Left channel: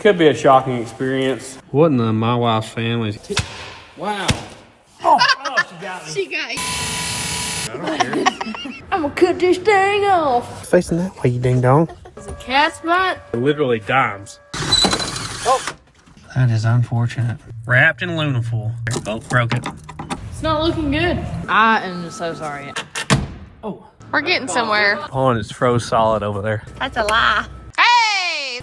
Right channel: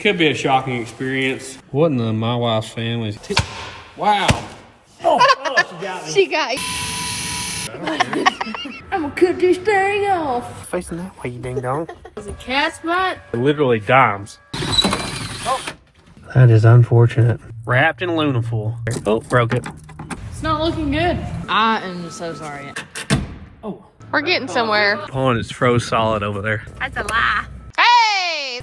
Could be a shocking experience. What in the my wife's family? Wow. Oh, she got me. She got you. I'm gonna cut this thing off. Facing that way, you ding dong. Is it cat's butt? Literally dimes. Oh. That is unfortunate. Wrapped in aluminum foil. Oh, broke it. It's not looking good. I am so sorry. Oh. We're getting somewhere. Pond is froze solid over there. That's a lie. Hey!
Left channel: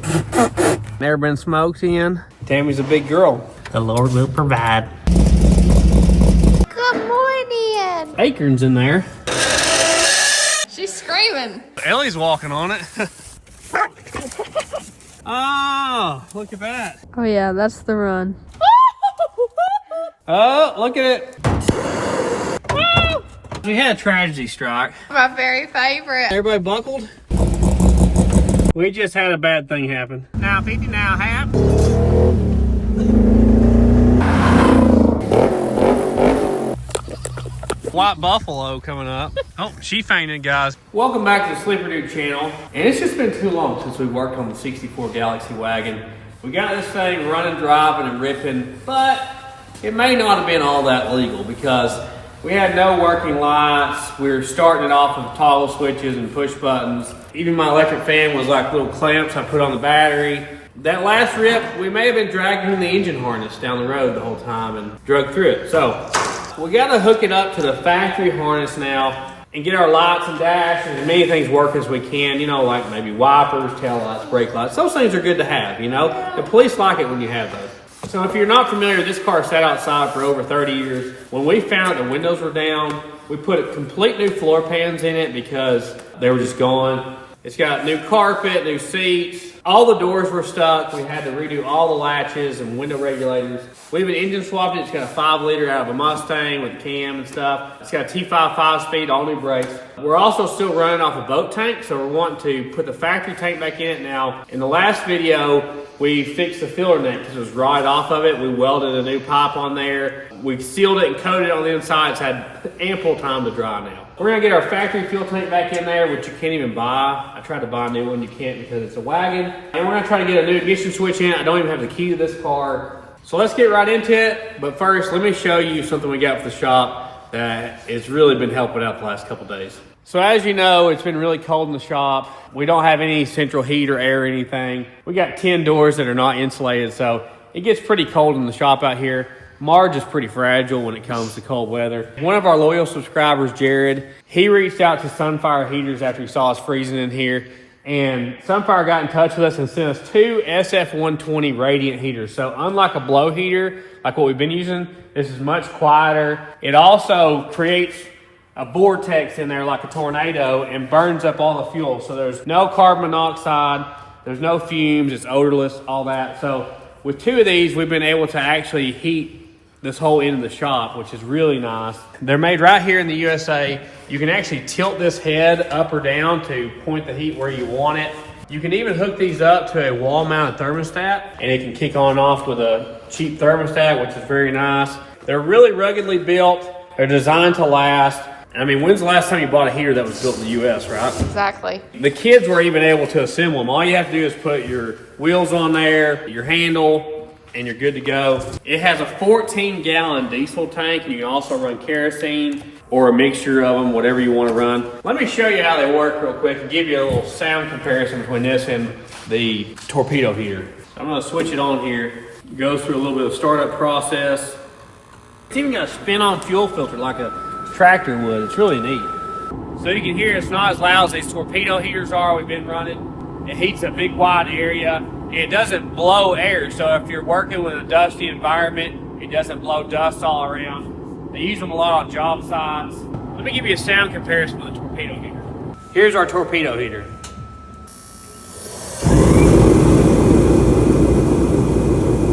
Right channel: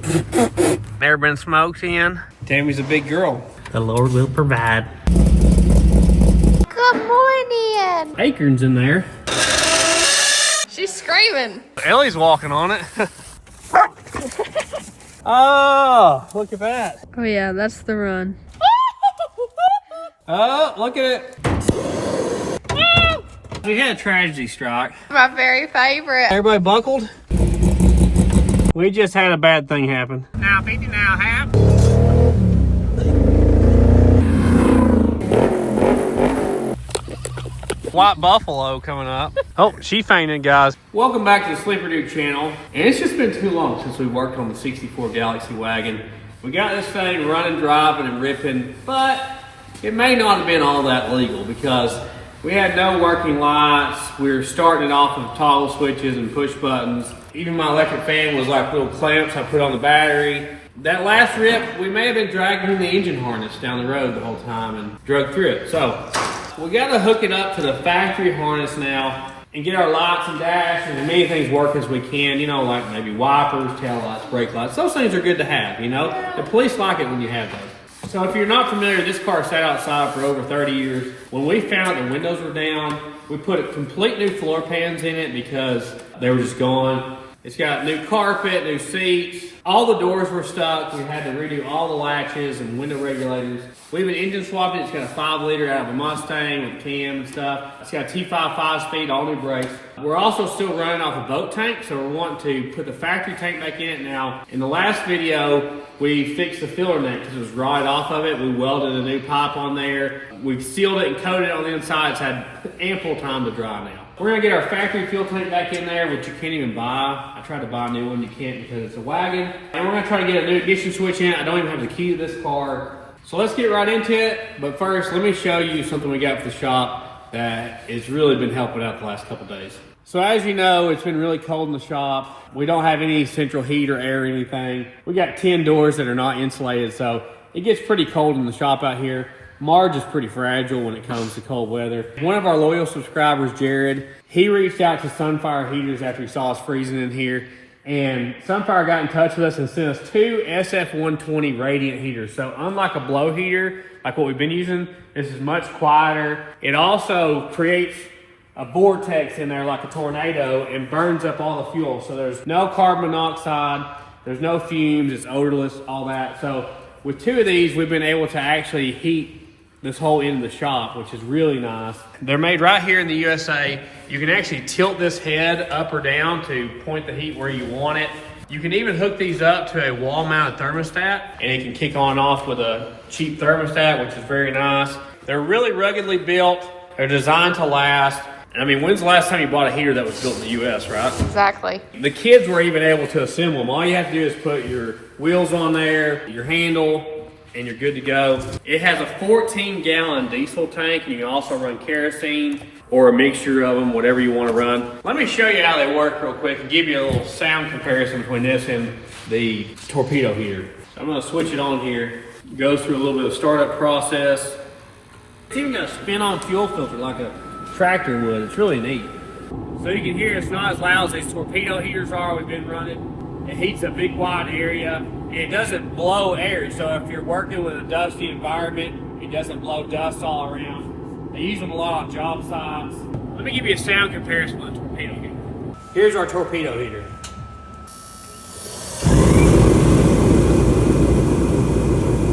Never been smoked in. Tammy's a big girl. The Lord will provide. Good morning. Acorns in there. She's screaming. Ellie's walking on it. Oh, look at that. Oh yeah, that's the run. Oh, look at it. We had a tragedy strike. My very favorite. Everybody buckled? We just had a bad thing happen. Now 50, now half. White buffalo coming up. Oh, she fainted, guys. Welcome back to the Sleeper Dude channel. And it's just been too long since we worked on the '64 Galaxie wagon. We got this thing running, driving, and ripping, but it may not have been all that legal because we had no working lights. We were starting it off with toggle switches and push buttons. Even my electric fan was like little clamps I put on the battery. That last rip, we may have been dragging the engine harness down the road the whole time and drug through it. So we gotta hook it up to the factory harness now and get our lights and dash and as many things working as we can, you know, like maybe wipers, tail lights, brake lights. Those things are good to have, you know? The police like it when you have those. So if you're not familiar, this car sat outside for over 30 years. When we found out the windows were down, we put complete new floor pans in it because they were just gone. It's got new carpet, new seats. All the doors were stuck. We had to redo all the latches and window regulators. We even engine swapped it. It's got a 5-liter out of a Mustang with cam and stuff. It's got a T5 5-speed, all new brakes. We're also still running off a boat tank, so we're wanting to put the factory tank back in it now. In the last video, we fixed the filler neck because it was right off of it. We welded a new pipe on there. We've sealed it and coated it on the inside. It's had ample time to dry now. We're gonna get our factory fuel tank back in there, which you can't even buy. I tried to buy a new one, you can't because it's a wagon. And we're gonna try to get a new ignition switch in. I don't even have the key to this car. So let's get right into it. But first, let me show you something we got for the shop that has really been helping out the last couple days. So as you know, it's been really cold in the shop. We don't have any central heat or air or anything. We got 10 doors that are not insulated, so it gets pretty cold in the shop out here. Marge is pretty fragile when it comes to cold weather. One of our loyal subscribers, Jared, he reached out to Sunfire Heaters after he saw us freezing in here. And Sunfire got in touch with us and sent us 2 SF120 radiant heaters. So unlike a blow heater, like what we've been using, this is much quieter. It also creates a vortex in there like a tornado and burns up all the fuel. So there's no carbon monoxide, there's no fumes, it's odorless, all that. So with 2 of these, we've been able to actually heat this whole end of the shop, which is really nice. They're made right here in the USA. You can actually tilt this head up or down to point the heat where you want it. You can even hook these up to a wall-mounted thermostat, and it can kick on and off with a cheap thermostat, which is very nice. They're really ruggedly built. They're designed to last. I mean, when's the last time you bought a heater that was built in the US, right? Exactly. The kids were even able to assemble them. All you have to do is put your wheels on there, your handle, and you're good to go. It has a 14-gallon diesel tank, and you can also run kerosene or a mixture of them, whatever you want to run. Let me show you how they work real quick and give you a little sound comparison between this and the torpedo heater. So I'm gonna switch it on here. It goes through a little bit of startup process. It's even got a spin-on fuel filter like a tractor would. It's really neat. So you can hear it's not as loud as these torpedo heaters are we've been running. It heats a big wide area. It doesn't blow air, so if you're working with a dusty environment, it doesn't blow dust all around. They use them a lot on job sites. Let me give you a sound comparison of the torpedo heater. Here's our torpedo heater.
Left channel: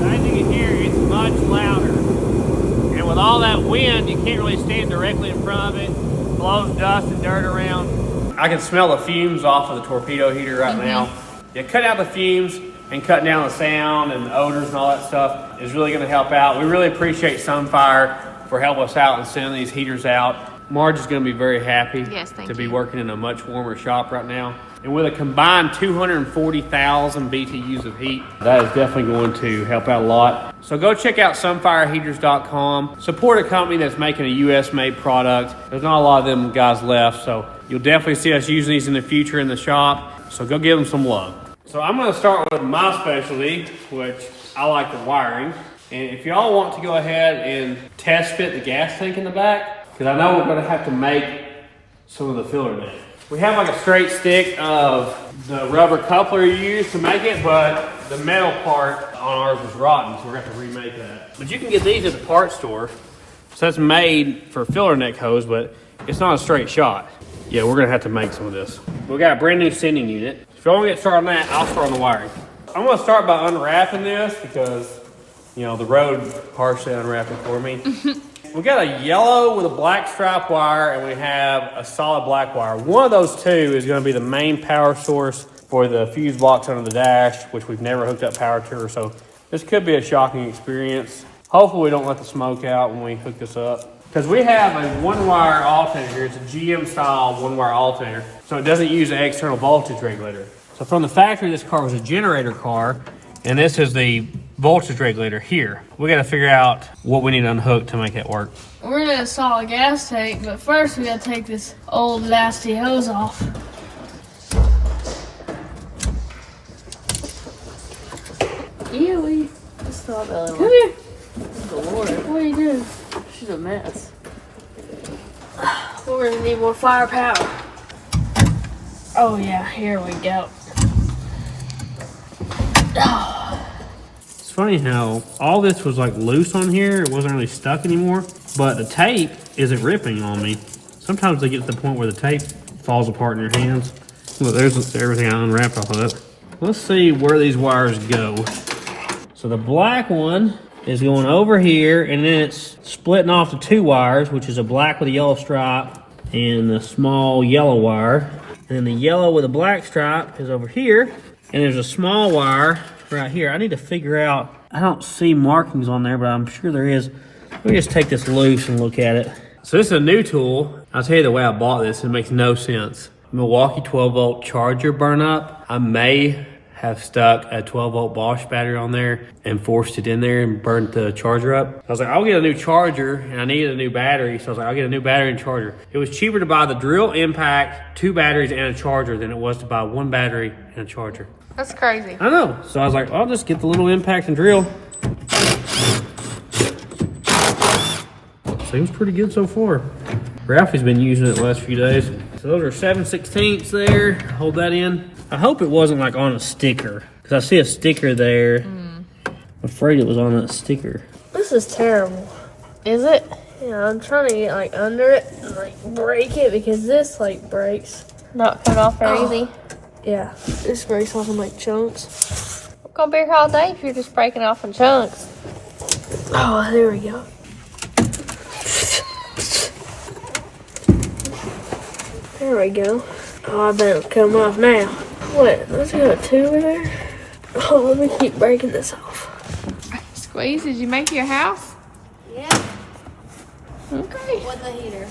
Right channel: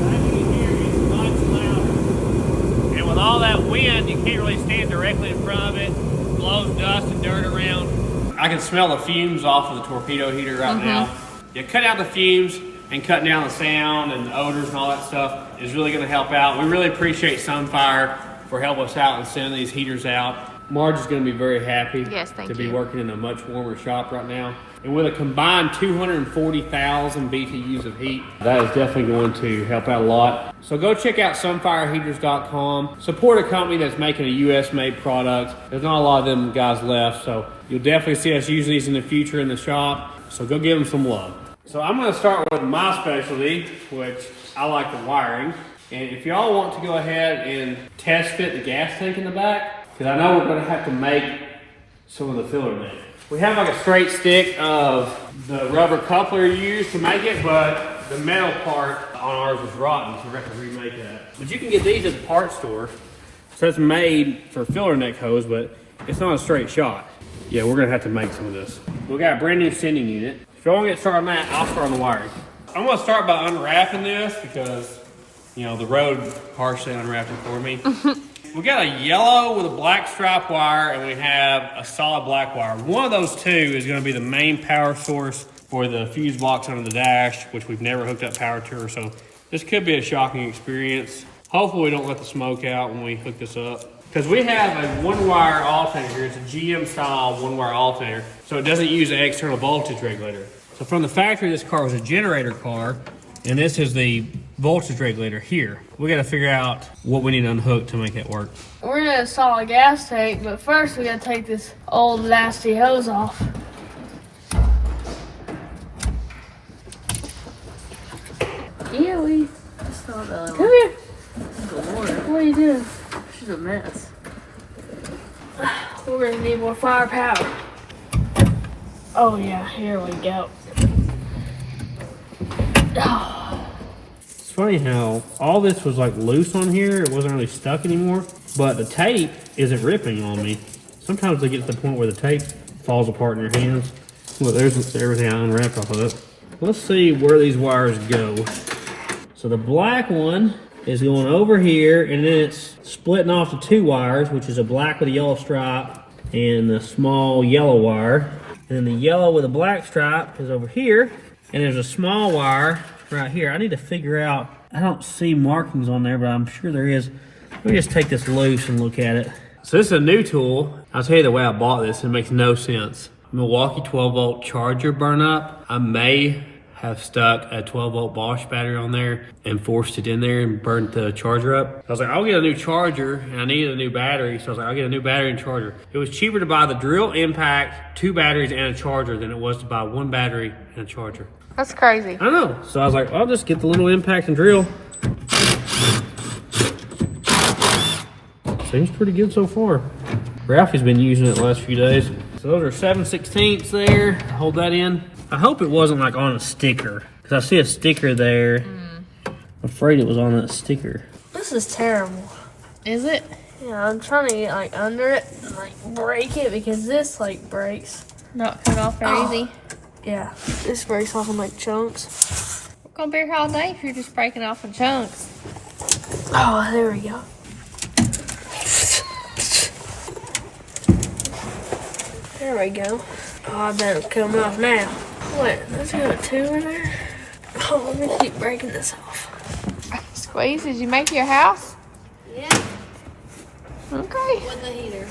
As you can hear, it's much louder. And with all that wind, you can't really stand directly in front of it. It blows dust and dirt around. I can smell the fumes off of the torpedo heater right now. You cut out the fumes, and cutting down the sound and the odors and all that stuff is really going to help out. We really appreciate Sunfire for helping us out and sending these heaters out. Marge is going to be very happy Yes, thank to be you. working in a much warmer shop right now. And with a combined 240,000 BTUs of heat, that is definitely going to help out a lot. So go check out sunfireheaters.com. Support a company that's making a US-made product. There's not a lot of them guys left, so you'll definitely see us using these in the future in the shop. So go give them some love. So I'm going to start with my specialty, which I like the wiring. And if y'all want to go ahead and test fit the gas tank in the back, because I know we're going to have to make some of the filler neck. We have like a straight stick of the rubber coupler you use to make it, but the metal part on ours was rotten, so we're going to have to remake that. But you can get these at the parts store. So it's made for filler neck hose, but it's not a straight shot. Yeah, we're going to have to make some of this. We got a brand new sending unit. If you want to get started on that, I'll start on the wiring. I'm going to start by unwrapping this because, you know, the road partially unwrapped it for me. We got a yellow with a black stripe wire, and we have a solid black wire. One of those two is going to be the main power source for the fuse box under the dash, which we've never hooked up power to, so this could be a shocking experience. Hopefully we don't let the smoke out when we hook this up. Because we have a one-wire alternator here. It's a GM style one-wire alternator, so it doesn't use an external voltage regulator. So from the factory, this car was a generator car, and this is the voltage regulator here. We got to figure out what we need to unhook to make that work. We're gonna install a gas tank, but first we gotta take this old nasty hose off. Yeah, we just saw the other Come one. here. Lord, What are you doing? she's a mess. We're gonna need more firepower. Oh yeah, here we go. It's funny how all this was like loose on here. It wasn't really stuck anymore, but the tape isn't ripping on me. Sometimes they get to the point where the tape falls apart in your hands. Look, there's everything I unwrapped off of it. Let's see where these wires go. So the black one is going over here, and then it's splitting off to two wires, which is a black with a yellow stripe and a small yellow wire. And then the yellow with a black stripe is over here, and there's a small wire right here. I need to figure out, I don't see markings on there, but I'm sure there is. Let me just take this loose and look at it. So this is a new tool. I'll tell you the way I bought this, it makes no sense. Milwaukee 12-volt charger burn up. I may have stuck a 12-volt Bosch battery on there and forced it in there and burnt the charger up. I was like, I'll get a new charger, and I needed a new battery, so I was like, I'll get a new battery and charger. It was cheaper to buy the drill impact, 2 batteries, and a charger than it was to buy 1 battery and a charger. That's crazy. I know. So I was like, I'll just get the little impact and drill. Seems pretty good so far. Ralphie's been using it the last few days. So those are 7/16 there. Hold that in. I hope it wasn't like on a sticker, because I see a sticker there. I'm afraid it was on that sticker. This is terrible. Is it? Yeah, I'm trying to get like under it and like break it because this like breaks. Not come off very easy. Yeah, this breaks off in like chunks. We're gonna be here all day if you're just breaking off in chunks. Oh, there we go. There we go. Oh, I bet it'll come off now. Wait, let's go 2 over there. Oh, let me keep breaking this off. Squeeze, did you make your house? Yeah, Okay. with the heater.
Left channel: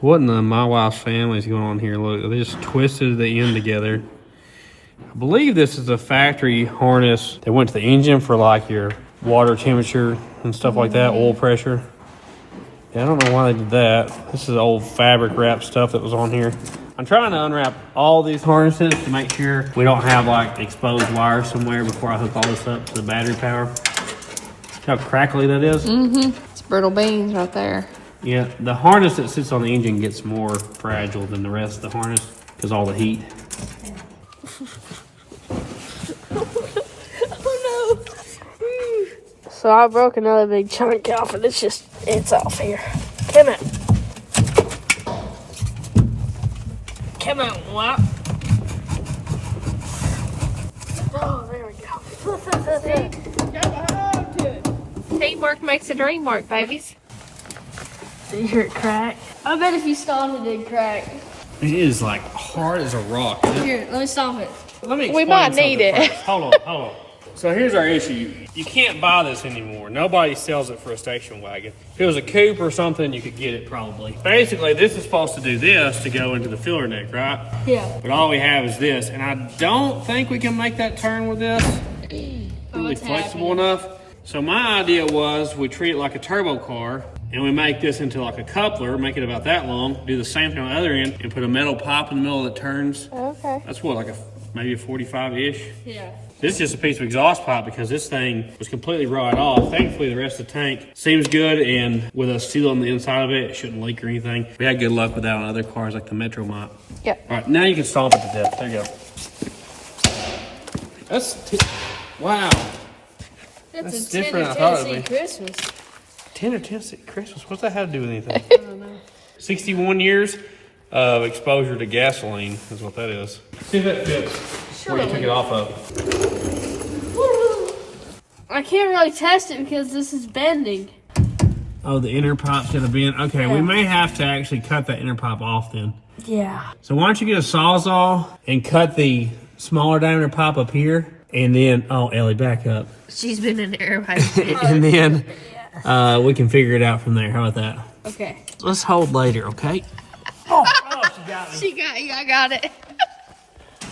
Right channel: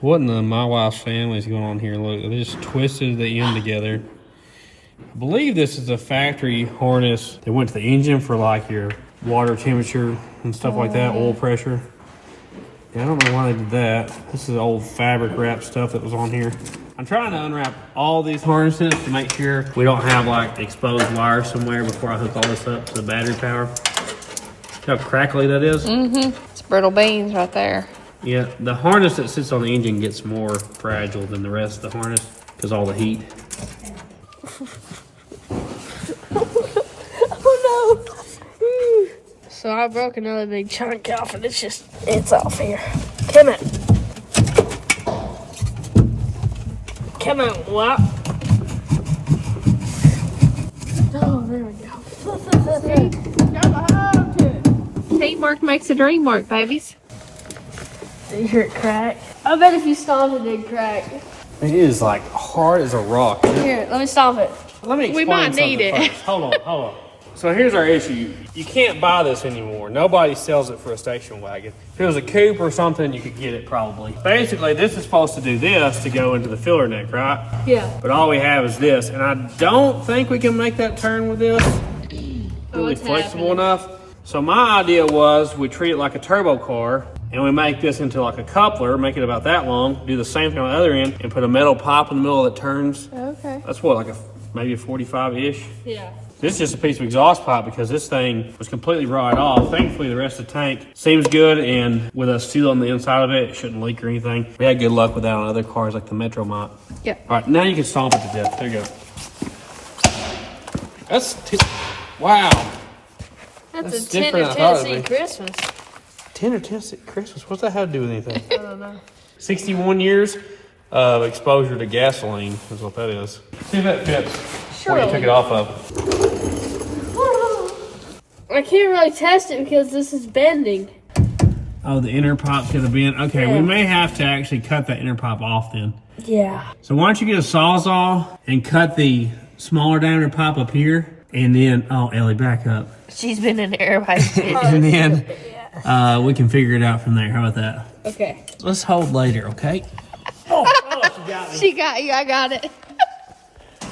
What in the My Wife's family is going on here? Look, they just twisted the end together. I believe this is a factory harness. They went to the engine for like your water temperature and stuff like that, oil pressure. Yeah, I don't know why they did that. This is old fabric wrap stuff that was on here. I'm trying to unwrap all these harnesses to make sure we don't have like exposed wires somewhere before I hook all this up to the battery power. See how crackly that is? It's brittle beans right there. Yeah, the harness that sits on the engine gets more fragile than the rest of the harness because all the heat. Oh no! So I broke another big chunk off and it's off here. Come on. Come on, what? Oh, there we go. Teamwork makes the dream work, babies. Did you hear it crack? I bet if you stomped it, it'd crack. It is like hard as a rock. Here, let me stomp it. Let me We explain might need something it. first. Hold on. So here's our issue. You can't buy this anymore. Nobody sells it for a station wagon. If it was a coupe or something, you could get it probably. Basically, this is supposed to do this to go into the filler neck, right? Yeah. But all we have is this, and I don't think we can make that turn with this. Really flexible enough. So my idea was we treat it like a turbo car, and we make this into like a coupler, make it about that long, do the same thing on the other end, and put a metal pipe in the middle that turns. Okay. That's what, like maybe a 45-ish? Yeah. This is just a piece of exhaust pipe because this thing was completely rotted off. Thankfully, the rest of the tank seems good, and with us sealing the inside of it, it shouldn't leak or anything. We had good luck with that on other cars like the Metro might. Yeah. All right, now you can stomp it to death. There you go. Wow. That's a different tender than I thought it'd Tennessee be. Christmas. Tender Tennessee Christmas. What's that have to do with anything? I don't know. 61 years of exposure to gasoline is what that is. See if that fits. Before you took it off of. I can't really test it because this is bending. Oh, the inner pipe's gonna bend. Okay, Yeah. we may have to actually cut that inner pipe off then. Yeah. So why don't you get a Sawzall and cut the smaller diameter pipe up here, and then, oh, Ellie, back up. She's been in there by And then we can figure it out from there. How about that? Okay. Let's hold later, okay? Oh, she got me. She got you. I got it.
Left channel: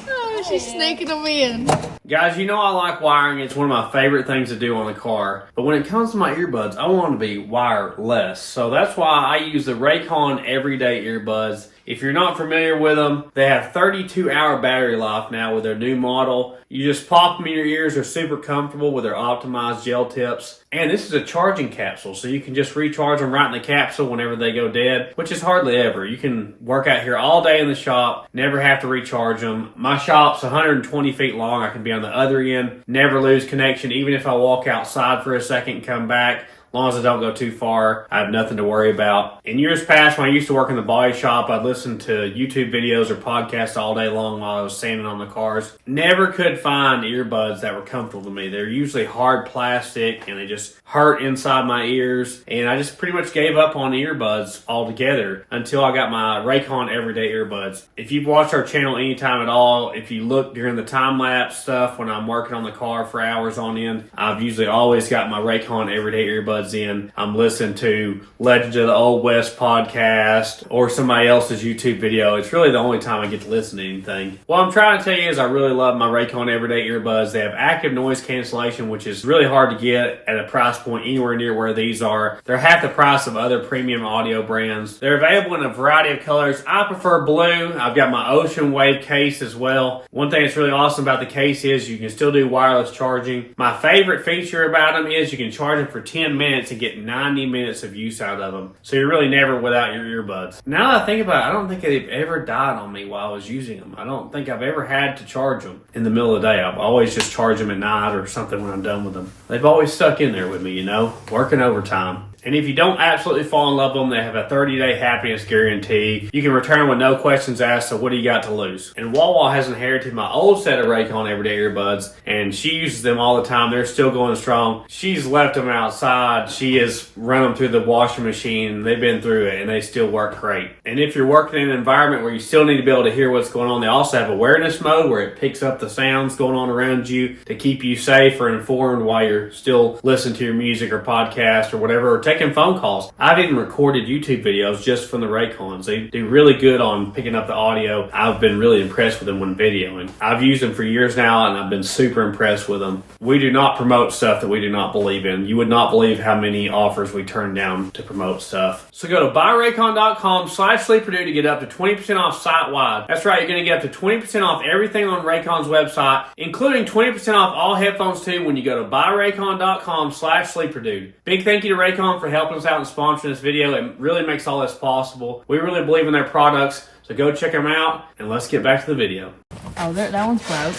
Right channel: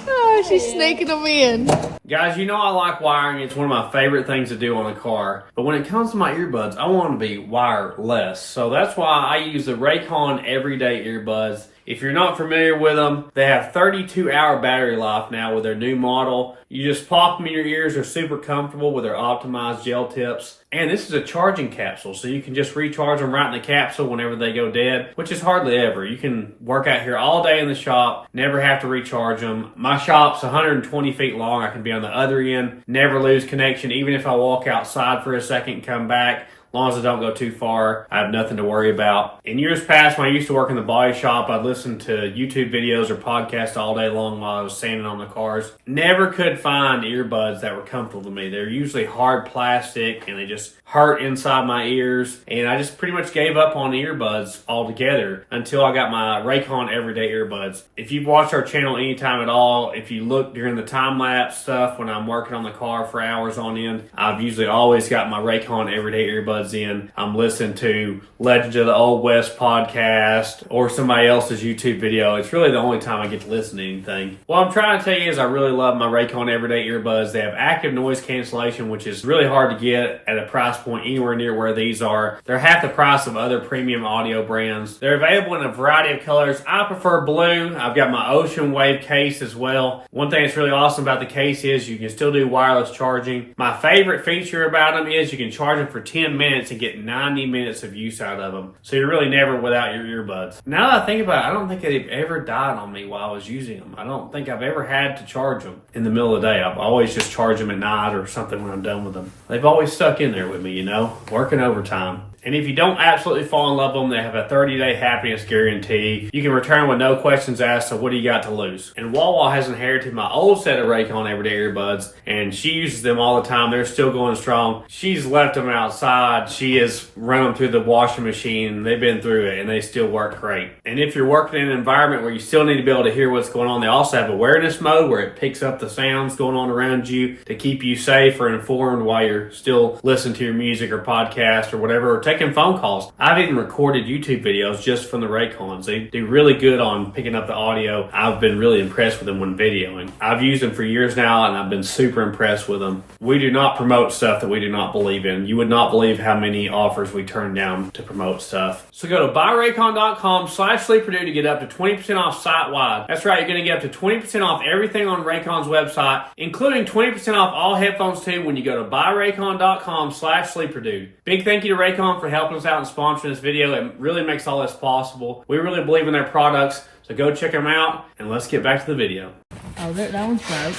Oh, she's snaking them in. Guys, you know I like wiring. It's one of my favorite things to do on a car. But when it comes to my earbuds, I want them to be wireless. So that's why I use the Raycon Everyday Earbuds. If you're not familiar with them, they have 32-hour battery life now with their new model. You just pop them in your ears. They're super comfortable with their optimized gel tips. And this is a charging capsule, so you can just recharge them right in the capsule whenever they go dead, which is hardly ever. You can work out here all day in the shop, never have to recharge them. My shop's 120 feet long. I can be on the other end, never lose connection, even if I walk outside for a second and come back. As long as I don't go too far, I have nothing to worry about. In years past, when I used to work in the body shop, I'd listen to YouTube videos or podcasts all day long while I was sanding on the cars. Never could find earbuds that were comfortable to me. They're usually hard plastic, and they just hurt inside my ears. And I just pretty much gave up on the earbuds altogether until I got my Raycon Everyday Earbuds. If you've watched our channel anytime at all, if you look during the time-lapse stuff when I'm working on the car for hours on end, I've usually always got my Raycon Everyday Earbuds in. I'm listening to Legends of the Old West podcast or somebody else's YouTube video. It's really the only time I get to listen to anything. What I'm trying to tell you is I really love my Raycon Everyday Earbuds. They have active noise cancellation, which is really hard to get at a price point anywhere near where these are. They're half the price of other premium audio brands. They're available in a variety of colors. I prefer blue. I've got my Ocean Wave case as well. One thing that's really awesome about the case is you can still do wireless charging. My favorite feature about them is you can charge them for 10 minutes and get 90 minutes of use out of them. So you're really never without your earbuds. Now that I think about it, I don't think they've ever died on me while I was using them. I don't think I've ever had to charge them in the middle of the day. I've always just charged them at night or something when I'm done with them. They've always stuck in there with me, you know, working overtime. And if you don't absolutely fall in love with them, they have a 30-day happiness guarantee. You can return with no questions asked, so what do you got to lose? And Wawa has inherited my old set of Raycon Everyday Earbuds, and she uses them all the time. They're still going strong. She's left them outside. She has run them through the washing machine. They've been through it, and they still work great. And if you're working in an environment where you still need to be able to hear what's going on, they also have awareness mode where it picks up the sounds going on around you to keep you safe or informed while you're still listening to your music or podcast or whatever, or taking phone calls. I've even recorded YouTube videos just from the Raycons. They do really good on picking up the audio. I've been really impressed with them when videoing. I've used them for years now, and I've been super impressed with them. We do not promote stuff that we do not believe in. You would not believe how many offers we turn down to promote stuff. So go to buyraycon.com/sleeperdue to get up to 20% off site-wide. That's right, you're going to get up to 20% off everything on Raycon's website, including 20% off all headphones too when you go to buyraycon.com/sleeperdue. Big thank you to Raycon for helping us out and sponsoring this video. It really makes all this possible. We really believe in their products, so go check them out, and let's get back to the video. Oh, that one's broke.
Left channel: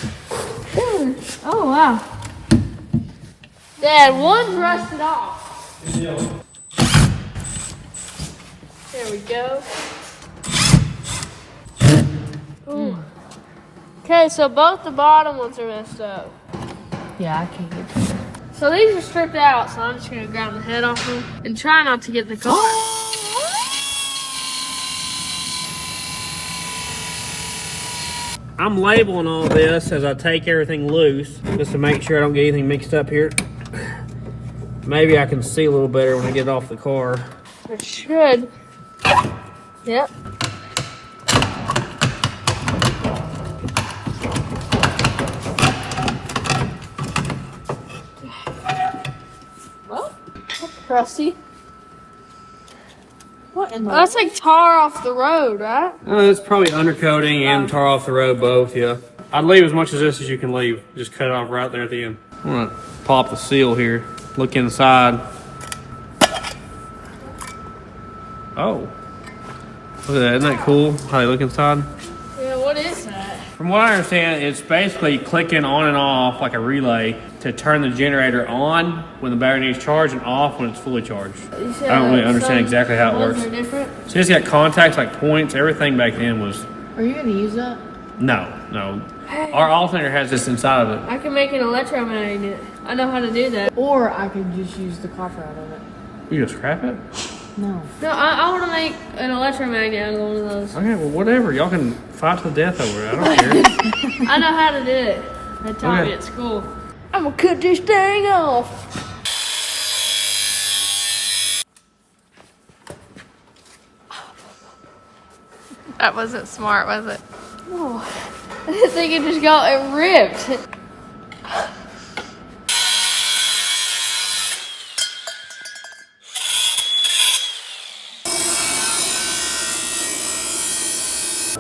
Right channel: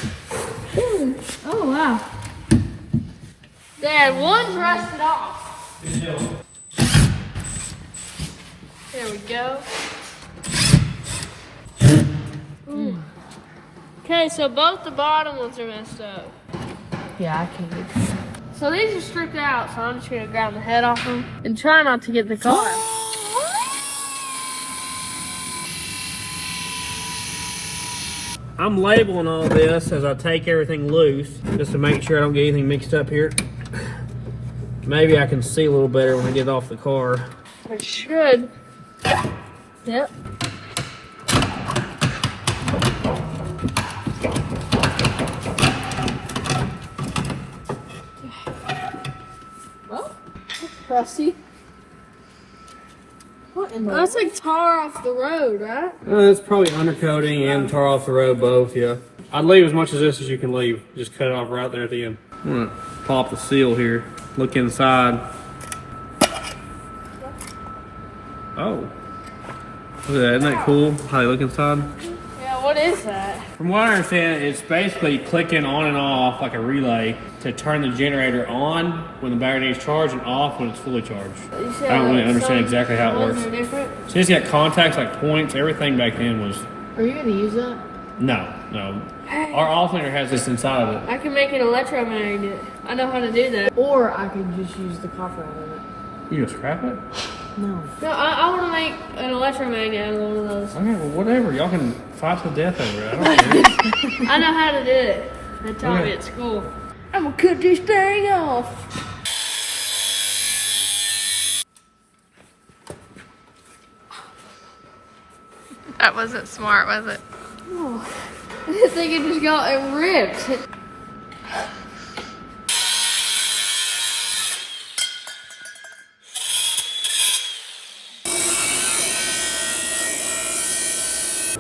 Oh, wow. Dad, one's rusted off. There we go. Ooh. Okay, so both the bottom ones are messed up. Yeah, I can't get to. So these are stripped out, so I'm just going to ground the head off them and try not to get in the car. I'm labeling all this as I take everything loose, just to make sure I don't get anything mixed up here. Maybe I can see a little better when I get off the car. It should. Yep. Well, that's crusty. What in the That's like tar off the road, right? It's probably undercoating and tar off the road, both, yeah. I'd leave as much of this as you can leave. Just cut it off right there at the end. I'm gonna pop the seal here. Look inside. Oh. Look at that, isn't that cool how they look inside? Yeah, what is that? From what I understand, it's basically clicking on and off like a relay to turn the generator on when the battery needs charged and off when it's fully charged. I don't really understand exactly how it works. Are different? So it's got contacts like points, everything back then was... Are you going to use that? No. Our alternator has this inside of it. I can make an electromagnet. I know how to do that. Or I could just use the copper out of it. You gonna scrap it? No. No, I want to make an electromagnet out of one of those. Okay, well, whatever. Y'all can fight to the death over it. I don't care. I know how to do it. They taught me at school. I'm gonna cut this thing off. That wasn't smart, was it? Oh, I think it just got ripped.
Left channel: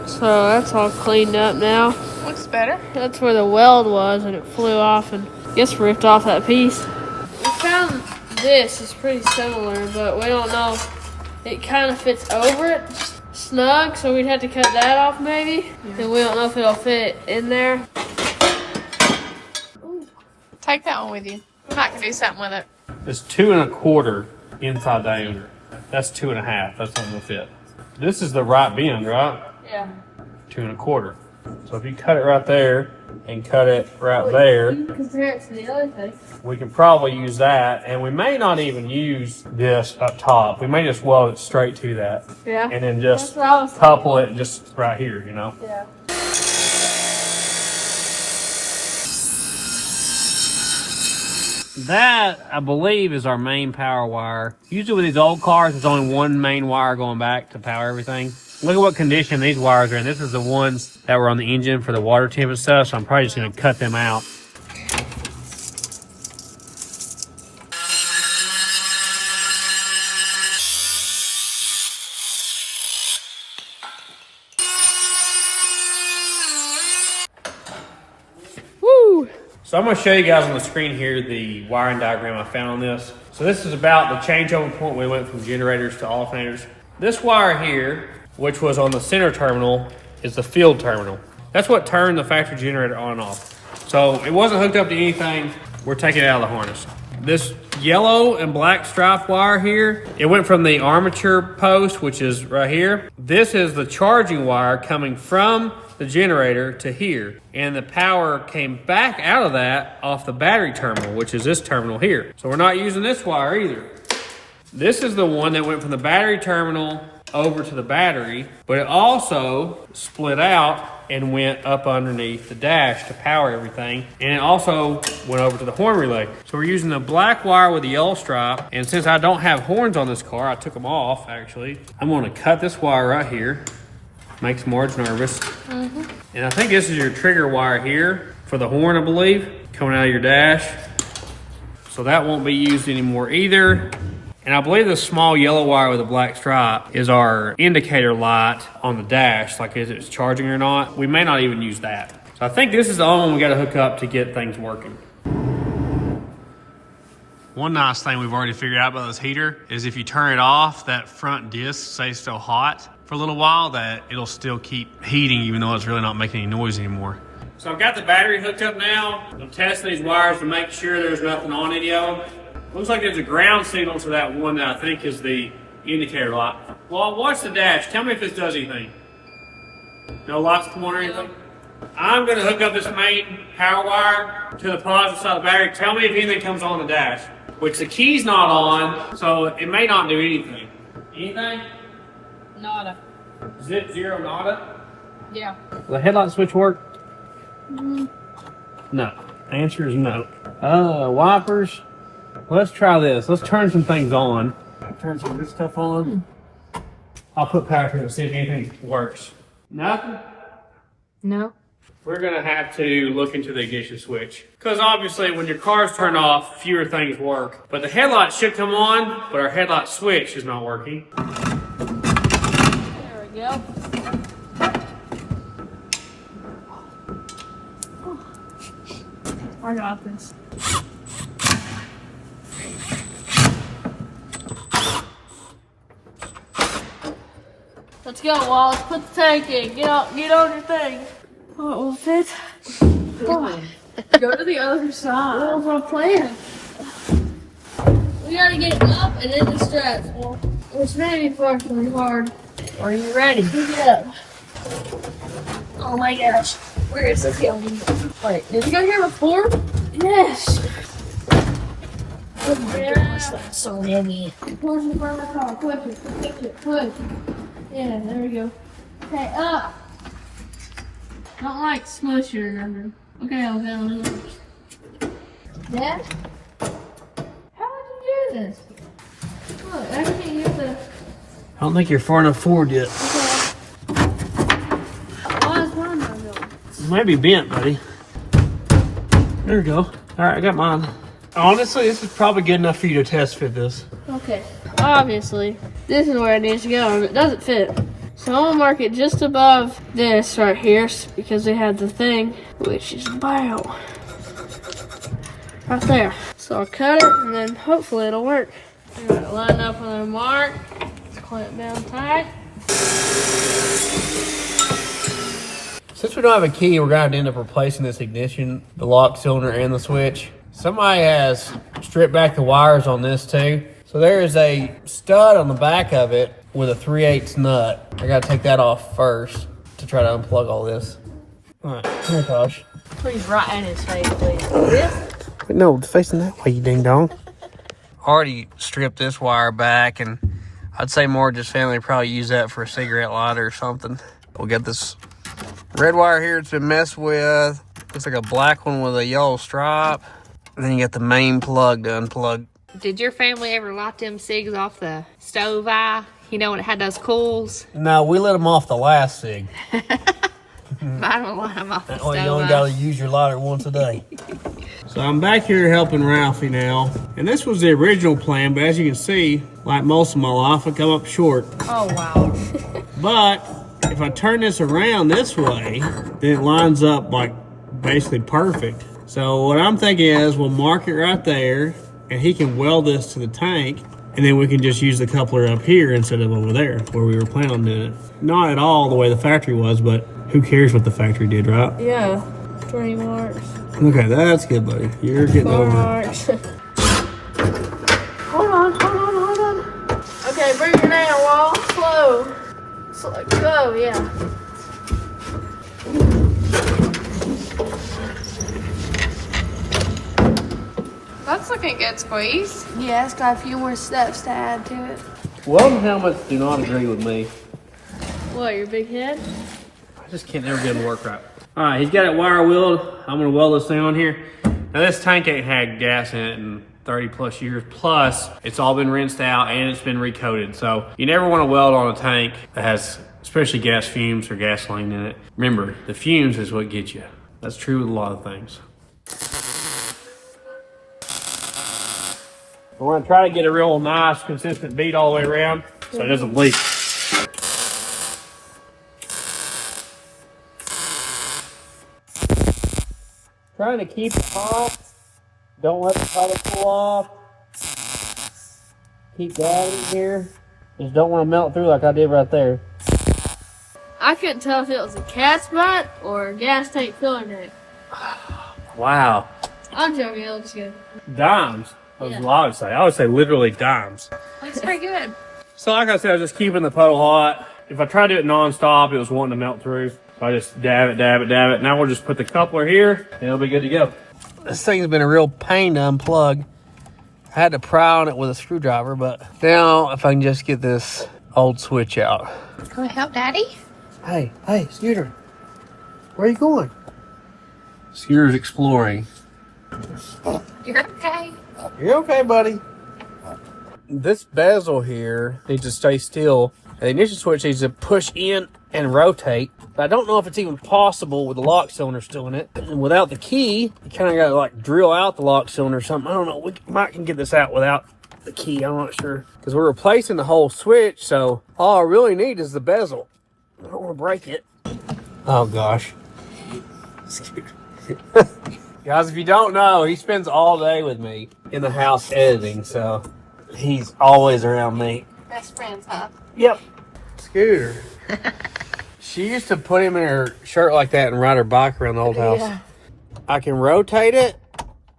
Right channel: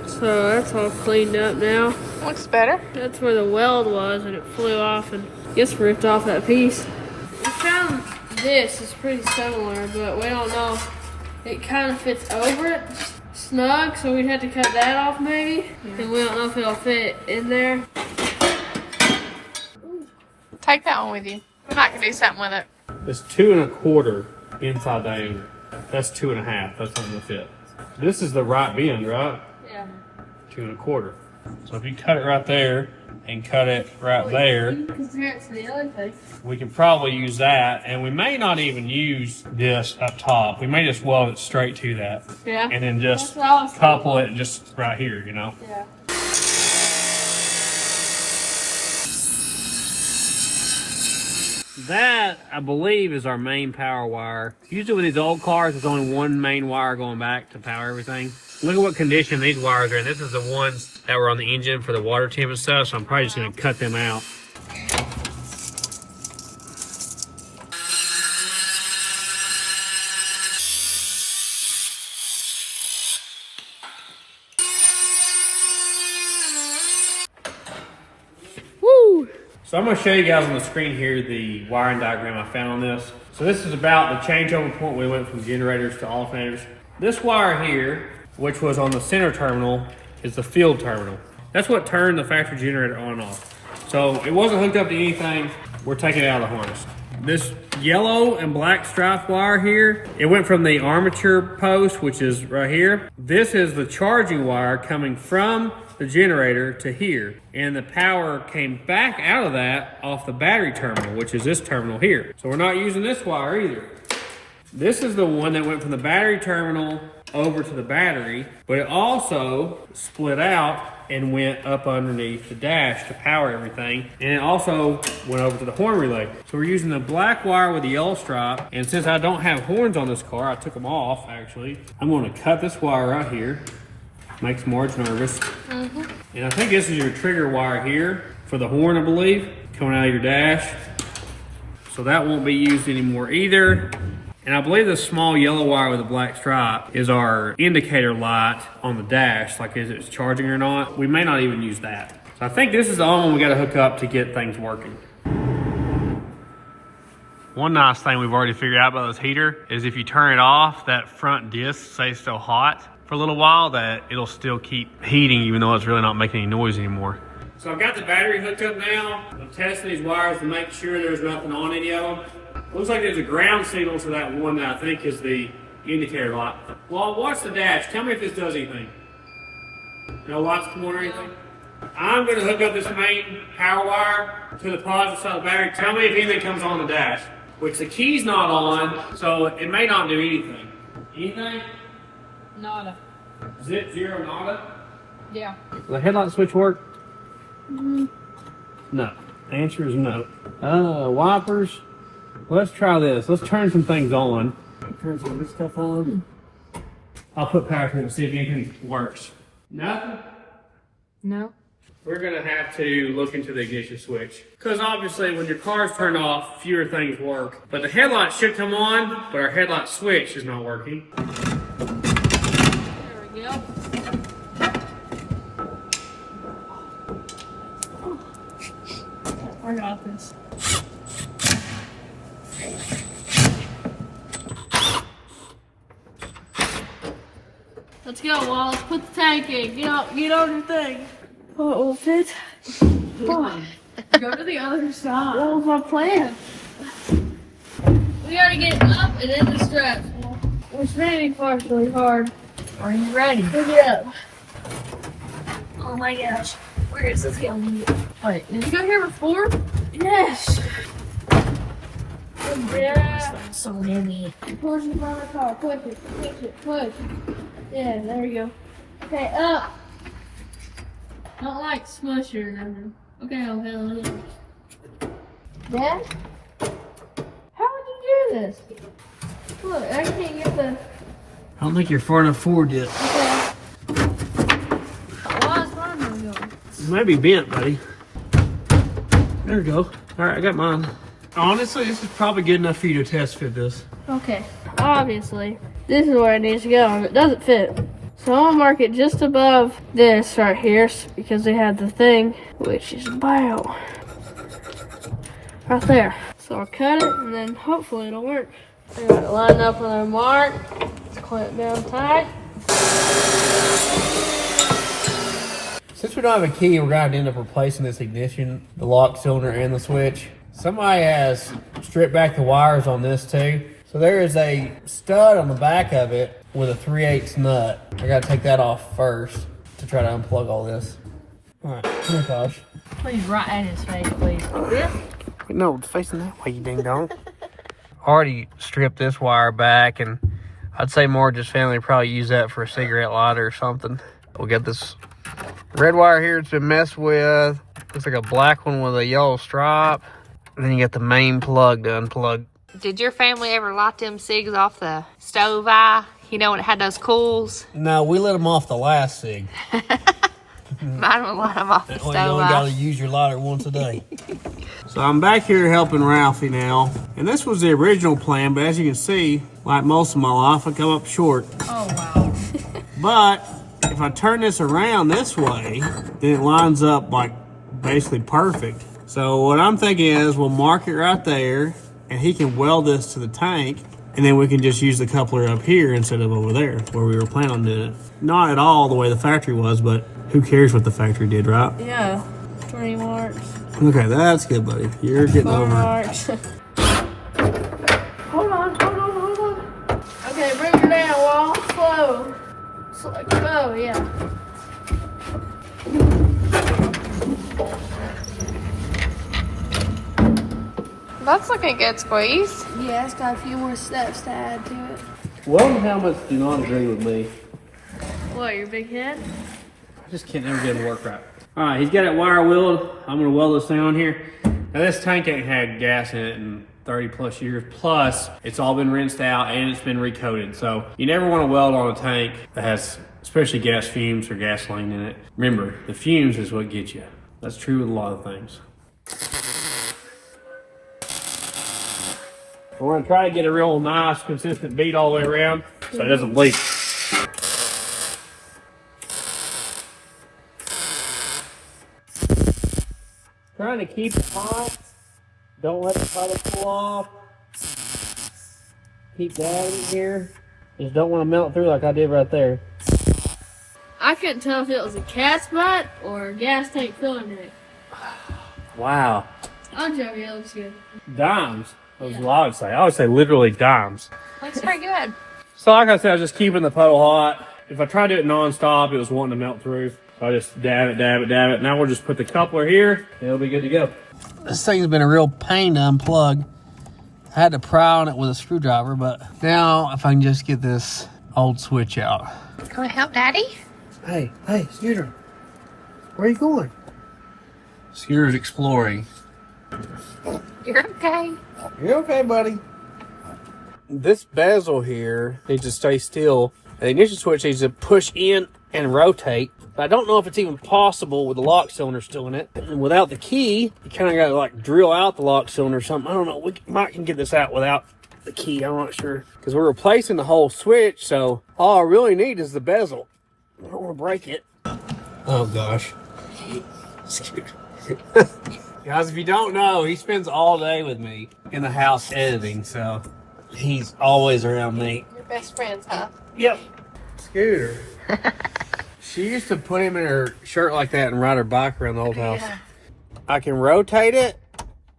So that's all cleaned up now. Looks better. That's where the weld was, and it flew off and just ripped off that piece. We found this is pretty similar, but we don't know. It kind of fits over it snug, so we'd have to cut that off maybe. Yeah. And we don't know if it'll fit in there. Take that one with you. We might can do something with it. It's 2 1/4 inside diameter. That's 2 1/2. That's not gonna fit. This is the right bend, right? Yeah. 2 1/4. So if you cut it right there and cut it right there, You can compare it to the other thing. we can probably use that, and we may not even use this up top. We may just weld it straight to that. Yeah. And then just That's what I was couple it just right here, you know? Yeah. That, I believe, is our main power wire. Usually with these old cars, there's only one main wire going back to power everything. Look at what condition these wires are in. This is the ones that were on the engine for the water temp and stuff, so I'm probably just going to cut them out. Woo! So I'm going to show you guys on the screen here the wiring diagram I found on this. So this is about the changeover point we went from generators to alternators. This wire here, which was on the center terminal, is the field terminal. That's what turned the factory generator on and off. So it wasn't hooked up to anything. We're taking it out of the harness. This yellow and black stripe wire here, it went from the armature post, which is right here. This is the charging wire coming from the generator to here. And the power came back out of that off the battery terminal, which is this terminal here. So we're not using this wire either. This is the one that went from the battery terminal over to the battery, but it also split out and went up underneath the dash to power everything. And it also went over to the horn relay. So we're using the black wire with the yellow stripe. And since I don't have horns on this car, I took them off actually. I'm gonna cut this wire right here. Makes Marge nervous. And I think this is your trigger wire here for the horn, I believe, coming out of your dash. So that won't be used anymore either. And I believe the small yellow wire with the black stripe is our indicator light on the dash, like is it charging or not. We may not even use that. So I think this is the only one we got to hook up to get things working. One nice thing we've already figured out about this heater is if you turn it off, that front disc stays still hot for a little while, that it'll still keep heating even though it's really not making any noise anymore. So I've got the battery hooked up now. I'm testing these wires to make sure there's nothing on any of them. Looks like there's a ground signal to that one that I think is the indicator light. Well, watch the dash. Tell me if this does anything. No lights come on or anything? I'm going to hook up this main power wire to the positive side of the battery. Tell me if anything comes on the dash. Which the key's not on, so it may not do anything. Anything? Nada. Zip, zero, nada? Yeah. Does the headlight switch work? No. Answer is no. Wipers. Let's try this. Let's turn some things on. Turn some of this stuff on. I'll put power through to see if anything works. Nothing? No. We're going to have to look into the ignition switch. Because obviously when your car's turned off, fewer things work. But the headlight should come on, but our headlight switch is not working. There we go. I got this. Let's go, Wallace. Put the tank in. Get on your thing. Oh, it will fit. Go to the other side. What was my plan? We gotta get it up and in the straps, which may be partially hard. Are you ready? Pick it up. Oh my gosh. Where is this going? Wait, did you go here before? Yes. That's so heavy. Push in front of the car. Push it. Push. Yeah, there we go. Okay, up. Don't like smush it or nothing. Okay, I'll get on it. Dad? How would you do this? Look, I can't get the... I don't think you're far enough forward yet. Okay. Why is mine not going? It might be bent, buddy. There we go. All right, I got mine. Honestly, this is probably good enough for you to test fit this. Okay. Obviously, this is where it needs to go, and it doesn't fit. So I'm gonna mark it just above this right here because they had the thing, which is about right there. So I'll cut it and then hopefully it'll work. I got it lined up with a mark. Let's clamp down tight. Since we don't have a key, we're going to end up replacing this ignition, the lock cylinder, and the switch. Somebody has stripped back the wires on this too. So there is a stud on the back of it with a 3/8 nut. I got to take that off first to try to unplug all this. All right, oh my gosh. Please, right in his face, please. No, facing that way, you ding dong. Already stripped this wire back, and I'd say more just family probably use that for a cigarette lighter or something. We'll get this red wire here. It's been messed with. Looks like a black one with a yellow stripe. And then you got the main plug to unplug. Did your family ever light them cigs off the stove eye? You know when it had those coals? No, we let them off the last cig. Mine would light them off the That stove way you only eye. got to use your lighter once a day. So I'm back here helping Ralphie now. And this was the original plan, but as you can see, like most of my life, I come up short. Oh, wow. But if I turn this around this way, then it lines up like basically perfect. So what I'm thinking is we'll mark it right there, and he can weld this to the tank, and then we can just use the coupler up here instead of over there where we were planning on doing it. Not at all the way the factory was, but who cares what the factory did, right? Yeah, 20 marks. Okay, that's good, buddy. You're getting 4 over it. marks. Hold on. Okay, bring it down, Wall. Slow. Slow. Go, yeah. That's looking good, Squeeze. Yeah, it's got a few more steps to add to it. Welding helmets do not agree with me. What, your big head? I just can't never get them to work right. All right, he's got it wire wheeled. I'm gonna weld this thing on here. Now this tank ain't had gas in it in 30 plus years. Plus, it's all been rinsed out and it's been recoated. So you never want to weld on a tank that has especially gas fumes or gasoline in it. Remember, the fumes is what gets you. That's true with a lot of things. We're gonna try to get a real nice, consistent bead all the way around so it doesn't leak. Trying to keep it hot. Don't let the puddle pull off. Keep that in here. Just don't want to melt through like I did right there. I couldn't tell if it was a cat's butt or a gas tank filler neck. Wow. I'm joking, it looks good. Dimes. That's what I would say. I would say literally dimes. Looks pretty good. So like I said, I was just keeping the puddle hot. If I tried to do it non-stop, it was wanting to melt through. So I just dab it. Now we'll just put the coupler here and it'll be good to go. This thing's been a real pain to unplug. I had to pry on it with a screwdriver, but now if I can just get this old switch out. Can we help Daddy? Hey, Scooter. Where are you going? Scooter's exploring. You're okay. You okay, buddy? This bezel here needs to stay still. And the ignition switch needs to push in and rotate. But I don't know if it's even possible with the lock cylinder still in it. And without the key, you kind of got to like drill out the lock cylinder or something. I don't know. We might can get this out without the key. I'm not sure. Because we're replacing the whole switch. So all I really need is the bezel. I don't want to break it. Oh, gosh. Guys, if you don't know, he spends all day with me in the house editing. So he's always around me. We're best friends, huh? Yep. Scooter. She used to put him in her shirt like that and ride her bike around the old house. Yeah. I can rotate it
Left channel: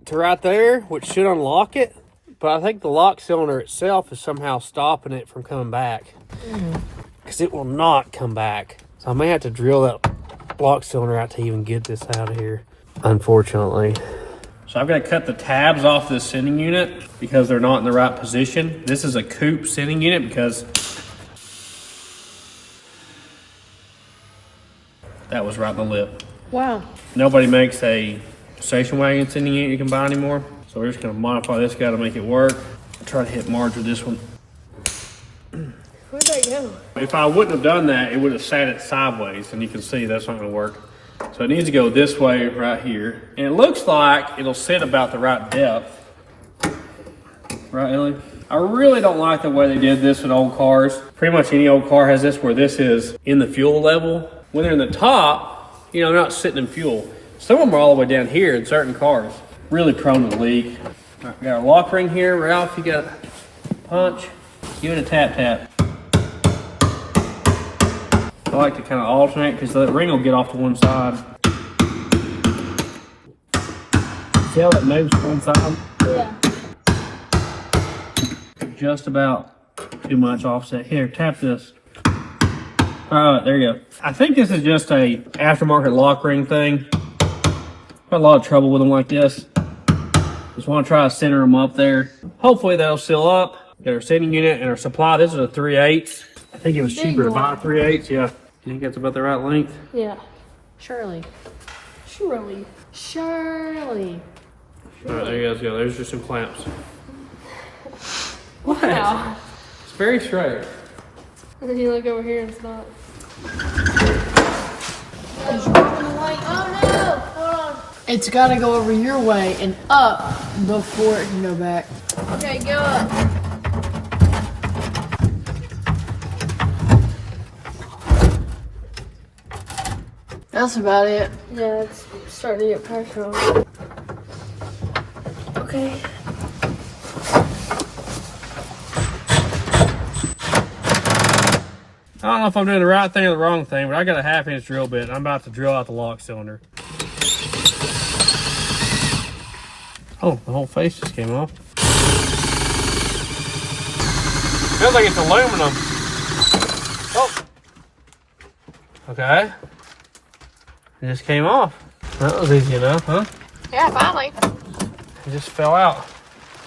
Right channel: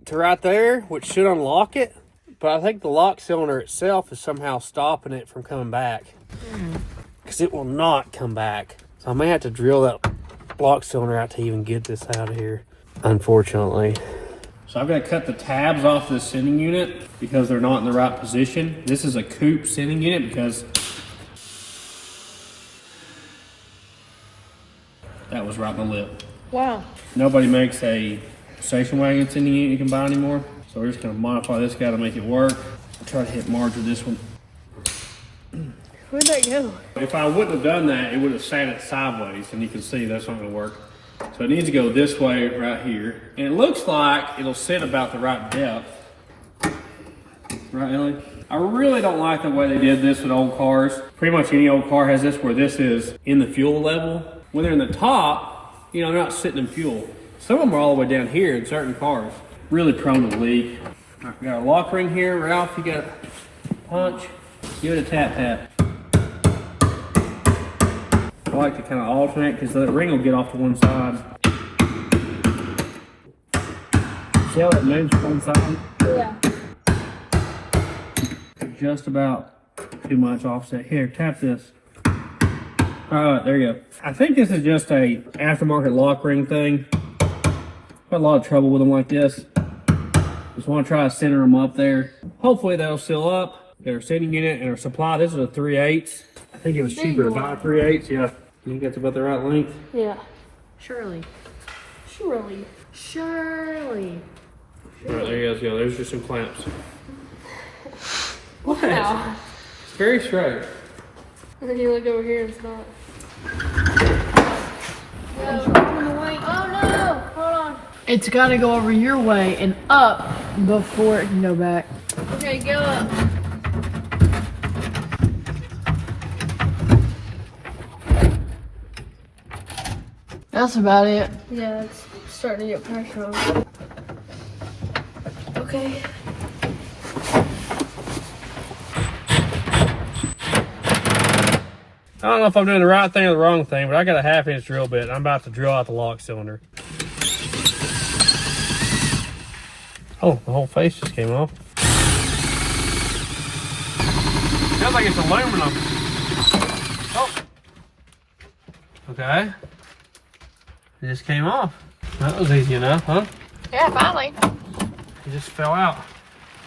to right there, which should unlock it. But I think the lock cylinder itself is somehow stopping it from coming back. Because it will not come back. So I may have to drill that lock cylinder out to even get this out of here, unfortunately. So I've got to cut the tabs off this sending unit because they're not in the right position. This is a coupe sending unit because that was right in the lip. Wow. Nobody makes a station wagon sending unit you can buy anymore. So we're just going to modify this guy to make it work. I'll try to hit Marge with this one. Where'd that go? If I wouldn't have done that, it would have sat it sideways, and you can see that's not going to work. So it needs to go this way right here. And it looks like it'll sit about the right depth. Right, Ellie? I really don't like the way they did this with old cars. Pretty much any old car has this where this is in the fuel level. When they're in the top, you know, not sitting in fuel. Some of them are all the way down here in certain cars. Really prone to leak. All right, got a lock ring here. Ralph, you got a punch. Give it a tap tap. I like to kind of alternate because the ring will get off to one side. See how that moves to one side? Yeah. Just about too much offset. Here, tap this. All right, there you go. I think this is just a aftermarket lock ring thing. Got a lot of trouble with them like this. Just want to try to center them up there. Hopefully they'll seal up. Got our sending unit and our supply. This is a 3/8. I think it was cheaper to buy 3/8. Yeah. You think that's about the right length? Yeah. Surely. Surely. Surely. All right, there you guys go. There's just some clamps. What? Wow. It's very straight. And then you look over here and it's not. Oh no! Hold on. It's got to go over your way and up before it can go back. Okay, good. That's about it. Yeah, it's starting to get pressure on it. Okay. I don't know if I'm doing the right thing or the wrong thing, but I got a 1/2 inch drill bit. I'm about to drill out the lock cylinder. Oh, the whole face just came off. Feels like it's aluminum. Oh. Okay. It just came off. That was easy enough, huh? Yeah, finally. It just fell out.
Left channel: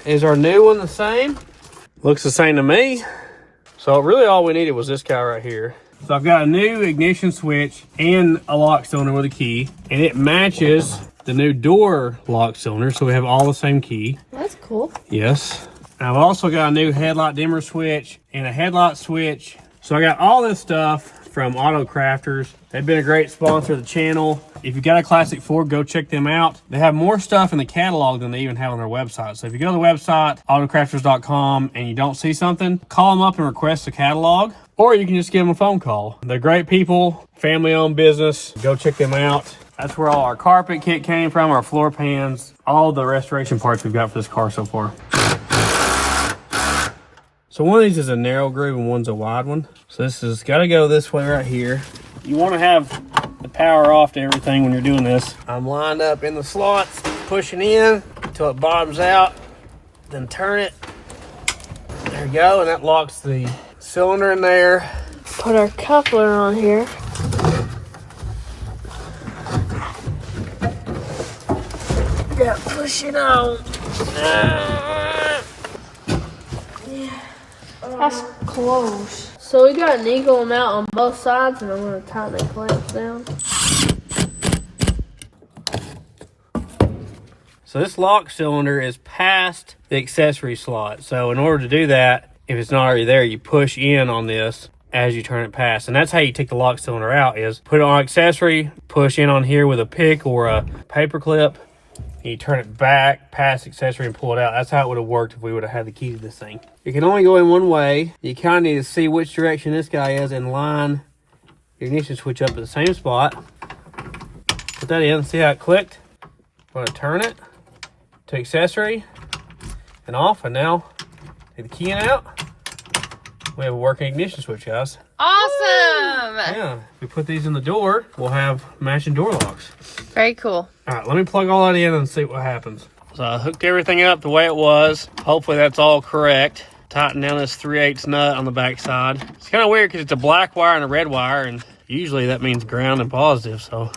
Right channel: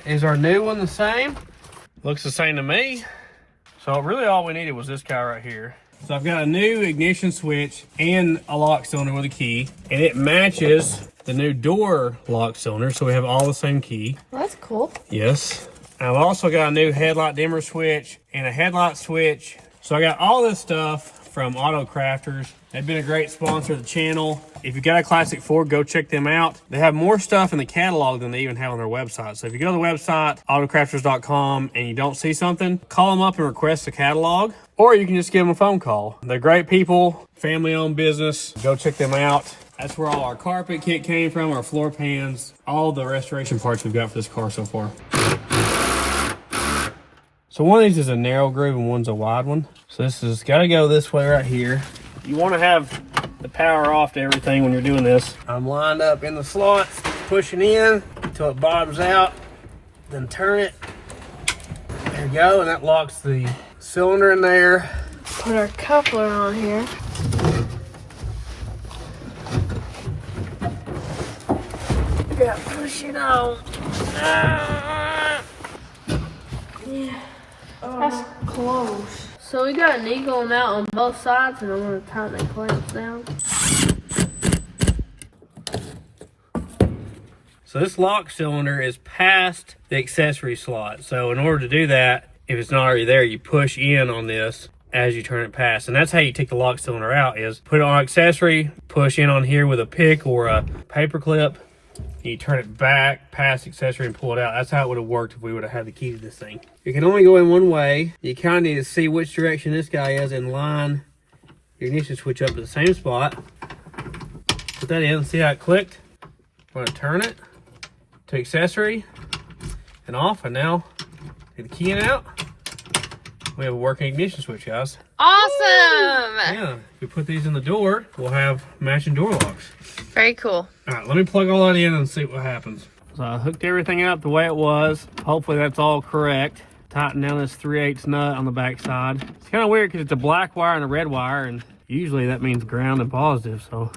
Is our new one the same? Looks the same to me. So really all we needed was this guy right here. So I've got a new ignition switch and a lock cylinder with a key, and it matches the new door lock cylinder, so we have all the same key. Well, that's cool. Yes. I've also got a new headlight dimmer switch and a headlight switch. So I got all this stuff from Auto Crafters. They've been a great sponsor of the channel. If you got a classic Ford, go check them out. They have more stuff in the catalog than they even have on their website. So if you go to the website, autocrafters.com, and you don't see something, call them up and request a catalog, or you can just give them a phone call. They're great people, family-owned business. Go check them out. That's where all our carpet kit came from, our floor pans, all the restoration parts we've got for this car so far. So one of these is a narrow groove and one's a wide one. So this has got to go this way right here. You want to have the power off to everything when you're doing this. I'm lined up in the slots, pushing in until it bottoms out, then turn it. There you go, and that locks the cylinder in there. Put our coupler on here. Yeah, push it out. Yeah. That's close. So we got an equal amount on both sides, and I'm going to tighten the clamps down. So this lock cylinder is past the accessory slot. So in order to do that, if it's not already there, you push in on this as you turn it past. And that's how you take the lock cylinder out, is put it on accessory, push in on here with a pick or a paper clip, and you turn it back past accessory and pull it out. That's how it would have worked if we would have had the key to this thing. You can only go in one way. You kind of need to see which direction this guy is and line your ignition switch up at the same spot. Put that in, see how it clicked? I'm gonna turn it to accessory and off, and now take the key in out. We have a working ignition switch, guys. Awesome! Yeah, if we put these in the door, we'll have matching door locks. Very cool. All right, let me plug all that in and see what happens. So I hooked everything up the way it was. Hopefully that's all correct. Tighten down this 3/8 nut on the back side. It's kind of weird because it's a black wire and a red wire, and usually that means ground and positive, so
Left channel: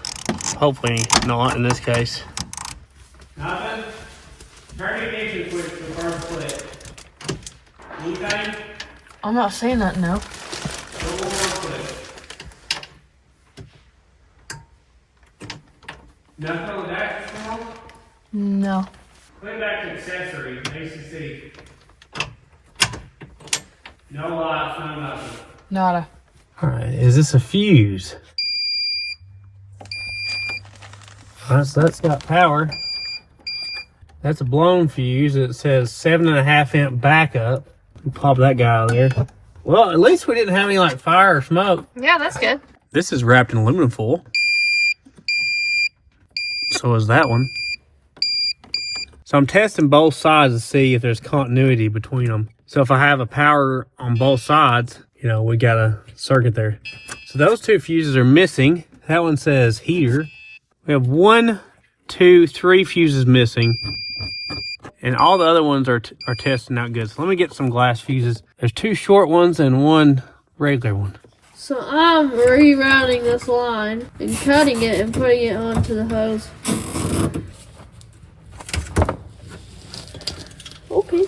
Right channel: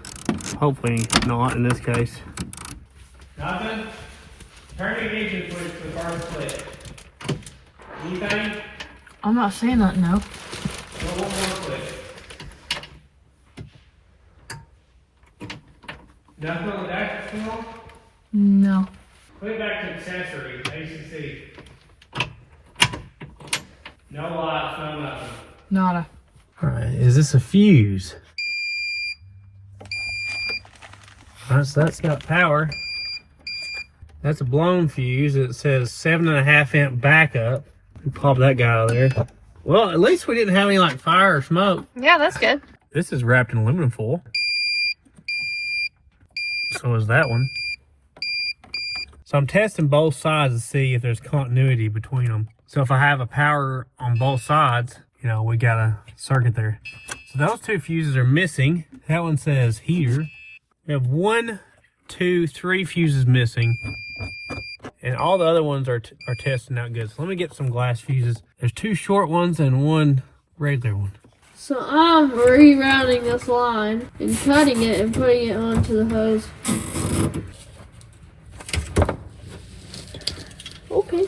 hopefully not in this case. Nothing? Turn the ignition switch to the first click. Anything? I'm not saying that, no. Nothing on the dashboard? No. Put it back to accessory, ACC. No lights, no nothing. Nada. Alright, is this a fuse? Alright, so that's got power. That's a blown fuse. It says 7.5 amp backup. Pop that guy out of there. Well, at least we didn't have any like fire or smoke. Yeah, that's good. This is wrapped in aluminum foil. So is that one. So I'm testing both sides to see if there's continuity between them. So if I have a power on both sides, you know, we got a circuit there. So those two fuses are missing. That one says heater. We have 1, 2, 3 fuses missing. And all the other ones are testing out good. So let me get some glass fuses. There's 2 short ones and 1 regular one. So I'm rerouting this line and cutting it and putting it onto the hose. Okay.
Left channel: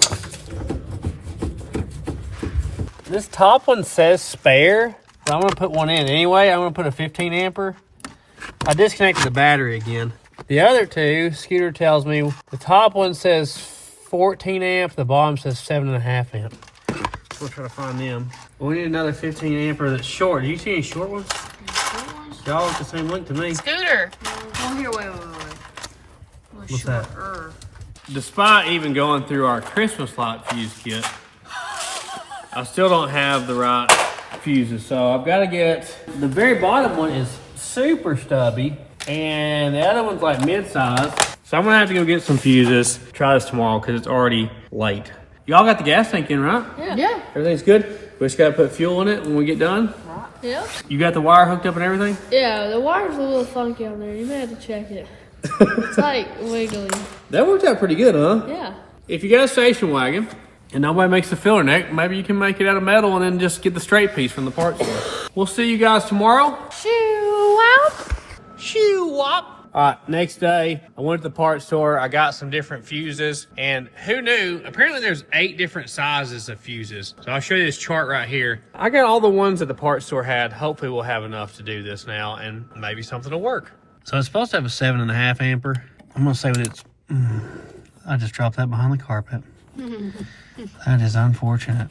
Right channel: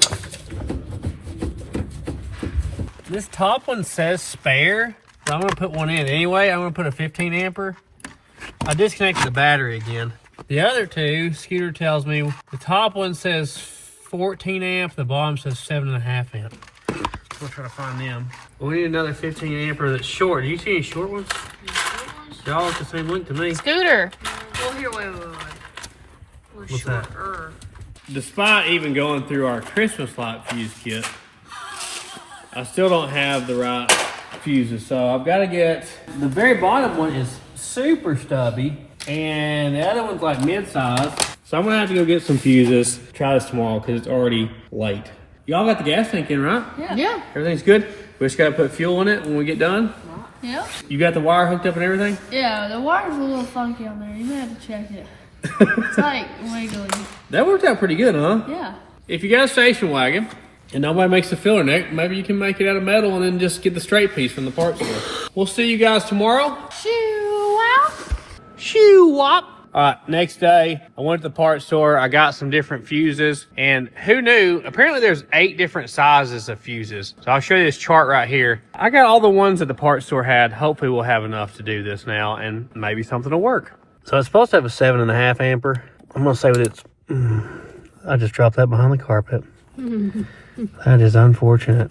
This top one says spare, but I'm gonna put one in anyway. I'm gonna put a 15 amper. I disconnected the battery again. The other two, Scooter tells me, the top one says 14 amp, the bottom says 7.5 amp. We'll try to find them. We need another 15 amper that's short. Do you see any short ones? Y'all look the same length to me. Scooter. Oh, here, wait. What's that? Despite even going through our Christmas light fuse kit, I still don't have the right fuses. So I've got to get, the very bottom one is super stubby and the other one's like mid-size. So I'm gonna have to go get some fuses, try this tomorrow because it's already late. Y'all got the gas tank in, right? Yeah. Everything's good? We just gotta put fuel in it when we get done? Yeah. You got the wire hooked up and everything? Yeah, the wire's a little funky on there. You may have to check it. It's like wiggly. That worked out pretty good, huh? Yeah. If you got a station wagon and nobody makes a filler neck, maybe you can make it out of metal and then just get the straight piece from the parts store. We'll see you guys tomorrow. Shoo-wop. All right, next day, I went to the parts store. I got some different fuses, and who knew? Apparently, there's 8 different sizes of fuses. So I'll show you this chart right here. I got all the ones that the parts store had. Hopefully, we'll have enough to do this now, and maybe something will work. So it's supposed to have a 7.5 amper. I'm gonna say what it's. I just dropped that behind the carpet. That is unfortunate.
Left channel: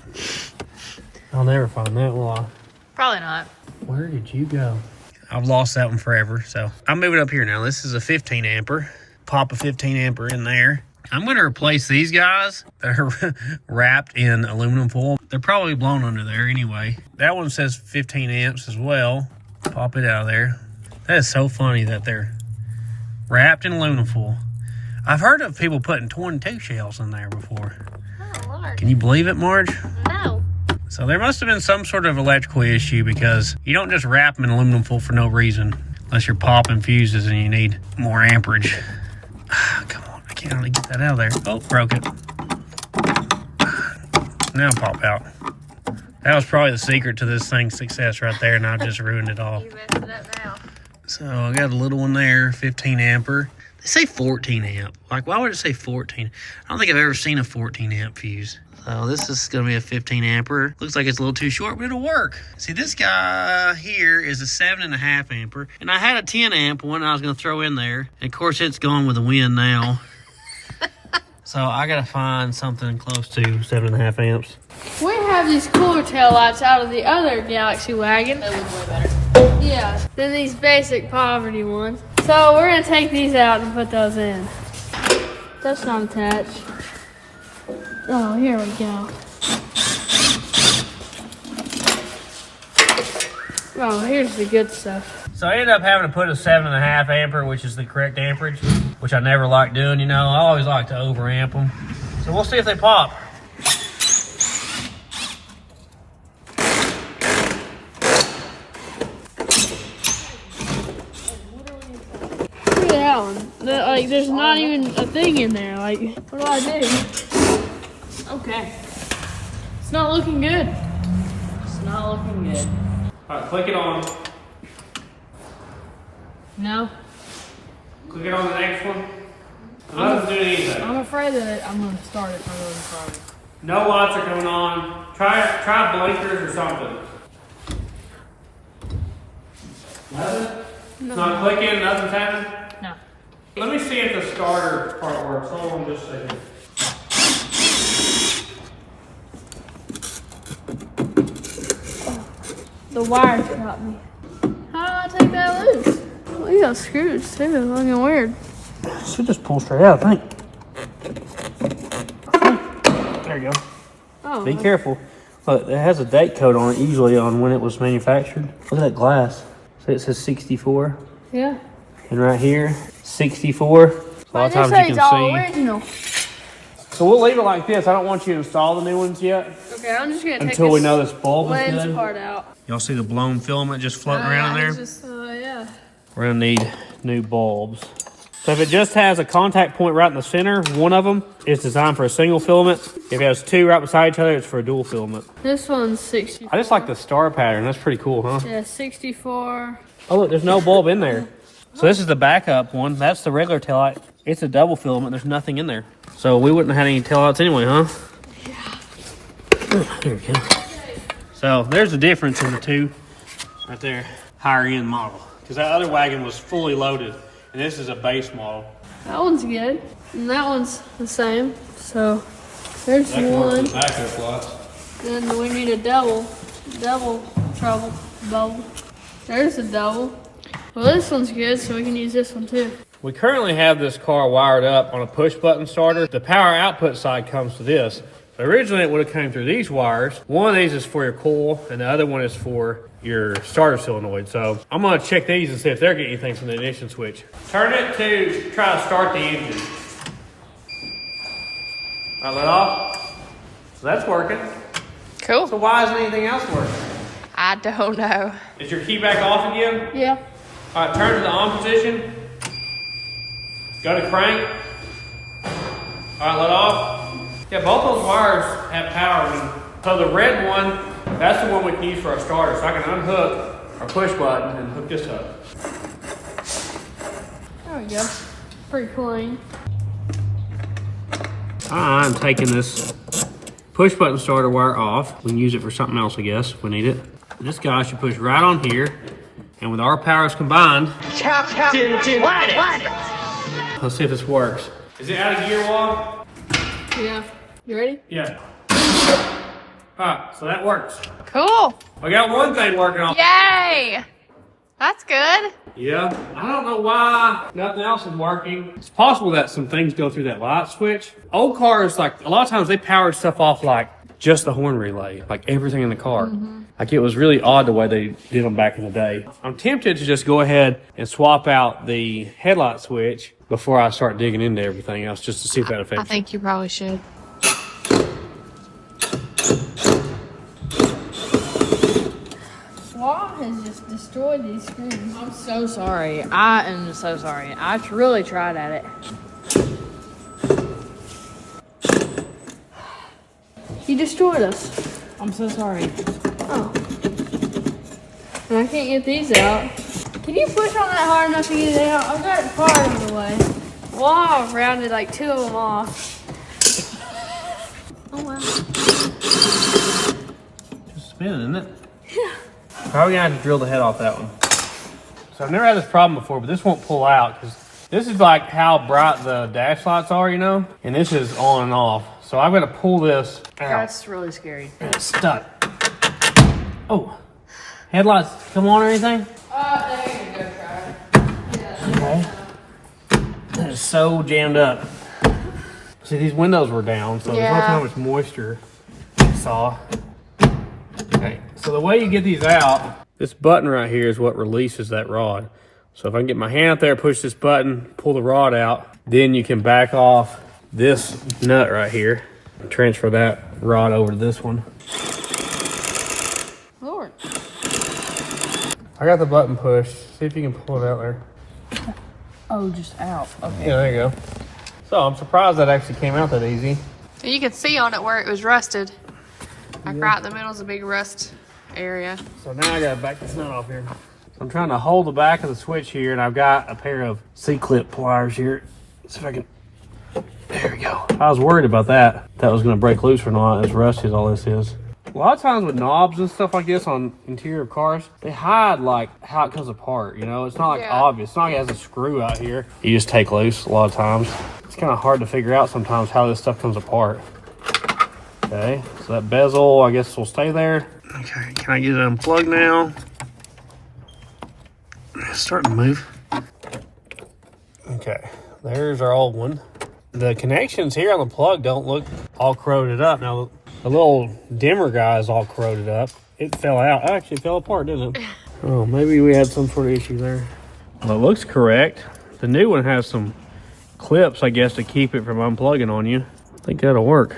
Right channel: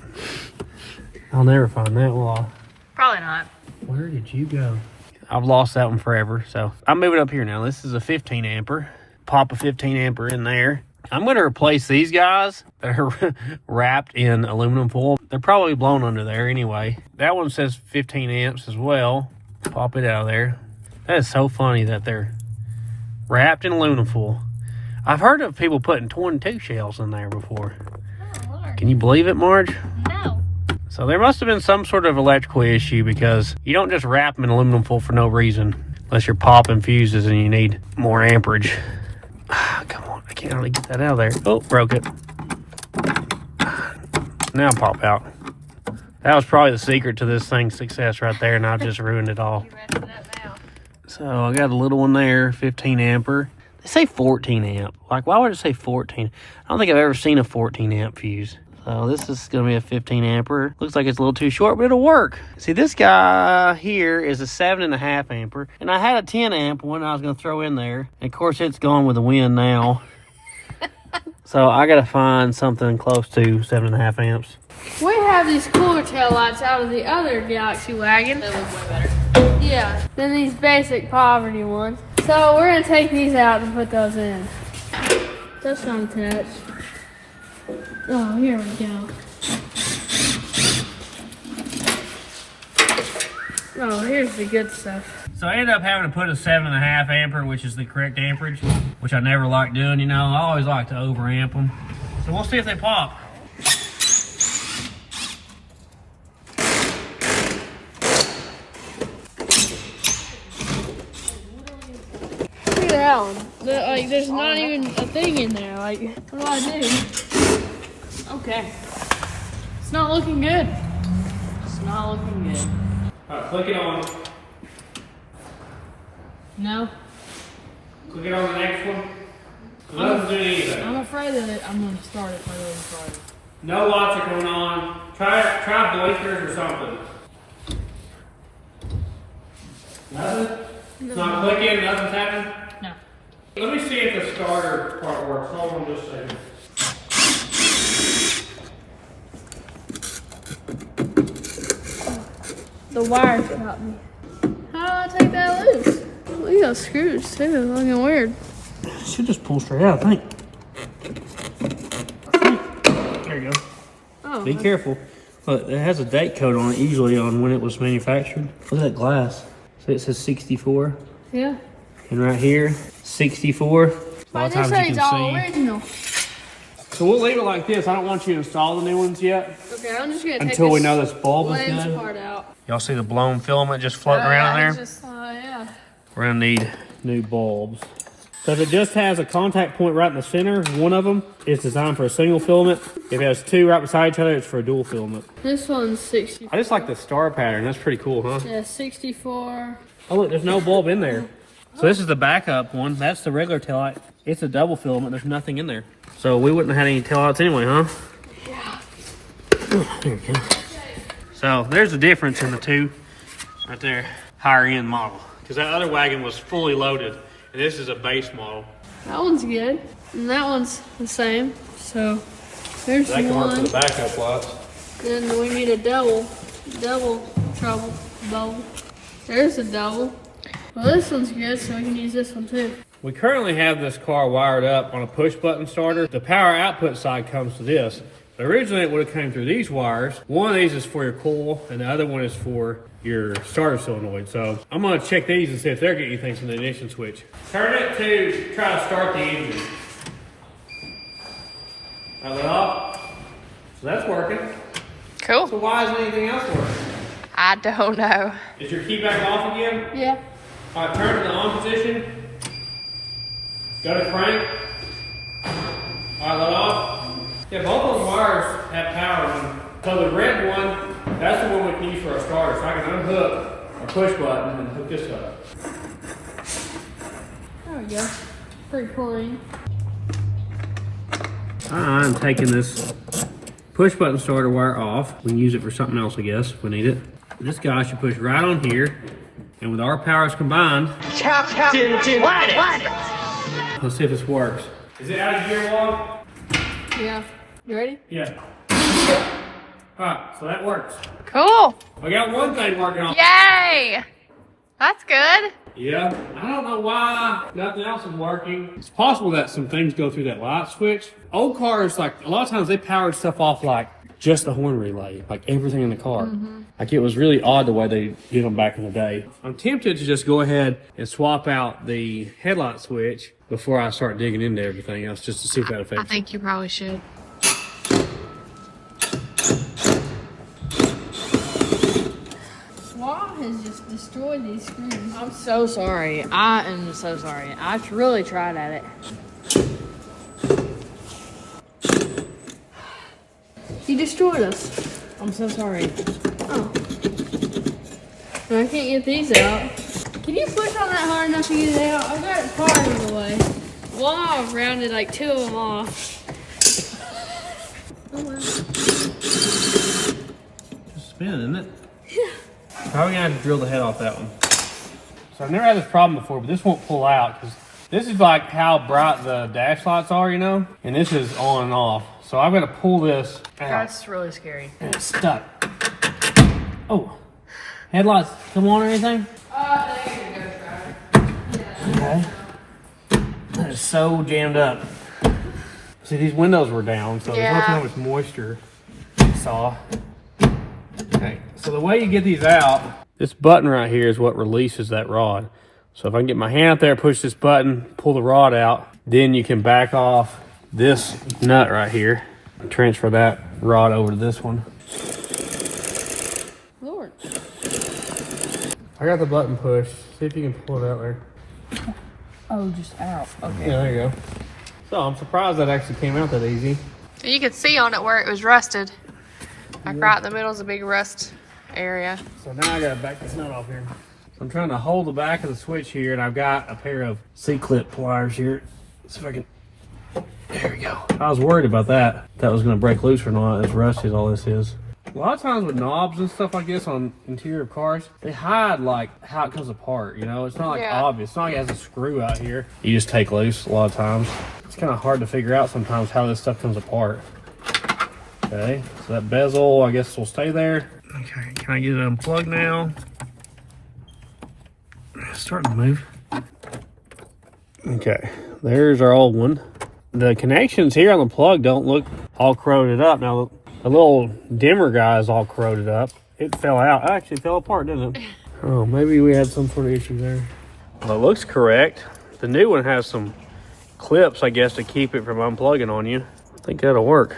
I'll never find that, will I? Probably not. Where did you go? I've lost that one forever, so I'm moving up here now. This is a 15 amper. Pop a 15 amper in there. I'm going to replace these guys. They're wrapped in aluminum foil. They're probably blown under there anyway. That one says 15 amps as well. Pop it out of there. That is so funny that they're wrapped in aluminum foil. I've heard of people putting 22 shells in there before. Oh, Lord. Can you believe it, Marge? No. So there must have been some sort of electrical issue because you don't just wrap them in aluminum foil for no reason unless you're popping fuses and you need more amperage. Come on, I can't really get that out of there. Oh, broke it. Now pop out. That was probably the secret to this thing's success right there, and I just ruined it all. You messed it up now. So I got a little one there, 15 amper. They say 14 amp. Like, why would it say 14? I don't think I've ever seen a 14 amp fuse. So this is going to be a 15 amper. Looks like it's a little too short, but it'll work. See, this guy here is a 7.5 amper. And I had a 10 amp one I was going to throw in there. And of course, it's gone with the wind now. So I gotta find something close to 7.5 amps. We have these cooler tail lights out of the other Galaxie wagon. That one's way better. Yeah, than these basic poverty ones. So we're gonna take these out and put those in. That's not attached. Oh, here we go. Oh, here's the good stuff. So I ended up having to put a 7.5 ampere, which is the correct amperage, which I never like doing, you know. I always like to overamp them. So we'll see if they pop. Look at that one. Like, there's not even a thing in there. Like, what do I do? Okay. It's not looking good. It's not looking good. All right, click it on. No. Click it on the next one. It doesn't do anything. I'm afraid that I'm going to start it if I go any farther. No lights are coming on. Try blinkers or something. Nothing? It's not clicking, nothing's happening? No. Let me see if the starter part works. Hold on just a second. The wires got me. How do I take that loose? We got screws too. It's looking weird. Should just pull straight out, I think. There you go. Oh. Be careful. Look, it has a date code on it, usually on when it was manufactured. Look at that glass. So it says 64. Yeah. And right here, 64. A lot of times you can see. Original. So we'll leave it like this. I don't want you to install the new ones yet Okay, I'm just gonna take until we know this bulb is lens good. part out. Y'all see the blown filament just floating around in there? Oh yeah. We're gonna need new bulbs. So if it just has a contact point right in the center, one of them is designed for a single filament. If it has two right beside each other, it's for a dual filament. This one's 64. I just like the star pattern. That's pretty cool, huh? Yeah, 64. Oh look, there's no bulb in there. So this is the backup one. That's the regular taillight. It's a double filament. There's nothing in there. So we wouldn't have had any taillights anyway, huh? Oh, there we go. So there's the difference in the two right there. Higher end model. Because that other wagon was fully loaded. And this is a base model. That one's good. And that one's the same. So there's That can work one. for the backup lights. Then we need a double trouble. There's a double. Well, this one's good, so we can use this one too. We currently have this car wired up on a push button starter. The power output side comes to this. So originally it would have come through these wires. One of these is for your coil and the other one is for your starter solenoid. So I'm gonna check these and see if they're getting anything from the ignition switch. Turn it to try to start the engine. All right, let off. So that's working. Cool. So why isn't anything else working? I don't know. Is your key back off again? Yeah. All right, turn to the on position. Go to crank. All right, let off. Yeah, both those wires have power. So the red one, that's the one we can use for our starter. So I can unhook our push button and hook this up. There we go. Pretty clean. I'm taking this push button starter wire off. We can use it for something else, I guess, if we need it. This guy should push right on here. And with our powers combined, let's see if this works. Is it out of gear log? Yeah. You ready? Yeah. Alright, so that works. Cool. We got one thing working on. Yay. That's good. Yeah. I don't know why nothing else is working. It's possible that some things go through that light switch. Old cars, like, a lot of times they powered stuff off like just the horn relay, like everything in the car. Like it was really odd the way they did them back in the day. I'm tempted to just go ahead and swap out the headlight switch before I start digging into everything else, just to see if that affects I think you probably should. SWAT has just destroyed these screws. I'm so sorry. I am so sorry. I really tried at it. You destroyed us. I'm so sorry. Oh. And I can't get these out. Can you push on that hard enough to get it out? I've got it part of the way. Well, I've rounded like 2 of them off. Oh wow. Just spinning, isn't it? Yeah. Probably gonna have to drill the head off that one. So I've never had this problem before, but this won't pull out because This is like how bright the dash lights are, you know? And this is on and off. So I've got to pull this out. That's really scary. And it's stuck. Oh, headlights come on or anything? There you go, Tyler. Okay. That is so jammed up. See, these windows were down, so there's not how much moisture you saw. Okay, so the way you get these out, this button right here is what releases that rod. So if I can get my hand up there, push this button, pull the rod out, then you can back off this nut right here and transfer that rod over to this one. Lord. I got the button pushed. See if you can pull it out there. Oh, just out. Okay. Yeah, there you go. So I'm surprised that actually came out that easy. You could see on it where it was rusted. Like right in the middle is a big rust area. So now I gotta back this nut off here. I'm trying to hold the back of the switch here, and I've got a pair of C-clip pliers here. See if I can, there we go. I was worried about that. That was gonna break loose or not, as rusty as all this is. A lot of times with knobs and stuff like this on interior cars, they hide like how it comes apart, you know? It's not like obvious. It's not like it has a screw out here. You just take loose a lot of times. It's kind of hard to figure out sometimes how this stuff comes apart. Okay, so that bezel, I guess, will stay there. Okay, can I get it unplugged now? It's starting to move. Okay, there's our old one. The connections here on the plug don't look all corroded up. Now, the little dimmer guy is all corroded up. It fell out. It actually fell apart, didn't it? Oh, maybe we had some sort of issue there. Well, it looks correct. The new one has some clips, I guess, to keep it from unplugging on you. I think that'll work.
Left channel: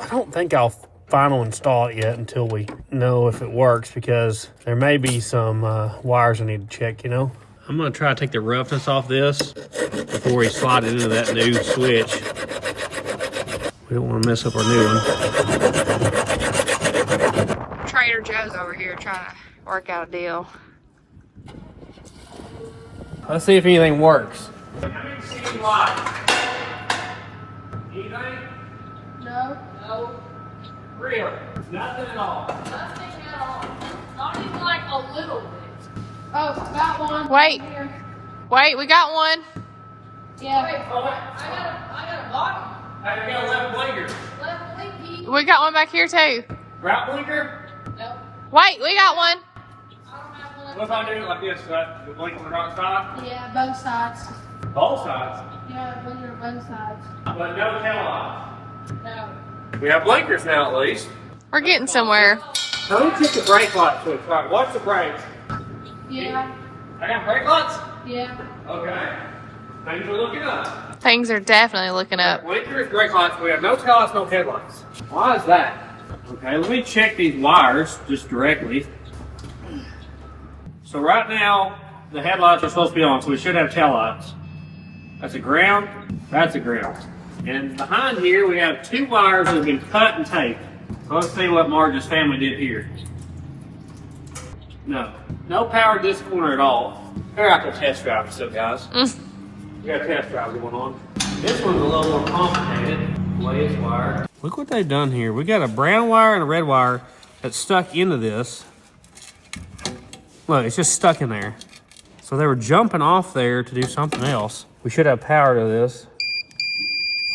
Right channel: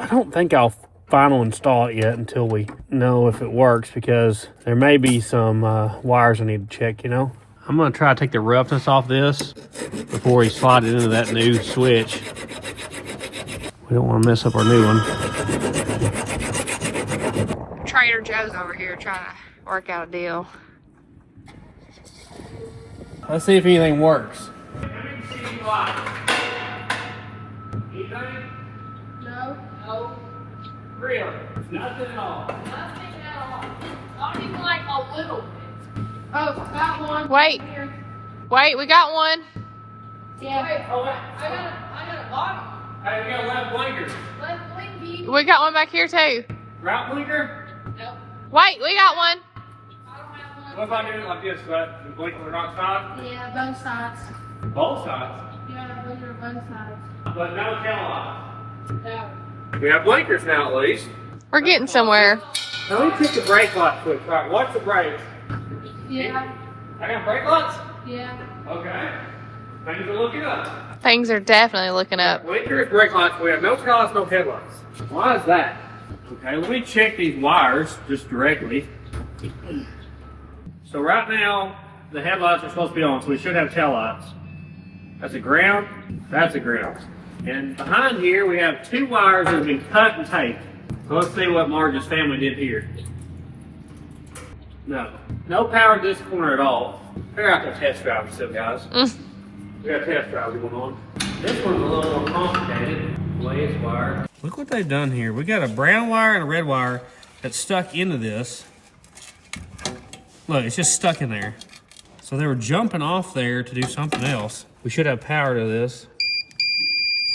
I don't think I'll final install it yet until we know if it works, because there may be some wires I need to check, you know? I'm gonna try to take the roughness off this before we slide it into that new switch. We don't want to mess up our new one. Trader Joe's over here trying to work out a deal. Let's see if anything works. Let me see light. Anything? No. Really? Nothing at all. Nothing at all. Not even like a little bit. Oh, got one. Wait, we got one. Yeah. I got a bottom. Hey, we got a left blinker. Left blinky. We got one back here too. Right blinker? Nope. Wait, we got one. I don't have one. What if I do it like this? The blink on the right side? Yeah, both sides. Both sides? Yeah, blinker both sides. But no tail lights. No. We have blinkers now at least. We're getting somewhere. Now let me check the brake light switch. All right, watch the brakes. Yeah. I got brake lights? Yeah. Okay. Things are looking up. Things are definitely looking up. Blinkers, brake lights. We have no tail lights, no headlights. Why is that? Okay, let me check these wires just directly. So right now, the headlights are supposed to be on, so we should have tail lights. That's a ground. That's a ground. And behind here, we have two wires that have been cut and taped. So let's see what Marge's family did here. No power to this corner at all. They're out there test driving still, guys. We got test drives going on. This one's a little more complicated, the way it's wired. Look what they've done here. We got a brown wire and a red wire that's stuck into this. Look, it's just stuck in there. So they were jumping off there to do something else. We should have power to this.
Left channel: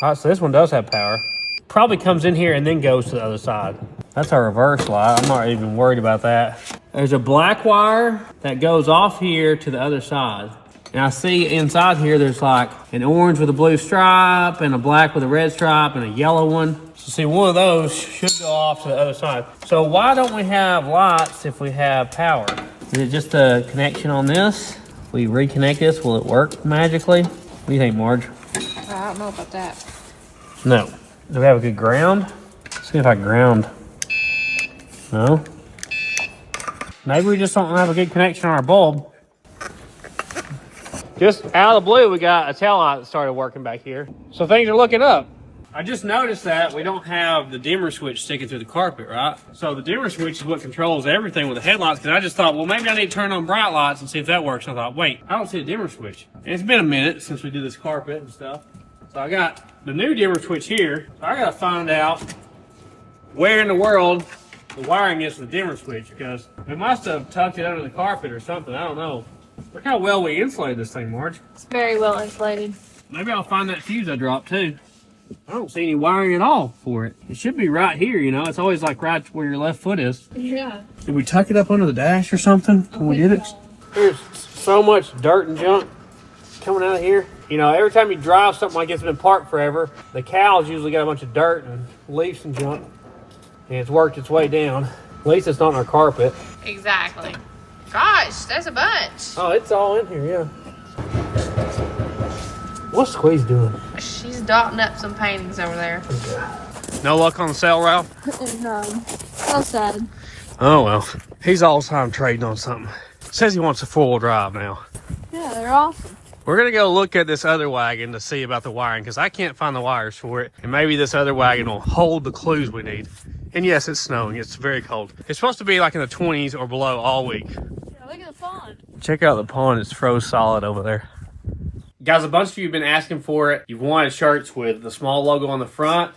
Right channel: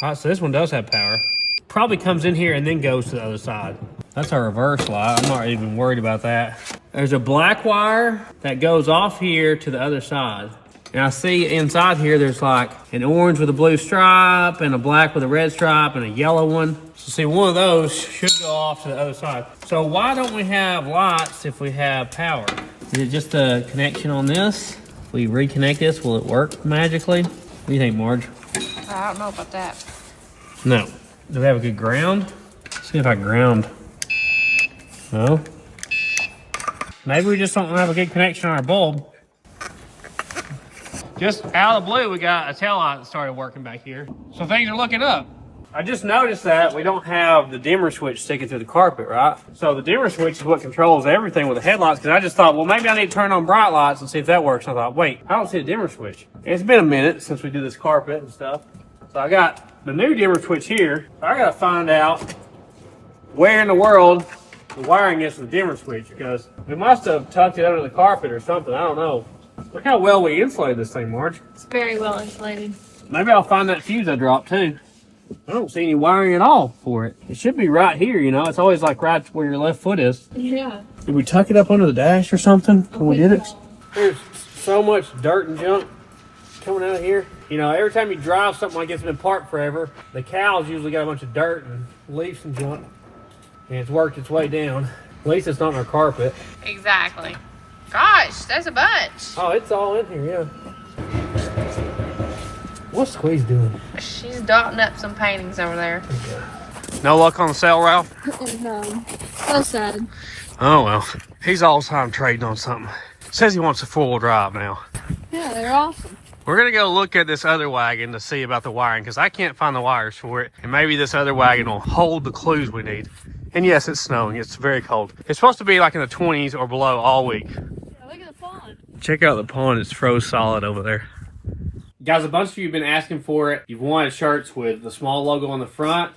All right, so this one does have power. Probably comes in here and then goes to the other side. That's our reverse light. I'm not even worried about that. There's a black wire that goes off here to the other side. And I see inside here, there's like an orange with a blue stripe and a black with a red stripe and a yellow one. So see, one of those should go off to the other side. So why don't we have lights if we have power? Is it just a connection on this? If we reconnect this, will it work magically? What do you think, Marge? I don't know about that. No. Do we have a good ground? Let's see if I ground. No. Maybe we just don't have a good connection on our bulb. Just out of the blue, we got a tail light that started working back here. So things are looking up. I just noticed that we don't have the dimmer switch sticking through the carpet, right? So the dimmer switch is what controls everything with the headlights, because I just thought, well, maybe I need to turn on bright lights and see if that works. And I thought, wait, I don't see a dimmer switch. And it's been a minute since we did this carpet and stuff. So I got the new dimmer switch here. So I gotta find out where in the world the wiring is for the dimmer switch, because we must have tucked it under the carpet or something. I don't know. Look how well we insulated this thing, Marge. It's very well insulated. Maybe I'll find that fuse I dropped too. I don't see any wiring at all for it. It should be right here, you know. It's always like right where your left foot is. Yeah. Did we tuck it up under the dash or something when we did it? There's so much dirt and junk coming out of here. You know, every time you drive something like it's been parked forever, the cows usually got a bunch of dirt and leaves and junk. And it's worked its way down. At least it's not on our carpet. Exactly. Gosh, there's a bunch. Oh, it's all in here, yeah. What's Squeeze doing? She's dotting up some paintings over there. Okay. No luck on the sale, Ralph? No. So sad. Oh, well. He's all the time trading on something. Says he wants a four-wheel drive now. Yeah, they're awesome. We're going to go look at this other wagon to see about the wiring because I can't find the wires for it. And maybe this other wagon will hold the clues we need. And yes, it's snowing. It's very cold. It's supposed to be like in the 20s or below all week. Yeah, look at the pond. Check out the pond. It's froze solid over there. Guys, a bunch of you have been asking for it. You've wanted shirts with the small logo on the front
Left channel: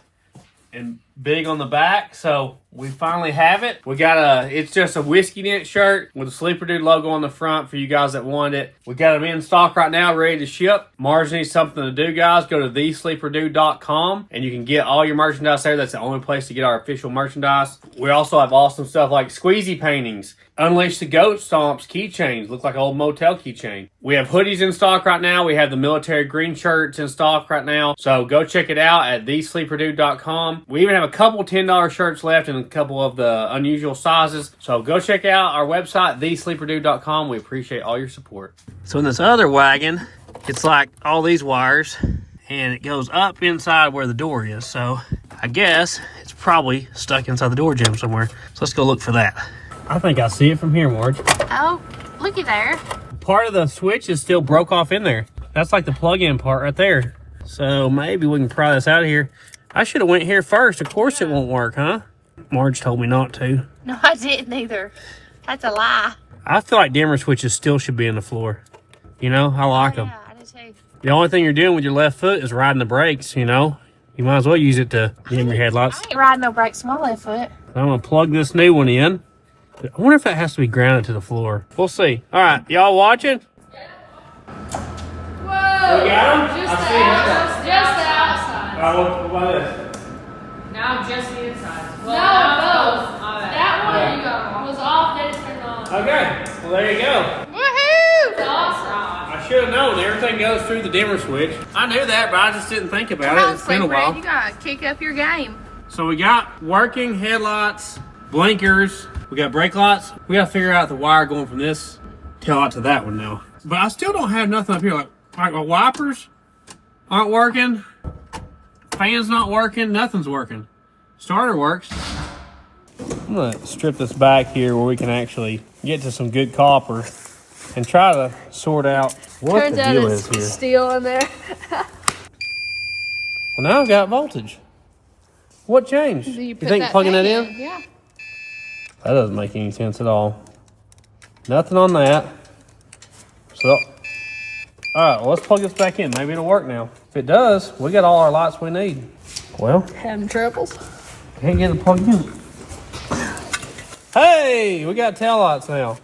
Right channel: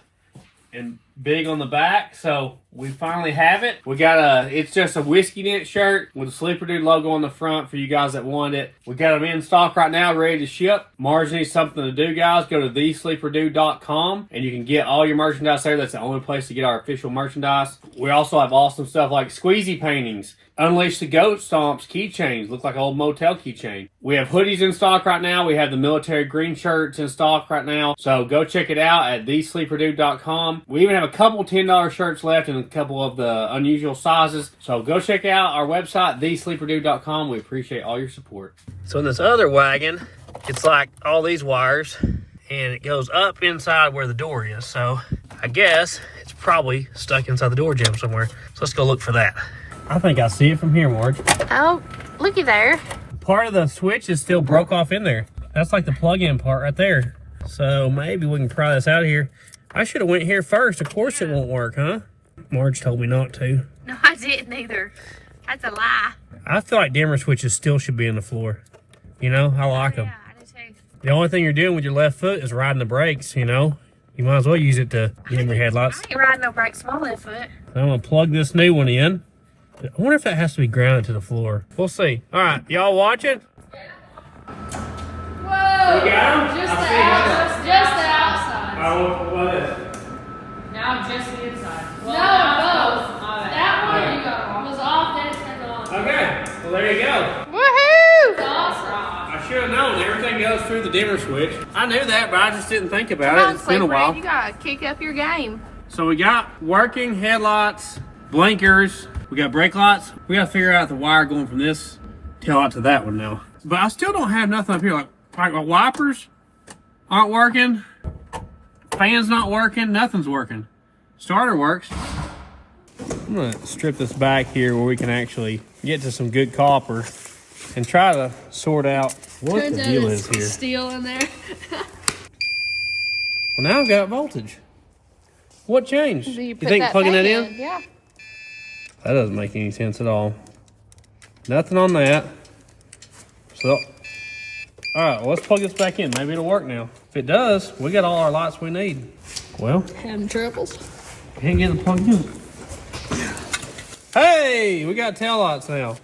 and big on the back, so we finally have it. We got it's just a Whiskey Dent shirt with a Sleeper Dude logo on the front for you guys that want it. We got them in stock right now, ready to ship. Marge needs something to do, guys. Go to thesleeperdude.com and you can get all your merchandise there. That's the only place to get our official merchandise. We also have awesome stuff like squeezy paintings, Unleash the Goat Stomps keychains, look like an old motel keychain. We have hoodies in stock right now. We have the military green shirts in stock right now. So go check it out at thesleeperdude.com. We even have a couple $10 shirts left and a couple of the unusual sizes. So go check out our website, thesleeperdude.com. We appreciate all your support. So in this other wagon, it's like all these wires and it goes up inside where the door is. So I guess it's probably stuck inside the door jamb somewhere. So let's go look for that. I think I see it from here, Marge. Oh, looky there. Part of the switch is still broke off in there. That's like the plug-in part right there. So maybe we can pry this out of here. I should have went here first. Of course it won't work, huh? Marge told me not to. No, I didn't either. That's a lie. I feel like dimmer switches still should be in the floor. You know, I like them. Yeah, I do too. The only thing you're doing with your left foot is riding the brakes, you know. You might as well use it to dim your headlights. I ain't riding no brakes on my left foot. I'm going to plug this new one in. I wonder if that has to be grounded to the floor. We'll see. All right, y'all watching? Whoa! got 'em? Just I the outside. What is? Now just the inside. Well, No, now both. my bad. That one was off, then it turned on. Okay, well there you go. Woohoo! It's awesome. I should have known everything goes through the dimmer switch. I knew that, but I just didn't think about Come it. on, It's been a Sleeper, while. you gotta kick up your game. So we got working headlights, blinkers, we got brake lights. We got to figure out the wire going from this tail light to that one now. But I still don't have nothing up here. Like my wipers aren't working, fan's not working, nothing's working. Starter works. I'm gonna strip this back here where we can actually get to some good copper and try to sort out what Turns the out deal it's is here. steel in there. Well, now I've got voltage. What changed? Do You put think plugging that in? Yeah. That doesn't make any sense at all. Nothing on that. So, all right, well, let's plug this back in. Maybe it'll work now. If it does, we got all our lights we need. Well, Having troubles. can't get it plugged in. Hey, we got tail lights now.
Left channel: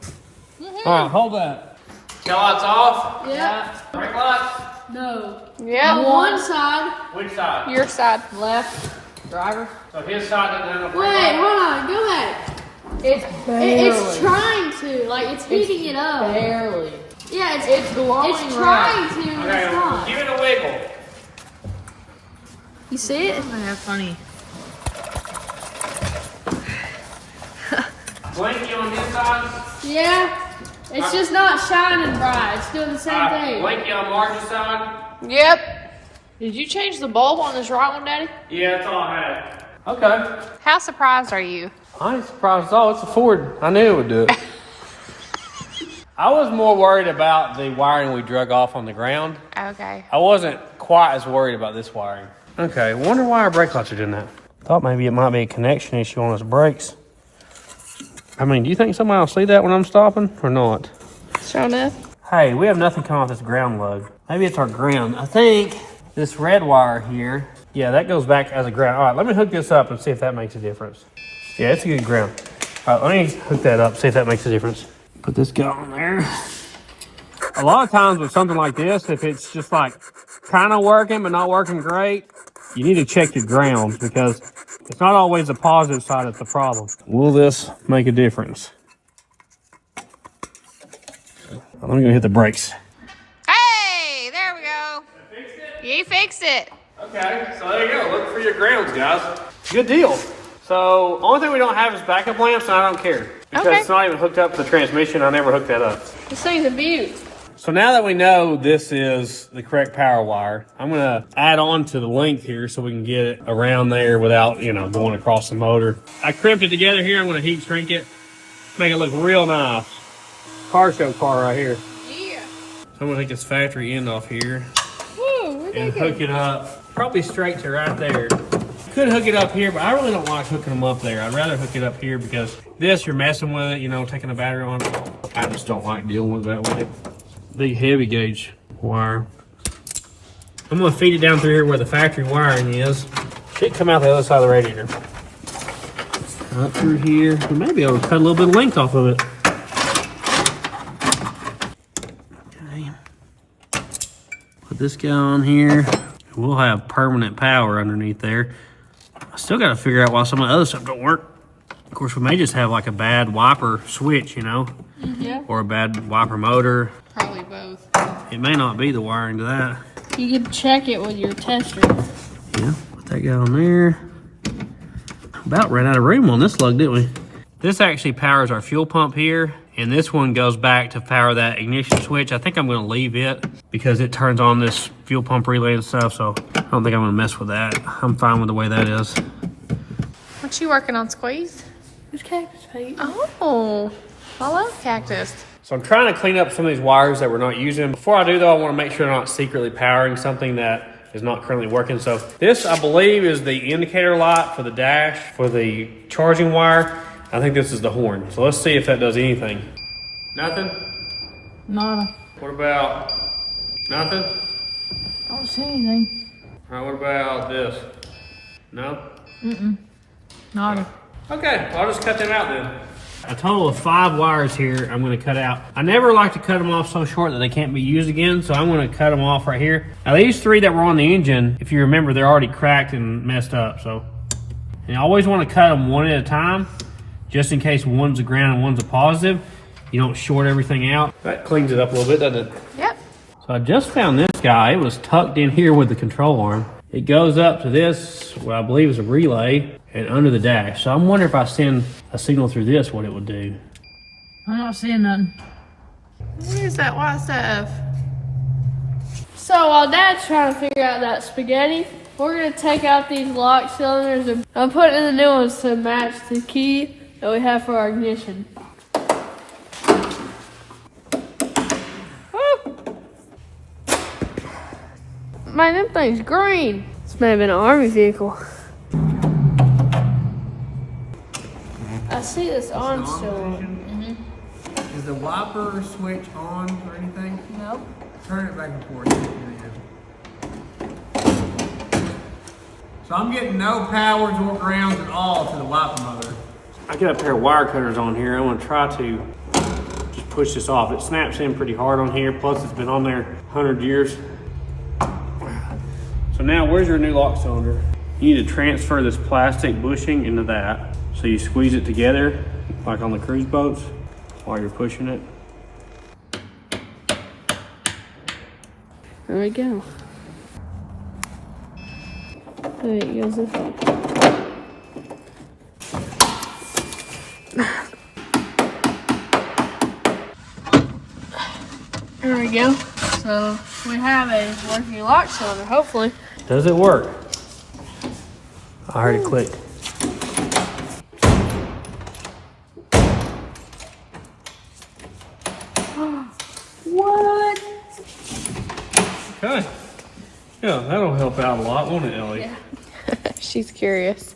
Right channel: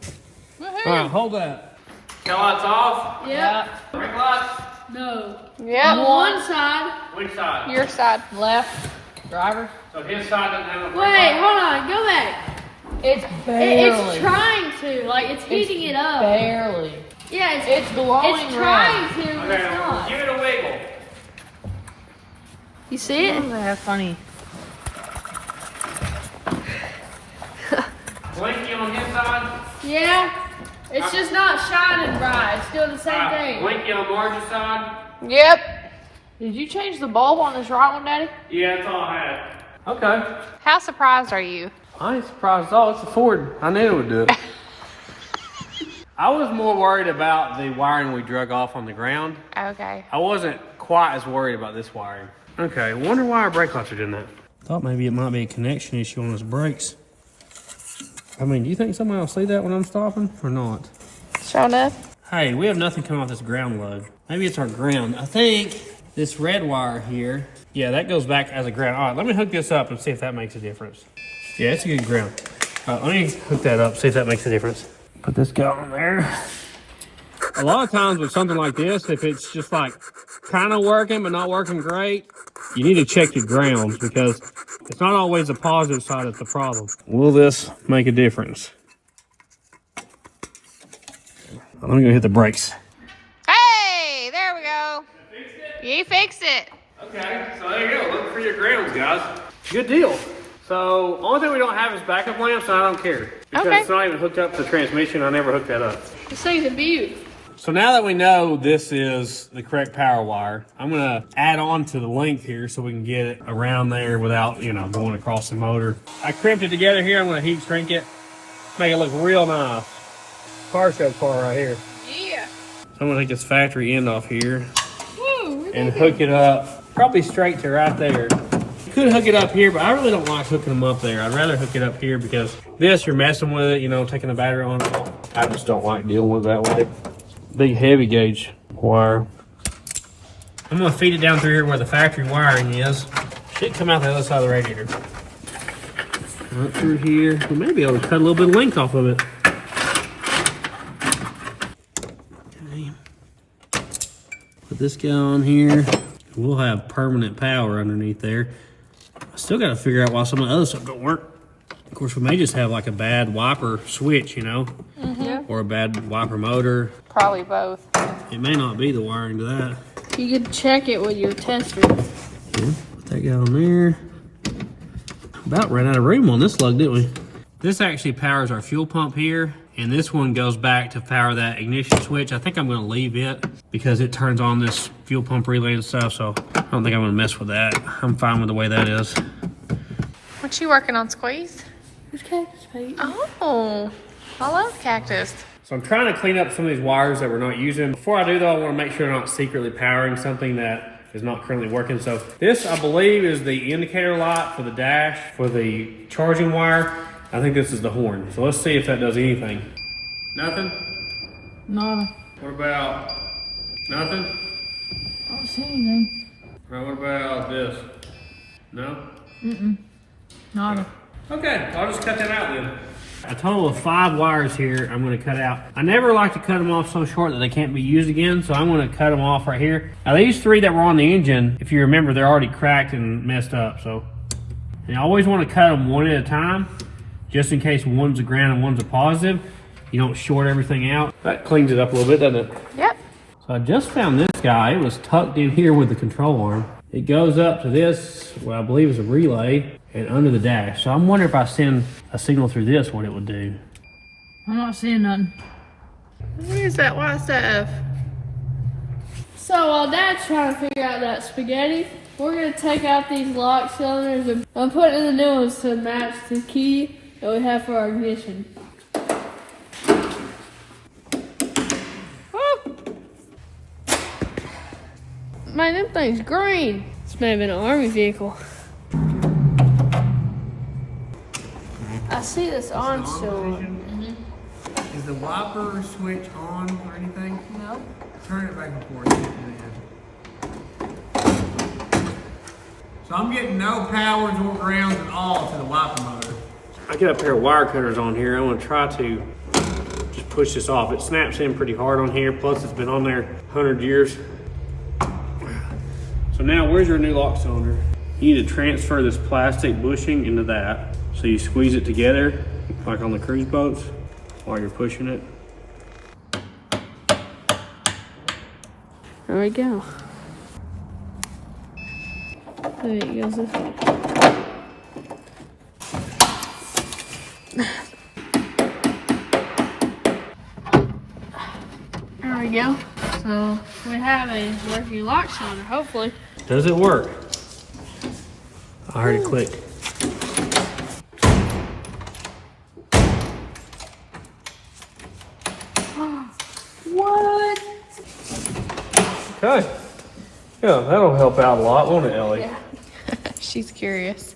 All right, hold that. Tail lights off. Yep. Brake lights. No. Yep. One side, Which side? Your side. left, driver. So his side doesn't have a Wait, hold on, go back. It's trying to, like it's heating it up. Barely. Yeah, it's blowing It's trying to, but it's Okay, not. give it a wiggle. You see it? That's funny. Blinky on his side. Yeah. It's just not shining bright. It's doing the same thing. Blinky on Marge's side. Yep. Did you change the bulb on this right one, Daddy? Yeah, that's all I had. Okay. How surprised are you? I ain't surprised at all. It's a Ford. I knew it would do it. I was more worried about the wiring we drug off on the ground. Okay. I wasn't quite as worried about this wiring. Okay, wonder why our brake lights are doing that. Thought maybe it might be a connection issue on his brakes. I mean, do you think somebody will see that when I'm stopping or not? Sure enough. Hey, we have nothing coming off this ground lug. Maybe it's our ground. I think this red wire here, yeah, that goes back as a ground. All right, let me hook this up and see if that makes a difference. Yeah, it's a good ground. All right, let me hook that up, see if that makes a difference. Put this guy on there. A lot of times with something like this, if it's just like kind of working but not working great, you need to check your grounds because it's not always the positive side that's the problem. Will this make a difference? I'm gonna hit the brakes. Hey, there we go. You fixed it. Okay, so there you go. Look for your grounds, guys. Good deal. So, only thing we don't have is backup lamps, so I don't care. Because it's not even hooked up to the transmission. I never hooked that up. This thing's a beaut. So now that we know this is the correct power wire, I'm gonna add on to the length here so we can get it around there without, you know, going across the motor. I crimped it together here. I'm gonna heat shrink it, make it look real nice. Car show car right here. Yeah. So I'm gonna take this factory end off here Woo, and hook it up, probably straight to right there. You could hook it up here, but I really don't like hooking them up there. I'd rather hook it up here because this, you're messing with it, you know, taking the battery on. I just don't like dealing with that way. Big heavy gauge wire. I'm gonna feed it down through here where the factory wiring is. Should come out the other side of the radiator. Up through here. We may be able to cut a little bit of length off of it. Okay. Put this guy on here. We'll have permanent power underneath there. I still gotta figure out why some of the other stuff don't work. Of course, we may just have like a bad wiper switch, you know? Or a bad wiper motor. Probably both. It may not be the wiring to that. You can check it with your tester. Yeah, put that guy on there. About ran out of room on this lug, didn't we? This actually powers our fuel pump here, and this one goes back to power that ignition switch. I think I'm gonna leave it because it turns on this fuel pump relay and stuff, so I don't think I'm gonna mess with that. I'm fine with the way that is. What you working on, Squeeze? It's cactus paint. Oh, I love cactus. So I'm trying to clean up some of these wires that we're not using. Before I do though, I wanna make sure I'm not secretly powering something that is not currently working. So this, I believe, is the indicator light for the dash, for the charging wire. I think this is the horn. So let's see if that does anything. Nothing? Nada. What about nothing? I don't see anything. All right, what about this? No? Nada. Okay, well, I'll just cut that out then. A total of 5 wires here I'm gonna cut out. I never like to cut them off so short that they can't be used again, so I'm gonna cut them off right here. Now these 3 that were on the engine, if you remember, they're already cracked and messed up, so. And you always wanna cut them one at a time, just in case one's a ground and one's a positive. You don't short everything out. That cleans it up a little bit, doesn't it? Yep. So I just found this guy. It was tucked in here with the control arm. It goes up to this, what I believe is a relay, and under the dash. So I'm wondering if I send a signal through this, what it would do. I'm not seeing nothing. Where's that white stuff? So while Dad's trying to figure out that spaghetti, we're going to take out these lock cylinders and I'm putting in the new ones to match the key that we have for our ignition. Woo! Man, them thing's green. This may have been an army vehicle. I see this on still. Is the wiper switch on or anything? Nope. Turn it back and forth. So I'm getting no powers or grounds at all to the wiper motor. I got a pair of wire cutters on here. I'm gonna try to just push this off. It snaps in pretty hard on here. Plus it's been on there 100 years. So now where's your new lock cylinder? You need to transfer this plastic bushing into that. So you squeeze it together, like on the cruise boats, while you're pushing it. There we go. There it goes this way. There we go. So we have a working lock cylinder, hopefully. Does it work? I heard it click. What? Okay. Yeah, that'll help out a lot, won't it, Ellie? Yeah. She's curious.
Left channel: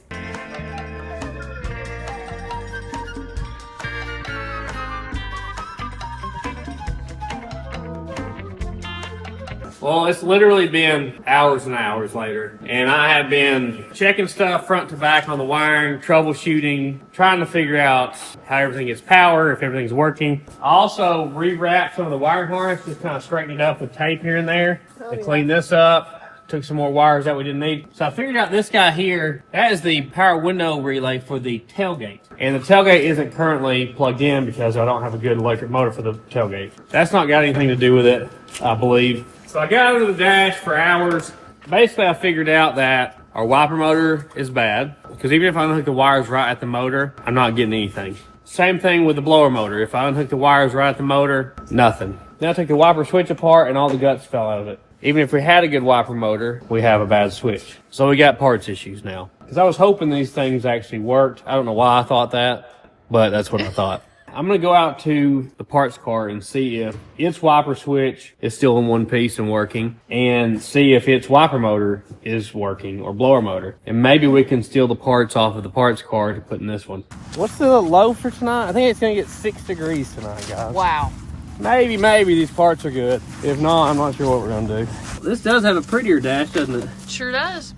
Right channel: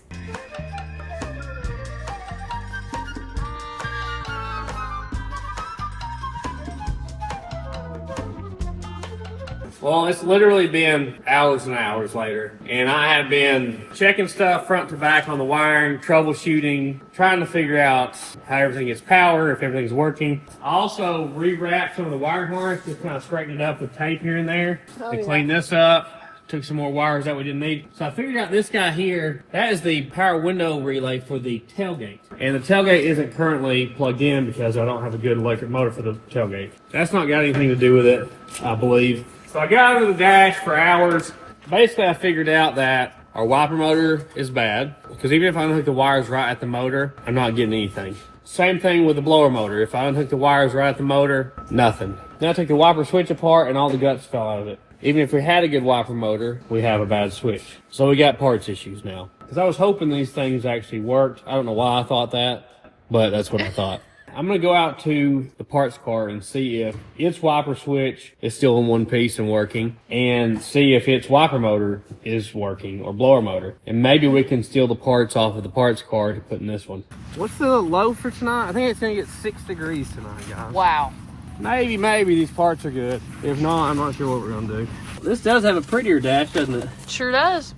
Well, it's literally been hours and hours later, and I have been checking stuff front to back on the wiring, troubleshooting, trying to figure out how everything gets power, if everything's working. I also rewrapped some of the wiring harness, just kind of straightened it up with tape here and there to clean this up. Took some more wires that we didn't need. So I figured out this guy here, that is the power window relay for the tailgate. And the tailgate isn't currently plugged in because I don't have a good electric motor for the tailgate. That's not got anything to do with it, I believe. So I got under the dash for hours. Basically, I figured out that our wiper motor is bad because even if I unhook the wires right at the motor, I'm not getting anything. Same thing with the blower motor. If I unhook the wires right at the motor, nothing. Then I took the wiper switch apart and all the guts fell out of it. Even if we had a good wiper motor, we have a bad switch. So we got parts issues now. Because I was hoping these things actually worked. I don't know why I thought that, but that's what I thought. I'm going to go out to the parts cart and see if its wiper switch is still in one piece and working, and see if its wiper motor is working, or blower motor. And maybe we can steal the parts off of the parts cart to put in this one. What's the low for tonight? I think it's going to get 6 degrees tonight, guys. Wow. Maybe these parts are good. If not, I'm not sure what we're gonna do. This does have a prettier dash, doesn't it? Sure does.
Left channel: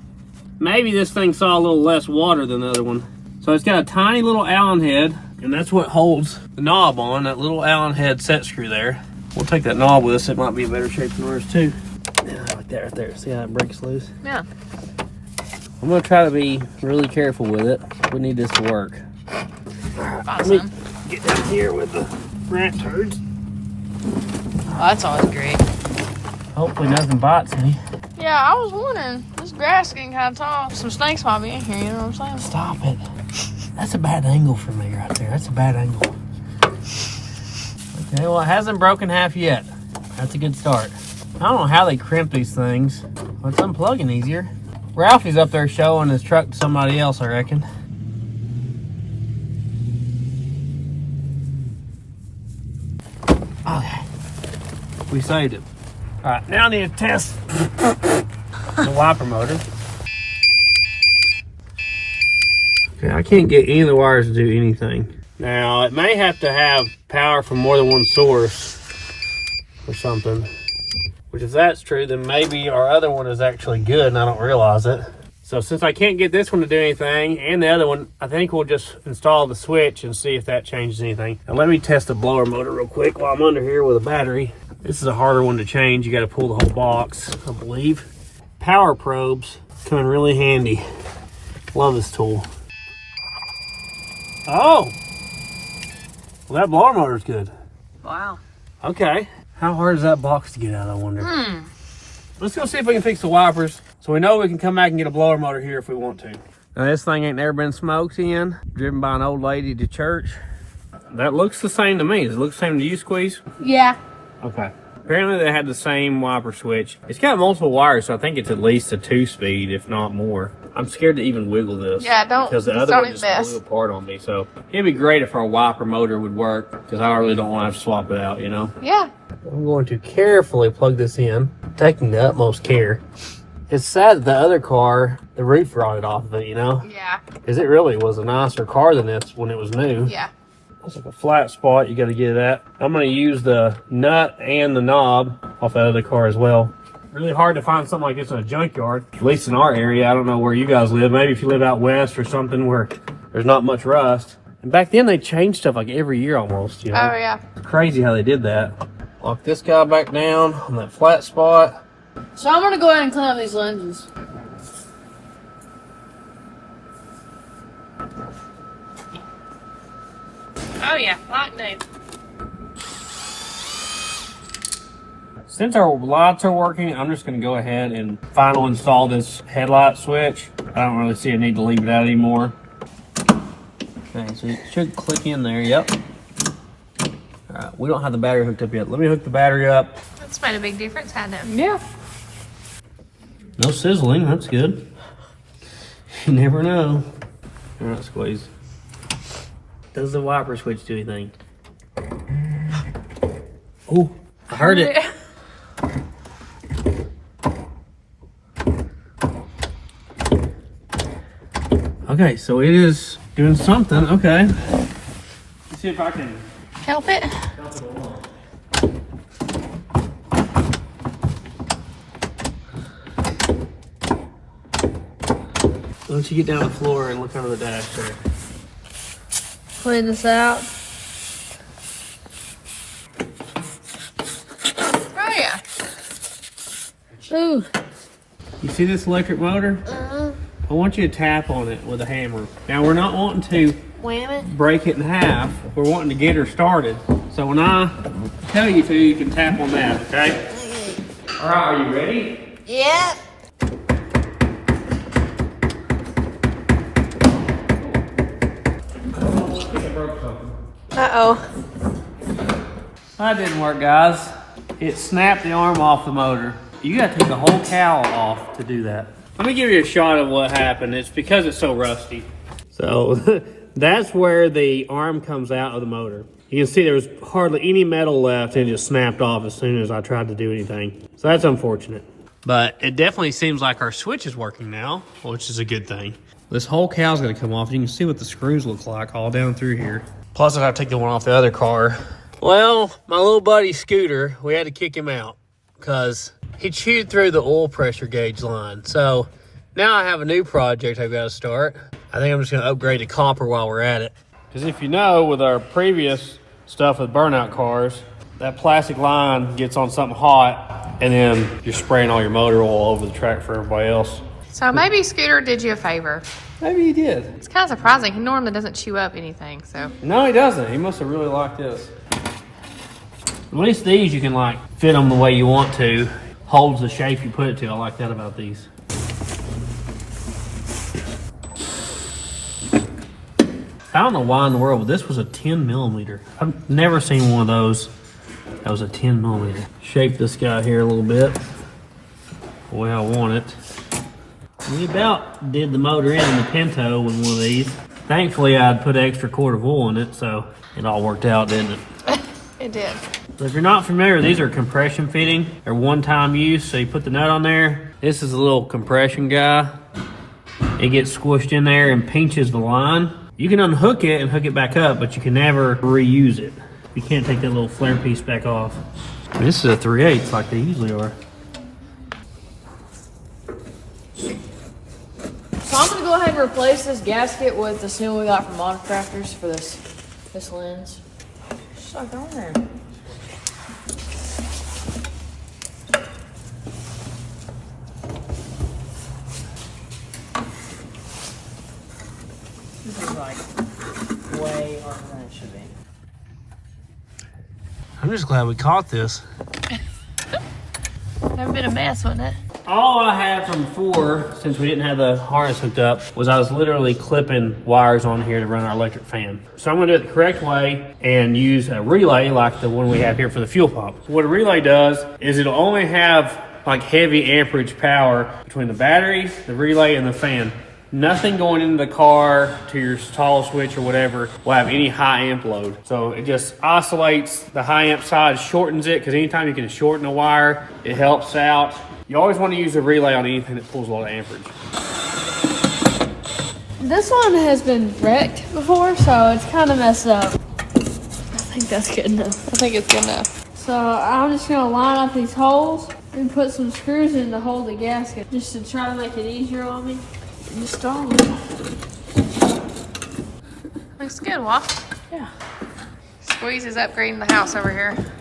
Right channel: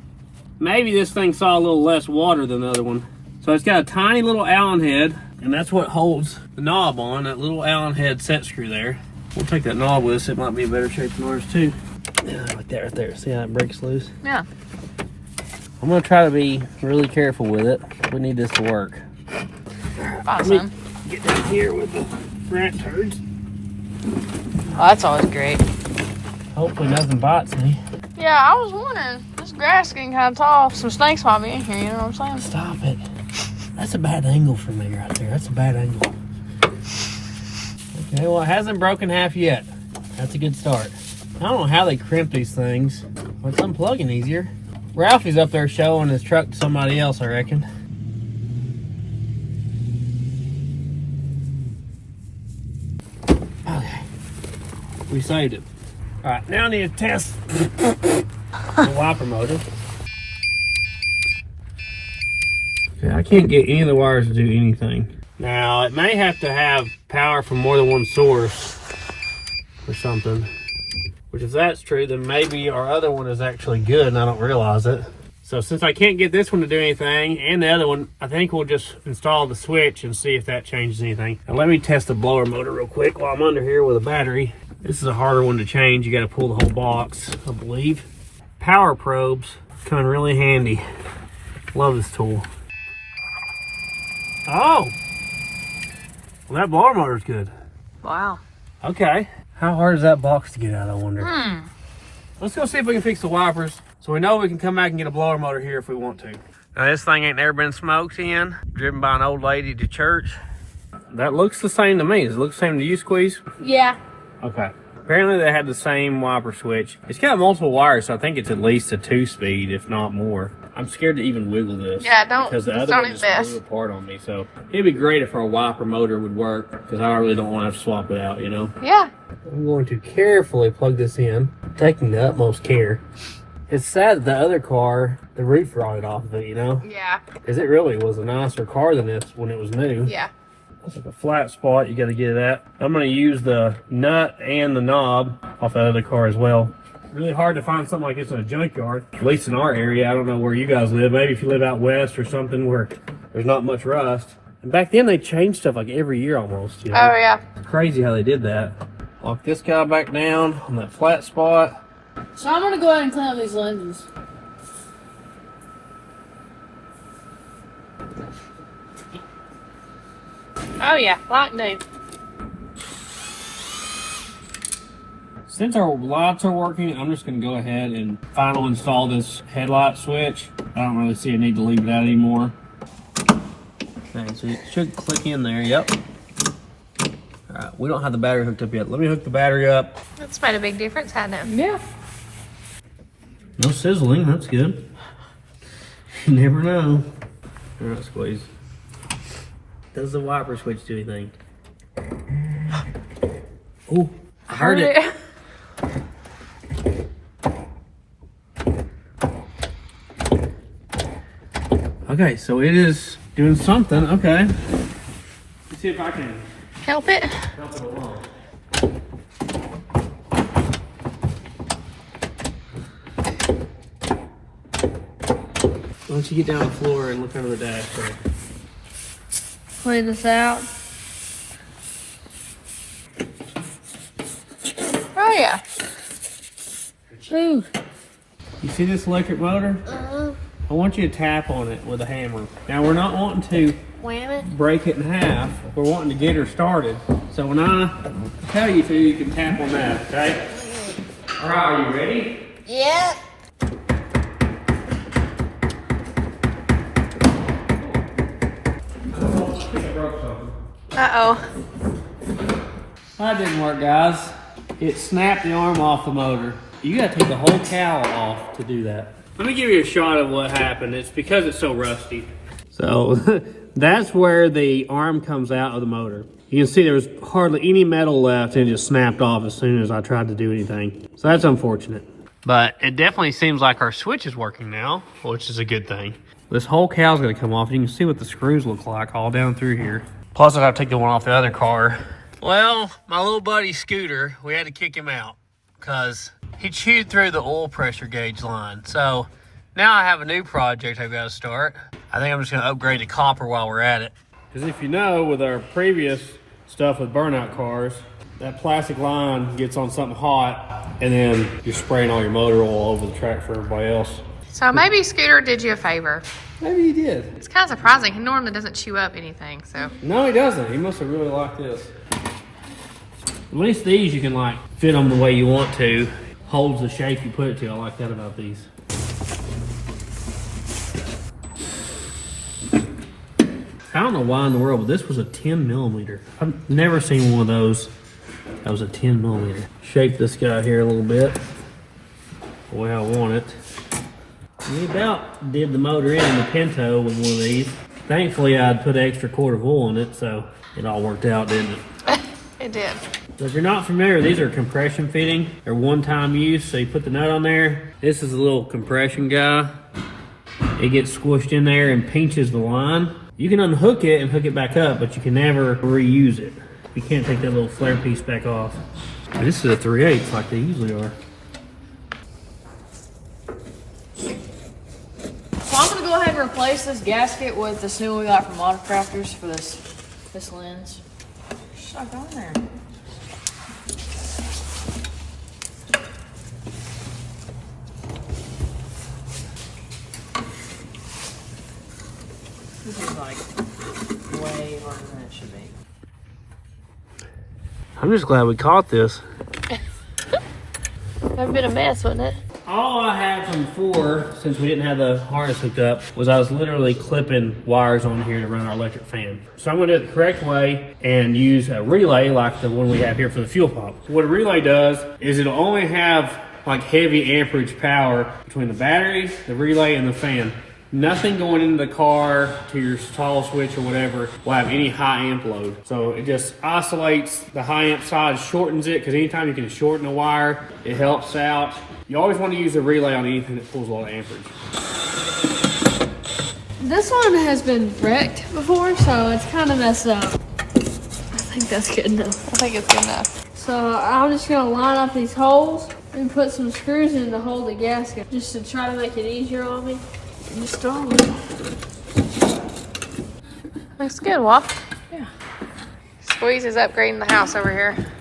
Maybe this thing saw a little less water than the other one. So it's got a tiny little Allen head, and that's what holds the knob on, that little Allen head set screw there. We'll take that knob with us. It might be in better shape than ours too. Yeah, like that right there. See how it breaks loose? Yeah. I'm gonna try to be really careful with it. We need this to work. Awesome. Let me get down here with the rat turds. Oh, that's always great. Hopefully nothing bites me. Yeah, I was wondering. This grass is getting kind of tall. Some snakes might be in here, you know what I'm saying? Stop it. That's a bad angle for me right there. That's a bad angle. Okay, well, it hasn't broken half yet. That's a good start. I don't know how they crimp these things, but it's unplugging easier. Ralphie's up there showing his truck to somebody else, I reckon. Okay. We saved it. All right, now I need to test the wiper motor. Okay, I can't get any of the wires to do anything. Now, it may have to have power from more than one source or something. Which, if that's true, then maybe our other one is actually good and I don't realize it. So since I can't get this one to do anything, and the other one, I think we'll just install the switch and see if that changes anything. Now let me test the blower motor real quick while I'm under here with a battery. This is a harder one to change. You got to pull the whole box, I believe. Power probes come in really handy. Love this tool. Oh! Well, that blower motor's good. Wow. Okay. How hard is that box to get out, I wonder? Let's go see if we can fix the wipers so we know we can come back and get a blower motor here if we want to. Now, this thing ain't never been smoked in, driven by an old lady to church. That looks the same to me. Does it look the same to you, Squeeze? Yeah. Okay. Apparently they had the same wiper switch. It's got multiple wires, so I think it's at least a 2-speed, if not more. I'm scared to even wiggle this. Yeah, don't. Because the other one just blew apart on me. So it'd be great if our wiper motor would work, because I really don't want to have to swap it out, you know? Yeah. I'm going to carefully plug this in, taking the utmost care. It's sad that the other car, the roof rotted off of it, you know? Yeah. Because it really was a nicer car than this when it was new. Yeah. It's like a flat spot you got to get it at. I'm going to use the nut and the knob off that other car as well. Really hard to find something like this in a junkyard, at least in our area. I don't know where you guys live. Maybe if you live out west or something where there's not much rust. And back then they changed stuff like every year almost, you know? Oh, yeah. It's crazy how they did that. Lock this guy back down on that flat spot. So I'm going to go ahead and clean up these lenses. Oh yeah, like new. Since our lights are working, I'm just going to go ahead and final install this headlight switch. I don't really see a need to leave it out anymore. Okay, so it should click in there. Yep. All right, we don't have the battery hooked up yet. Let me hook the battery up. That's made a big difference, hasn't it? Yeah. No sizzling, that's good. You never know. All right, Squeeze. Does the wiper switch do anything? Oh, I heard it. Okay, so it is doing something. Okay. Let's see if I can Help it. help it along. Why don't you get down on the floor and look under the dash there? Clean this out. Oh yeah. Ooh. You see this electric motor? I want you to tap on it with a hammer. Now we're not wanting to Wham it. break it in half. We're wanting to get her started. So when I tell you to, you can tap on that, okay? All right, are you ready? Yep. Uh-oh. That didn't work, guys. It snapped the arm off the motor. You gotta take the whole cowl off to do that. Let me give you a shot of what happened. It's because it's so rusty. So that's where the arm comes out of the motor. You can see there was hardly any metal left and it just snapped off as soon as I tried to do anything. So that's unfortunate. But it definitely seems like our switch is working now, which is a good thing. This whole cow's gonna come off. You can see what the screws look like all down through here. Plus I have to take the one off the other car. Well, my little buddy Scooter, we had to kick him out because he chewed through the oil pressure gauge line. So now I have a new project I've got to start. I think I'm just going to upgrade to copper while we're at it. Because if you know, with our previous stuff with burnout cars, that plastic line gets on something hot and then you're spraying all your motor oil over the track for everybody else. So maybe Scooter did you a favor. Maybe he did. It's kind of surprising. He normally doesn't chew up anything, so. No, he doesn't. He must have really liked this. At least these you can like fit them the way you want to. Holds the shape you put it to. I like that about these. I don't know why in the world, but this was a 10 millimeter. I've never seen one of those that was a 10 millimeter. Shape this guy here a little bit the way I want it. We about did the motor in the Pinto with one of these. Thankfully, I'd put an extra quart of oil in it, so it all worked out, didn't it? It did. So if you're not familiar, these are compression fitting. They're one-time use, so you put the nut on there. This is a little compression guy. It gets squished in there and pinches the line. You can unhook it and hook it back up, but you can never reuse it. You can't take that little flare piece back off. And this is a 3/8 like they usually are. So I'm gonna go ahead and replace this gasket with this new one we got from Autocrafters for this lens. Just like on there. This is like way harder than it should be. I'm just glad we caught this. That would have been a mess, wouldn't it? All I had from before, since we didn't have the harness hooked up, was I was literally clipping wires on here to run our electric fan. So I'm gonna do it the correct way and use a relay like the one we have here for the fuel pump. What a relay does is it'll only have like heavy amperage power between the battery, the relay, and the fan. Nothing going into the car to your toggle switch or whatever will have any high amp load. So it just isolates the high amp side, shortens it, because anytime you can shorten a wire, it helps out. You always want to use a relay on anything that pulls a lot of amperage. This one has been wrecked before, so it's kind of messed up. I think that's good enough. I think it's good enough. So I'm just gonna line up these holes and put some screws in to hold the gasket, just to try to make it easier on me. And just throw it. Looks good, Wolf. Yeah. Squeeze is upgrading the house over here.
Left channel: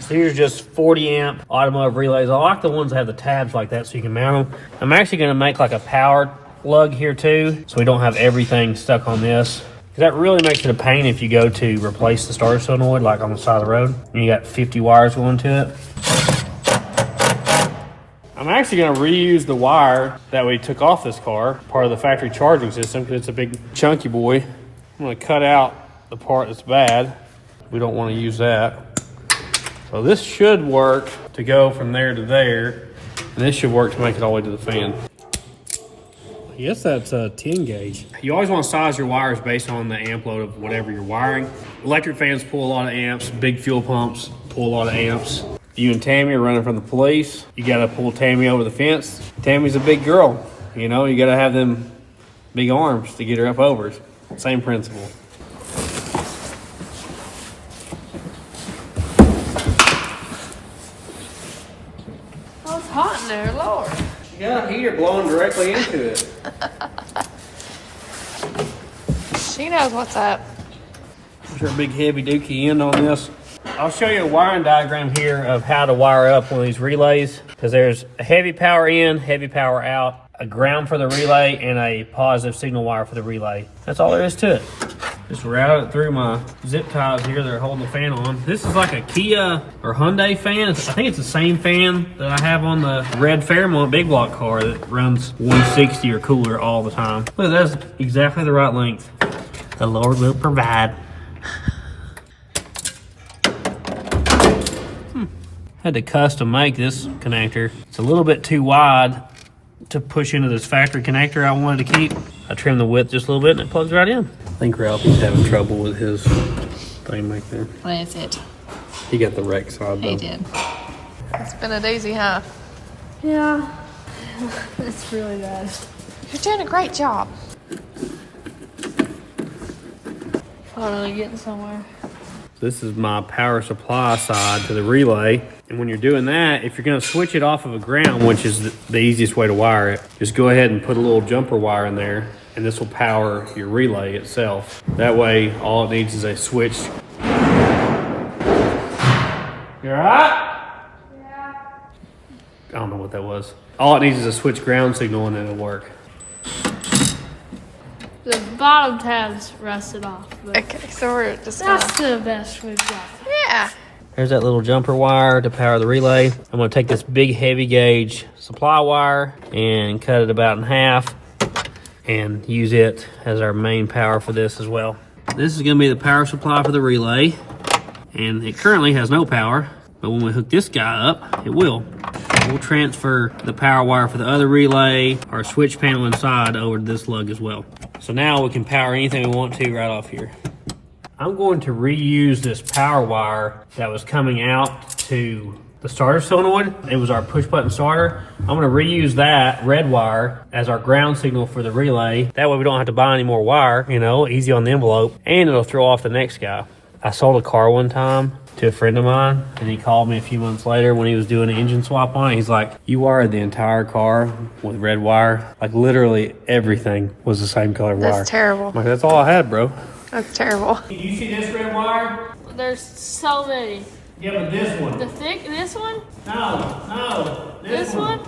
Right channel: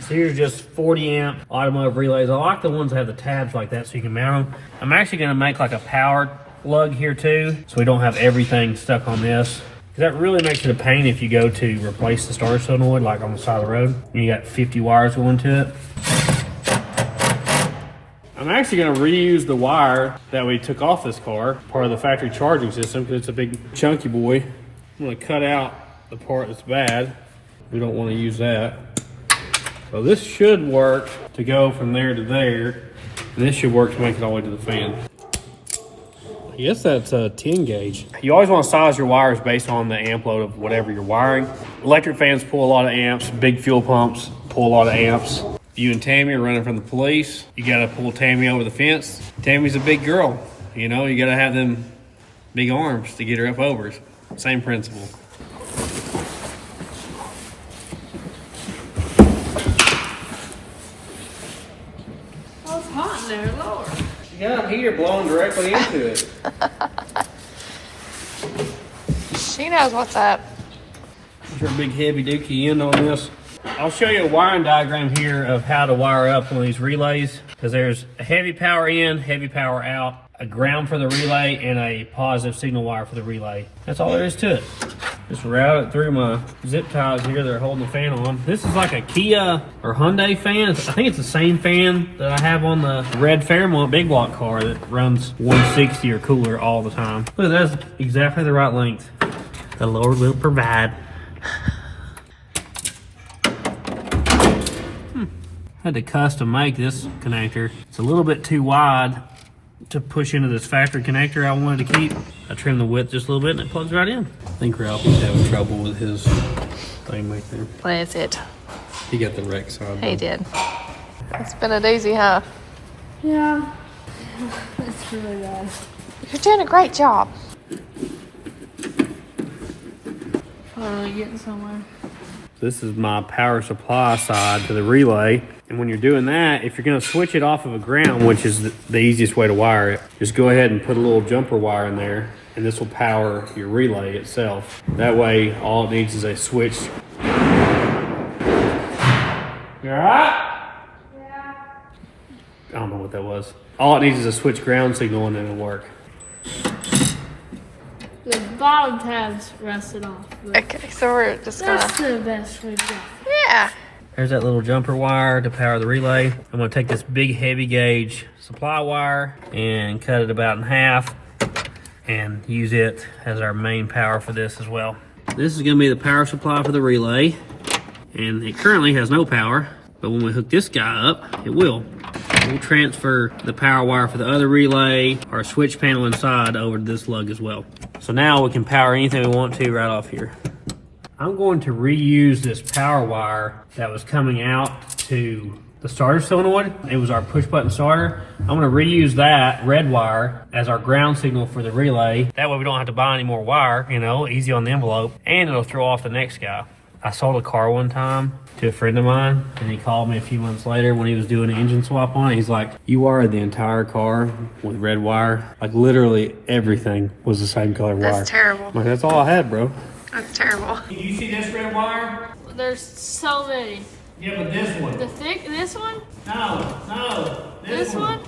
So here's just 40 amp automotive relays. I like the ones that have the tabs like that so you can mount them. I'm actually gonna make like a power plug here too, so we don't have everything stuck on this. That really makes it a pain if you go to replace the starter solenoid like on the side of the road and you got 50 wires going to it. I'm actually gonna reuse the wire that we took off this car, part of the factory charging system, because it's a big chunky boy. I'm gonna cut out the part that's bad. We don't wanna use that. So this should work to go from there to there, and this should work to make it all the way to the fan. I guess that's a 10 gauge. You always want to size your wires based on the amp load of whatever you're wiring. Electric fans pull a lot of amps, big fuel pumps pull a lot of amps. You and Tammy are running from the police. You got to pull Tammy over the fence. Tammy's a big girl. You know, you got to have them big arms to get her up over. Same principle. Oh, it's hot in Lord. You got a heater blowing directly into it. She knows what's up. There's our big heavy dookie end on this. I'll show you a wiring diagram here of how to wire up one of these relays, because there's a heavy power in, heavy power out, a ground for the relay, and a positive signal wire for the relay. That's all there is to it. Just route it through my zip ties here that are holding the fan on. This is like a Kia or Hyundai fan. I think it's the same fan that I have on the red Fairmont big block car that runs 160 or cooler all the time. Look, that's exactly the right length. The Lord will provide. Had to custom make this connector. It's a little bit too wide to push into this factory connector I wanted to keep. I trimmed the width just a little bit and it plugs right in. I think Ralphie's having trouble with his thing right there. That's it. He got the wreck side though. He did. It's been a doozy, huh? Yeah. It's really bad. You're doing a great job. Finally getting somewhere. This is my power supply side to the relay. And when you're doing that, if you're gonna switch it off of a ground, which is the easiest way to wire it, just go ahead and put a little jumper wire in there, and this will power your relay itself. That way, all it needs is a switch. You all right? Yeah. I don't know what that was. All it needs is a switch ground signal and it'll work. The bottom tab's rusted off. Okay, so we're just gonna... That's the best we've got. Yeah. There's that little jumper wire to power the relay. I'm gonna take this big heavy gauge supply wire and cut it about in half and use it as our main power for this as well. This is gonna be the power supply for the relay, and it currently has no power, but when we hook this guy up, it will. We'll transfer the power wire for the other relay, our switch panel inside, over to this lug as well. So now we can power anything we want to right off here. I'm going to reuse this power wire that was coming out to the starter solenoid. It was our push button starter. I'm going to reuse that red wire as our ground signal for the relay. That way we don't have to buy any more wire, you know, easy on the envelope, and it'll throw off the next guy. I sold a car one time to a friend of mine, and he called me a few months later when he was doing an engine swap on it. He's like, you wired the entire car with red wire. Like literally everything was the same color wire. That's terrible. I'm like, that's all I had, bro. That's terrible. Do you see this red wire? There's so many. Yeah, but this one. This one? No. This one?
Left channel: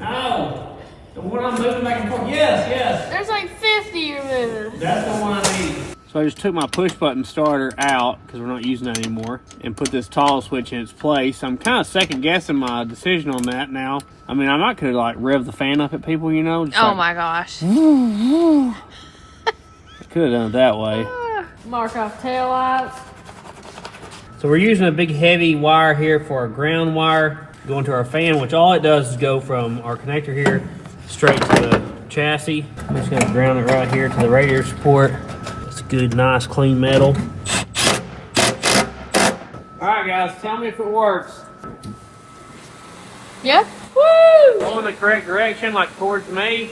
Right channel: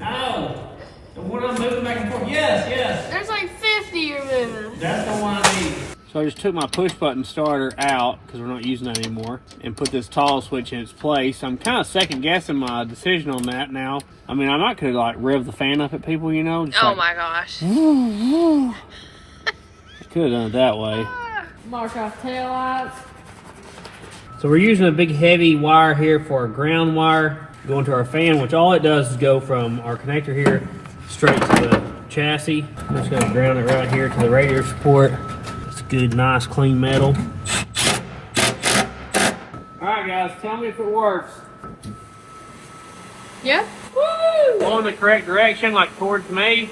No. The one I'm moving back and forth. Yes. There's like 50 you're moving. That's the one I need. So I just took my push button starter out, because we're not using that anymore, and put this toggle switch in its place. I'm kind of second guessing my decision on that now. I mean, I might could like rev the fan up at people, you know? Just Oh like, my gosh. I could have done it that way. Mark off tail lights. So we're using a big heavy wire here for our ground wire going to our fan, which all it does is go from our connector here straight to the chassis. I'm just going to ground it right here to the radiator support. It's good, nice, clean metal. All right, guys, tell me if it works. Yeah? Woo! Go in the correct direction, like towards me.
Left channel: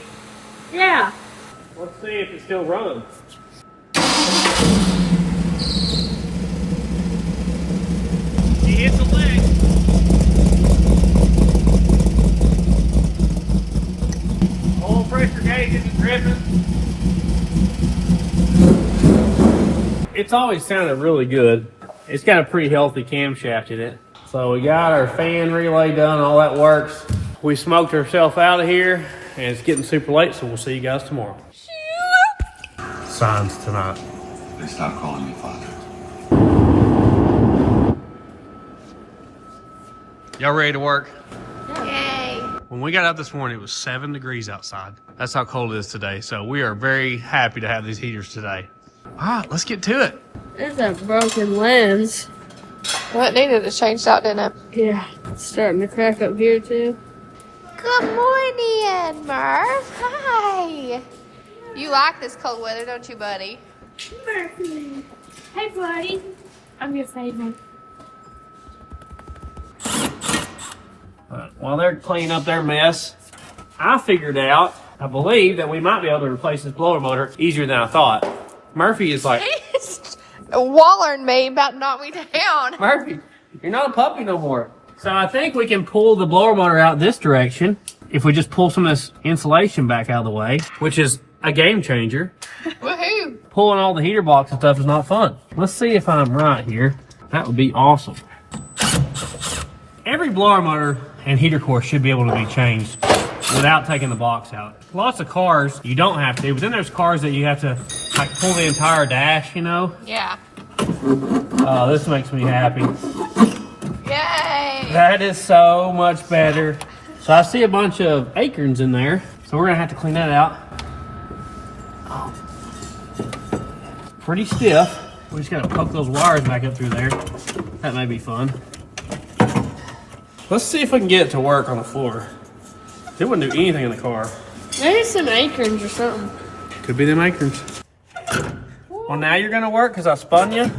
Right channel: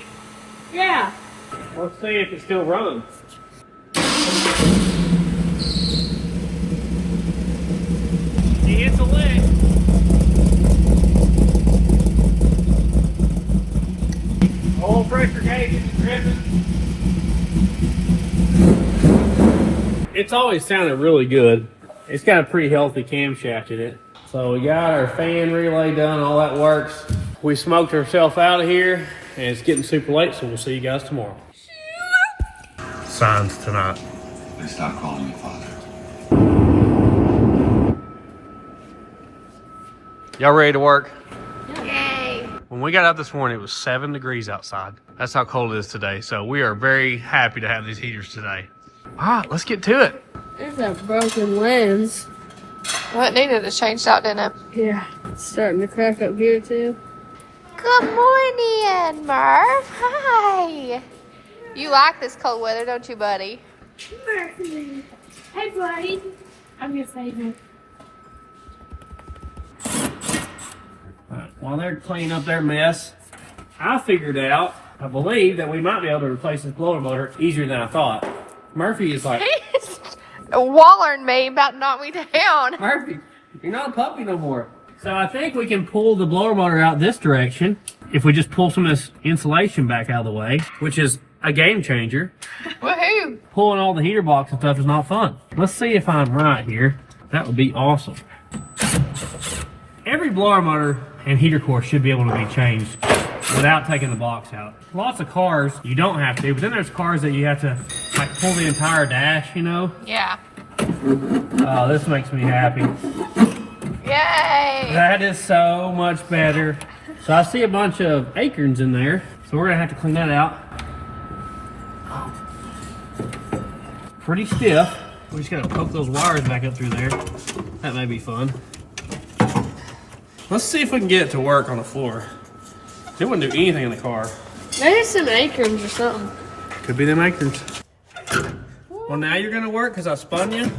Yeah. Let's see if it's still running. He hits the leg. Oil pressure gauge isn't dripping. It's always sounded really good. It's got a pretty healthy camshaft in it. So we got our fan relay done, all that works. We smoked ourselves out of here, and it's getting super late, so we'll see you guys tomorrow. Signs tonight. They stopped calling you father. Y'all ready to work? Yay. When we got up this morning, it was 7 degrees outside. That's how cold it is today. So we are very happy to have these heaters today. All right, let's get to it. There's a broken lens. Well, it needed to change out, didn't it? Yeah. It's starting to crack up here too. Good morning, Murph. Hi. You like this cold weather, don't you, buddy? Hey, buddy. I'm your favorite. While they're cleaning up their mess, I figured out, I believe, that we might be able to replace this blower motor easier than I thought. Murphy is like, He's wallering me about to knock me down. Murphy, you're not a puppy no more. So I think we can pull the blower motor out this direction, if we just pull some of this insulation back out of the way, which is a game changer. Woohoo! Pulling all the heater box and stuff is not fun. Let's see if I'm right here. That would be awesome. Every blower motor and heater core should be able to be changed without taking the box out. Lots of cars you don't have to, but then there's cars that you have to like pull the entire dash, you know? Yeah. Oh, this makes me happy. Yay! That is so much better. So I see a bunch of acorns in there, so we're gonna have to clean that out. Pretty stiff. We just gotta poke those wires back up through there. That may be fun. Let's see if we can get it to work on the floor. It wouldn't do anything in the car. Maybe some acorns or something. Could be them acorns. Well, now you're gonna work because I spun you.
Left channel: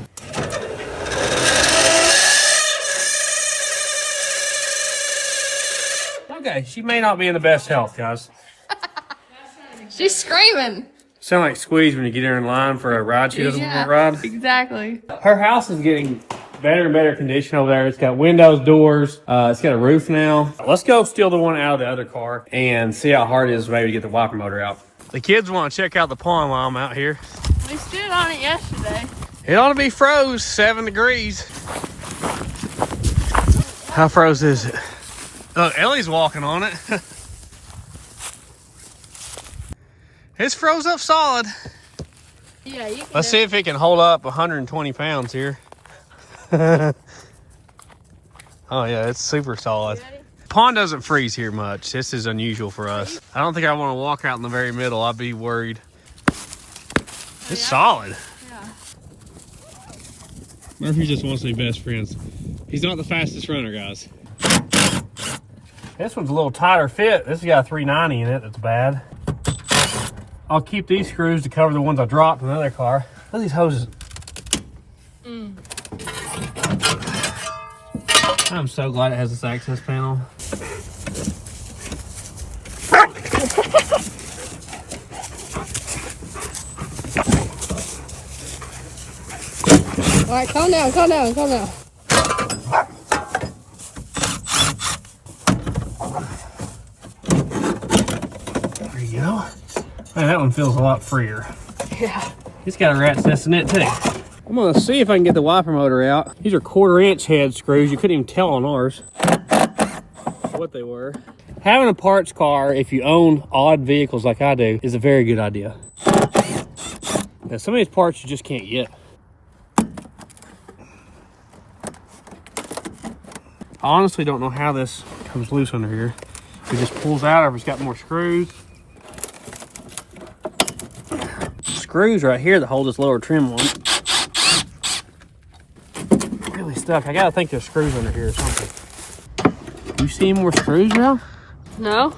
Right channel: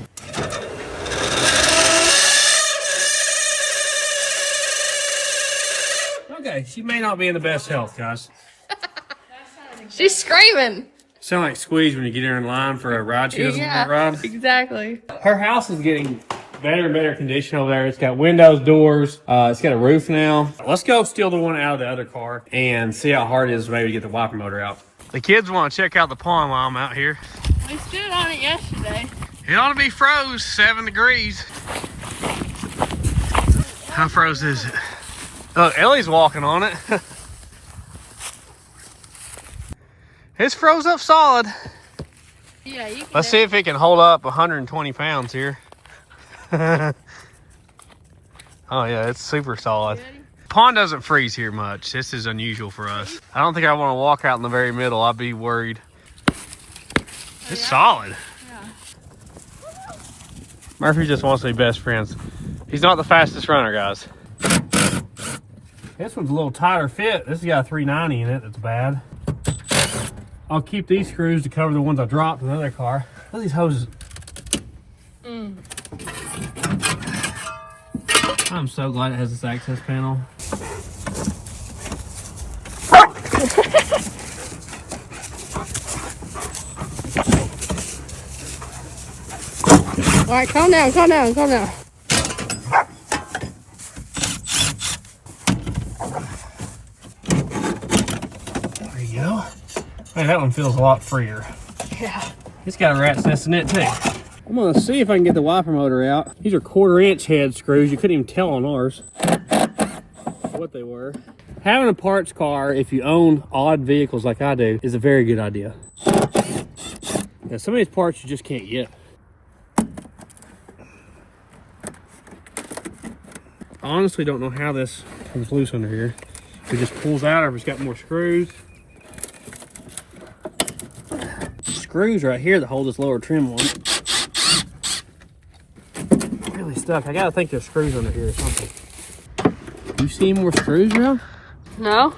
Okay, she may not be in the best health, guys. She's screaming. Sound like Squeeze when you get her in line for a ride she doesn't want to ride. Exactly. Her house is getting better and better condition over there. It's got windows, doors. It's got a roof now. Let's go steal the one out of the other car and see how hard it is maybe to get the wiper motor out. The kids want to check out the pond while I'm out here. We stood on it yesterday. It ought to be froze 7 degrees. How froze is it? Look, Ellie's walking on it. It's froze up solid. Yeah, you can. Let's see if it can hold up 120 pounds here. Oh yeah, it's super solid. Pond doesn't freeze here much. This is unusual for us. I don't think I want to walk out in the very middle. I'd be worried. It's solid. Yeah. Murphy just wants to be best friends. He's not the fastest runner, guys. This one's a little tighter fit. This has got a 390 in it. That's bad. I'll keep these screws to cover the ones I dropped in the other car. Look at these hoses. I'm so glad it has this access panel. All right, calm down, calm down, calm down. There you go. Man, that one feels a lot freer. Yeah. It's got a rat's nest in it too. I'm gonna see if I can get the wiper motor out. These are 1/4-inch head screws. You couldn't even tell on ours what they were. Having a parts car, if you own odd vehicles like I do, is a very good idea. Now, some of these parts you just can't get. I honestly don't know how this comes loose under here. It just pulls out, or if it's got more screws. Screws right here that hold this lower trim on. Really stuck. I gotta think there's screws under here or something. You see more screws now? No?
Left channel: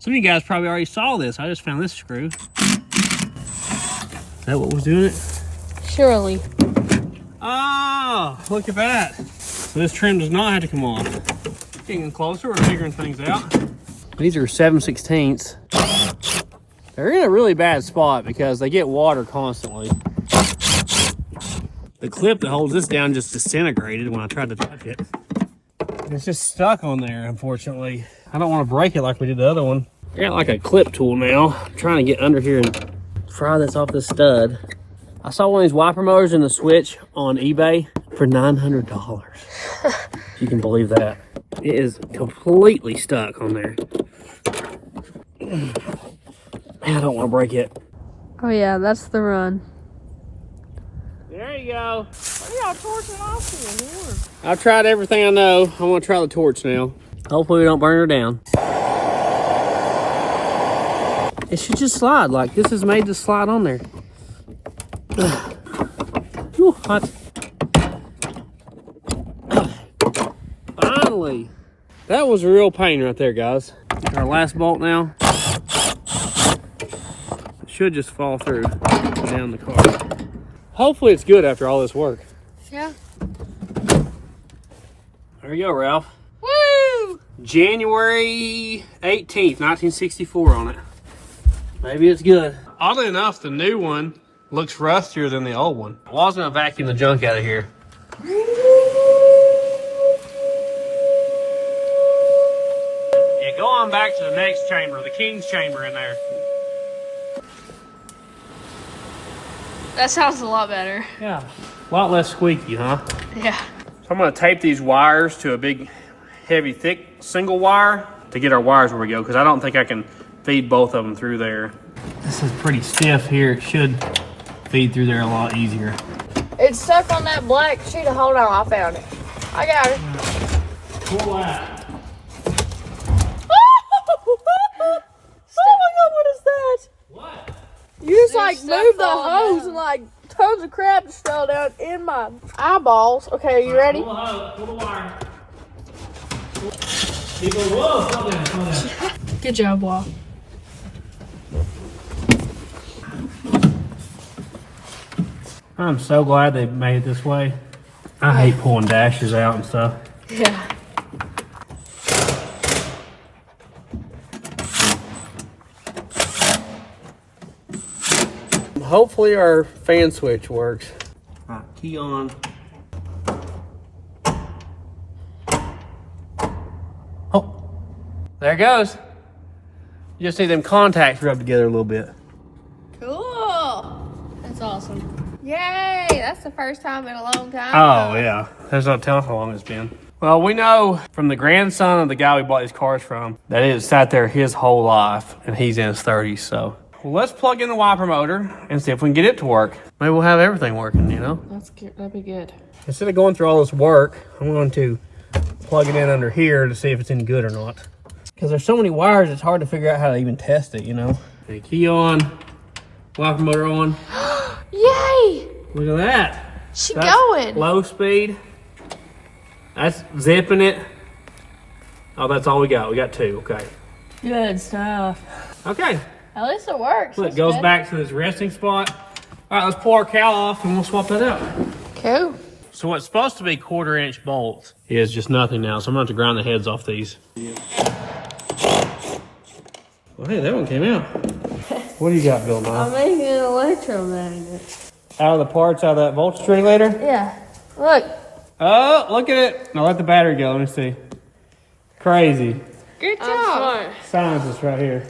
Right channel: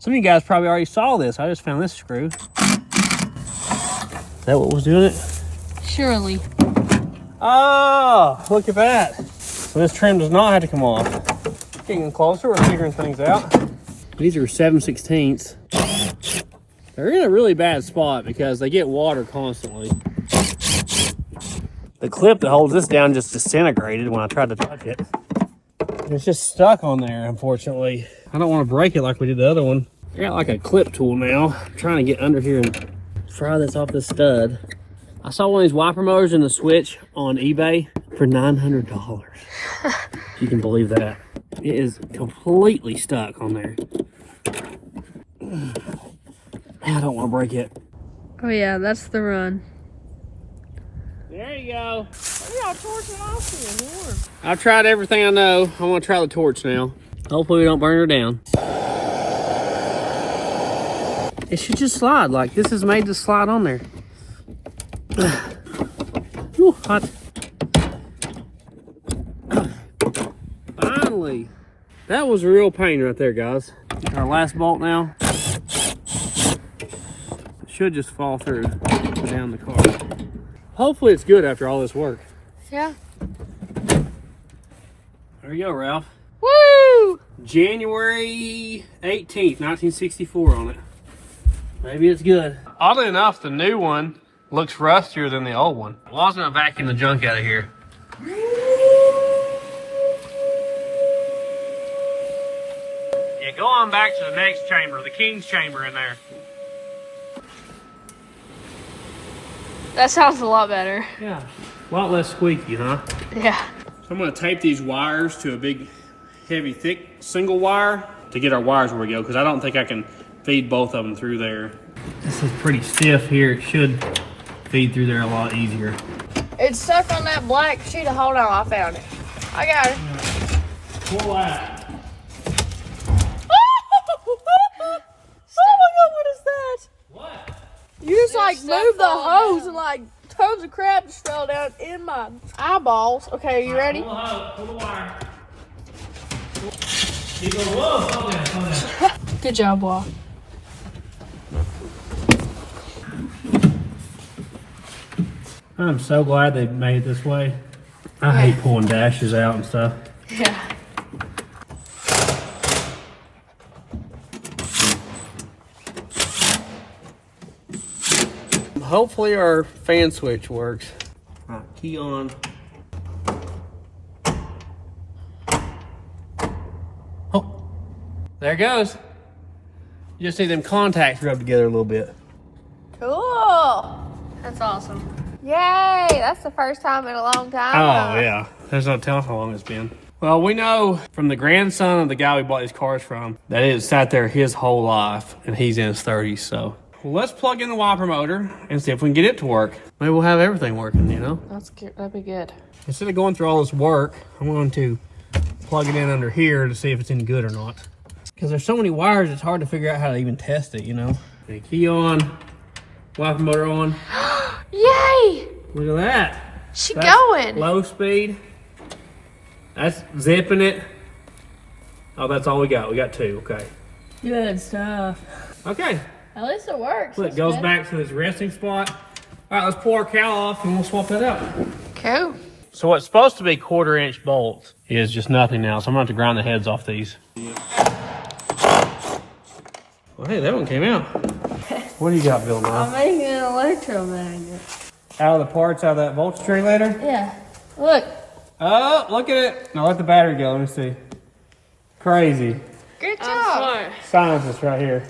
Some of you guys probably already saw this. I just found this screw. Is that what was doing it? Surely. Oh, look at that. So this trim does not have to come off. Getting closer, we're figuring things out. These are 7/16. They're in a really bad spot because they get water constantly. The clip that holds this down just disintegrated when I tried to touch it. It's just stuck on there, unfortunately. I don't want to break it like we did the other one. I got like a clip tool now. I'm trying to get under here and pry this off this stud. I saw one of these wiper motors in the switch on eBay for $900. If you can believe that. It is completely stuck on there. I don't want to break it. Oh yeah, that's the run. There you go. What are y'all torching off here, Lord? I've tried everything I know. I want to try the torch now. Hopefully we don't burn her down. It should just slide. Like this is made to slide on there. Ooh, hot. Finally. That was a real pain right there, guys. Our last bolt now. It should just fall through down the car. Hopefully it's good after all this work. Yeah. There you go, Ralph. Woo! January 18th, 1964 on it. Maybe it's good. Oddly enough, the new one looks rustier than the old one. Well, I was gonna vacuum the junk out of here. Yeah, go on. going back to the next chamber, the king's chamber in there. That sounds a lot better. Yeah, a lot less squeaky, huh? Yeah. So I'm gonna tape these wires to a big, heavy, thick single wire to get our wires where we go, because I don't think I can feed both of them through there. This is pretty stiff here. It should feed through there a lot easier. It's stuck on that black sheet of, hold on, I found it. I got it. Pull that. Oh my God, what is that? What? You just like moved the hose and like tons of crap just fell down in my eyeballs. Okay, you ready? Pull the hose, pull the wire. He goes, whoa, slow down, slow down. Good job, Wall. I'm so glad they made it this way. I hate pulling dashes out and stuff. Yeah. Hopefully our fan switch works. All right, key on. Oh, there it goes. You just need them contacts rubbed together a little bit. Cool. That's awesome. Yay. That's the first time in a long time. Oh, yeah. There's no telling how long it's been. Well, we know from the grandson of the guy we bought these cars from that it sat there his whole life, and he's in his 30s, so. Well, let's plug in the wiper motor and see if we can get it to work. Maybe we'll have everything working, you know? That's good. That'd be good. Instead of going through all this work, I'm going to plug it in under here to see if it's any good or not. Because there's so many wires, it's hard to figure out how to even test it, you know? Okay, key on, wiper motor on. Yay. Look at that. She That's going. low speed. That's zipping it. Oh, that's all we got. We got two. Okay. Good stuff. Okay. At least it works. Look, it goes back to this resting spot. All right, let's pull our cowl off and we'll swap that out. Cool. So what's supposed to be 1/4-inch bolts is just nothing now. So I'm going to have to grind the heads off these. Well, hey, that one came out. What do you got, Bill? I'm making an electromagnet. Out of the parts out of that voltage regulator? Yeah. Look. Oh, look at it. Now let the battery go. Let me see. Crazy. Good job. I'm smart. Scientist right here.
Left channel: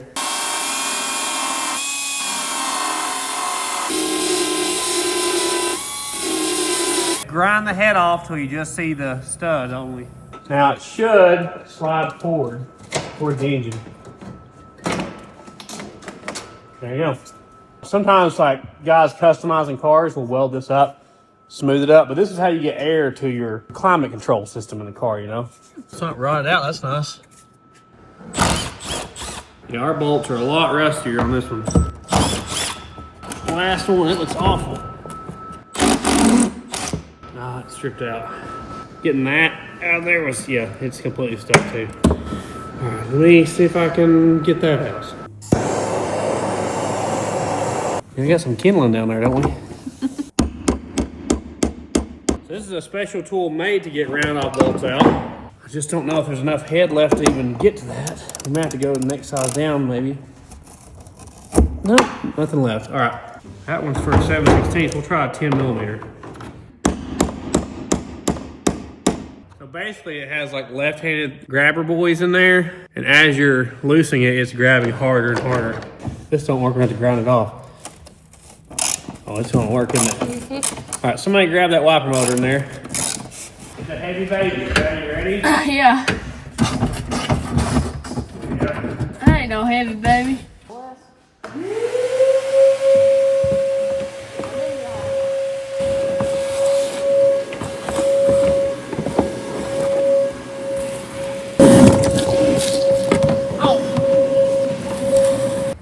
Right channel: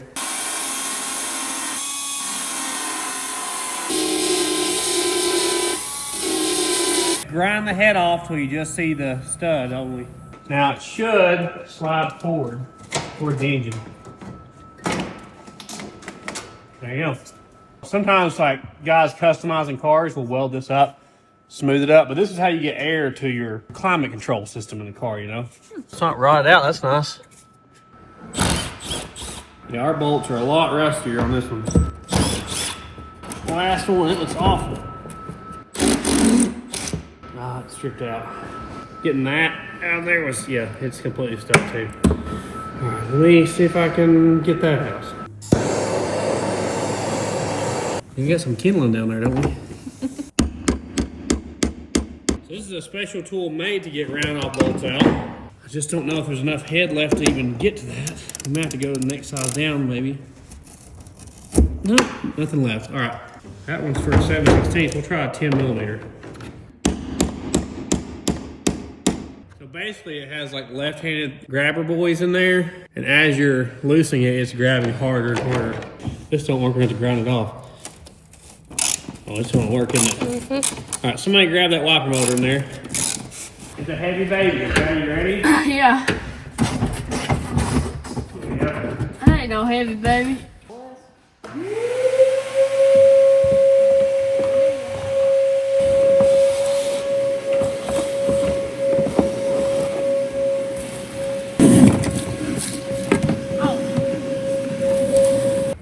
Grind the head off till you just see the stud only. Now it should slide forward towards the engine. There you go. Sometimes like guys customizing cars will weld this up, smooth it up, but this is how you get air to your climate control system in the car, you know? It's not rotted out, that's nice. Yeah, our bolts are a lot rustier on this one. Last one, it looks awful. Ah, it's stripped out. Getting that out of there was, yeah, it's completely stuck too. All right, let me see if I can get that out. We got some kindling down there, don't we? So this is a special tool made to get round-off bolts out. I just don't know if there's enough head left to even get to that. We may have to go to the next size down, maybe. Nope, nothing left. All right, that one's for a 7/16. We'll try a 10mm. So basically it has like left-handed grabber buoys in there, and as you're loosening it, it's grabbing harder and harder. This don't work, we're gonna have to ground it off. Oh, it's gonna work, isn't it? Mm-hmm. All right, somebody grab that wiper motor in there. It's a heavy baby. You ready? Yeah. I ain't no heavy baby.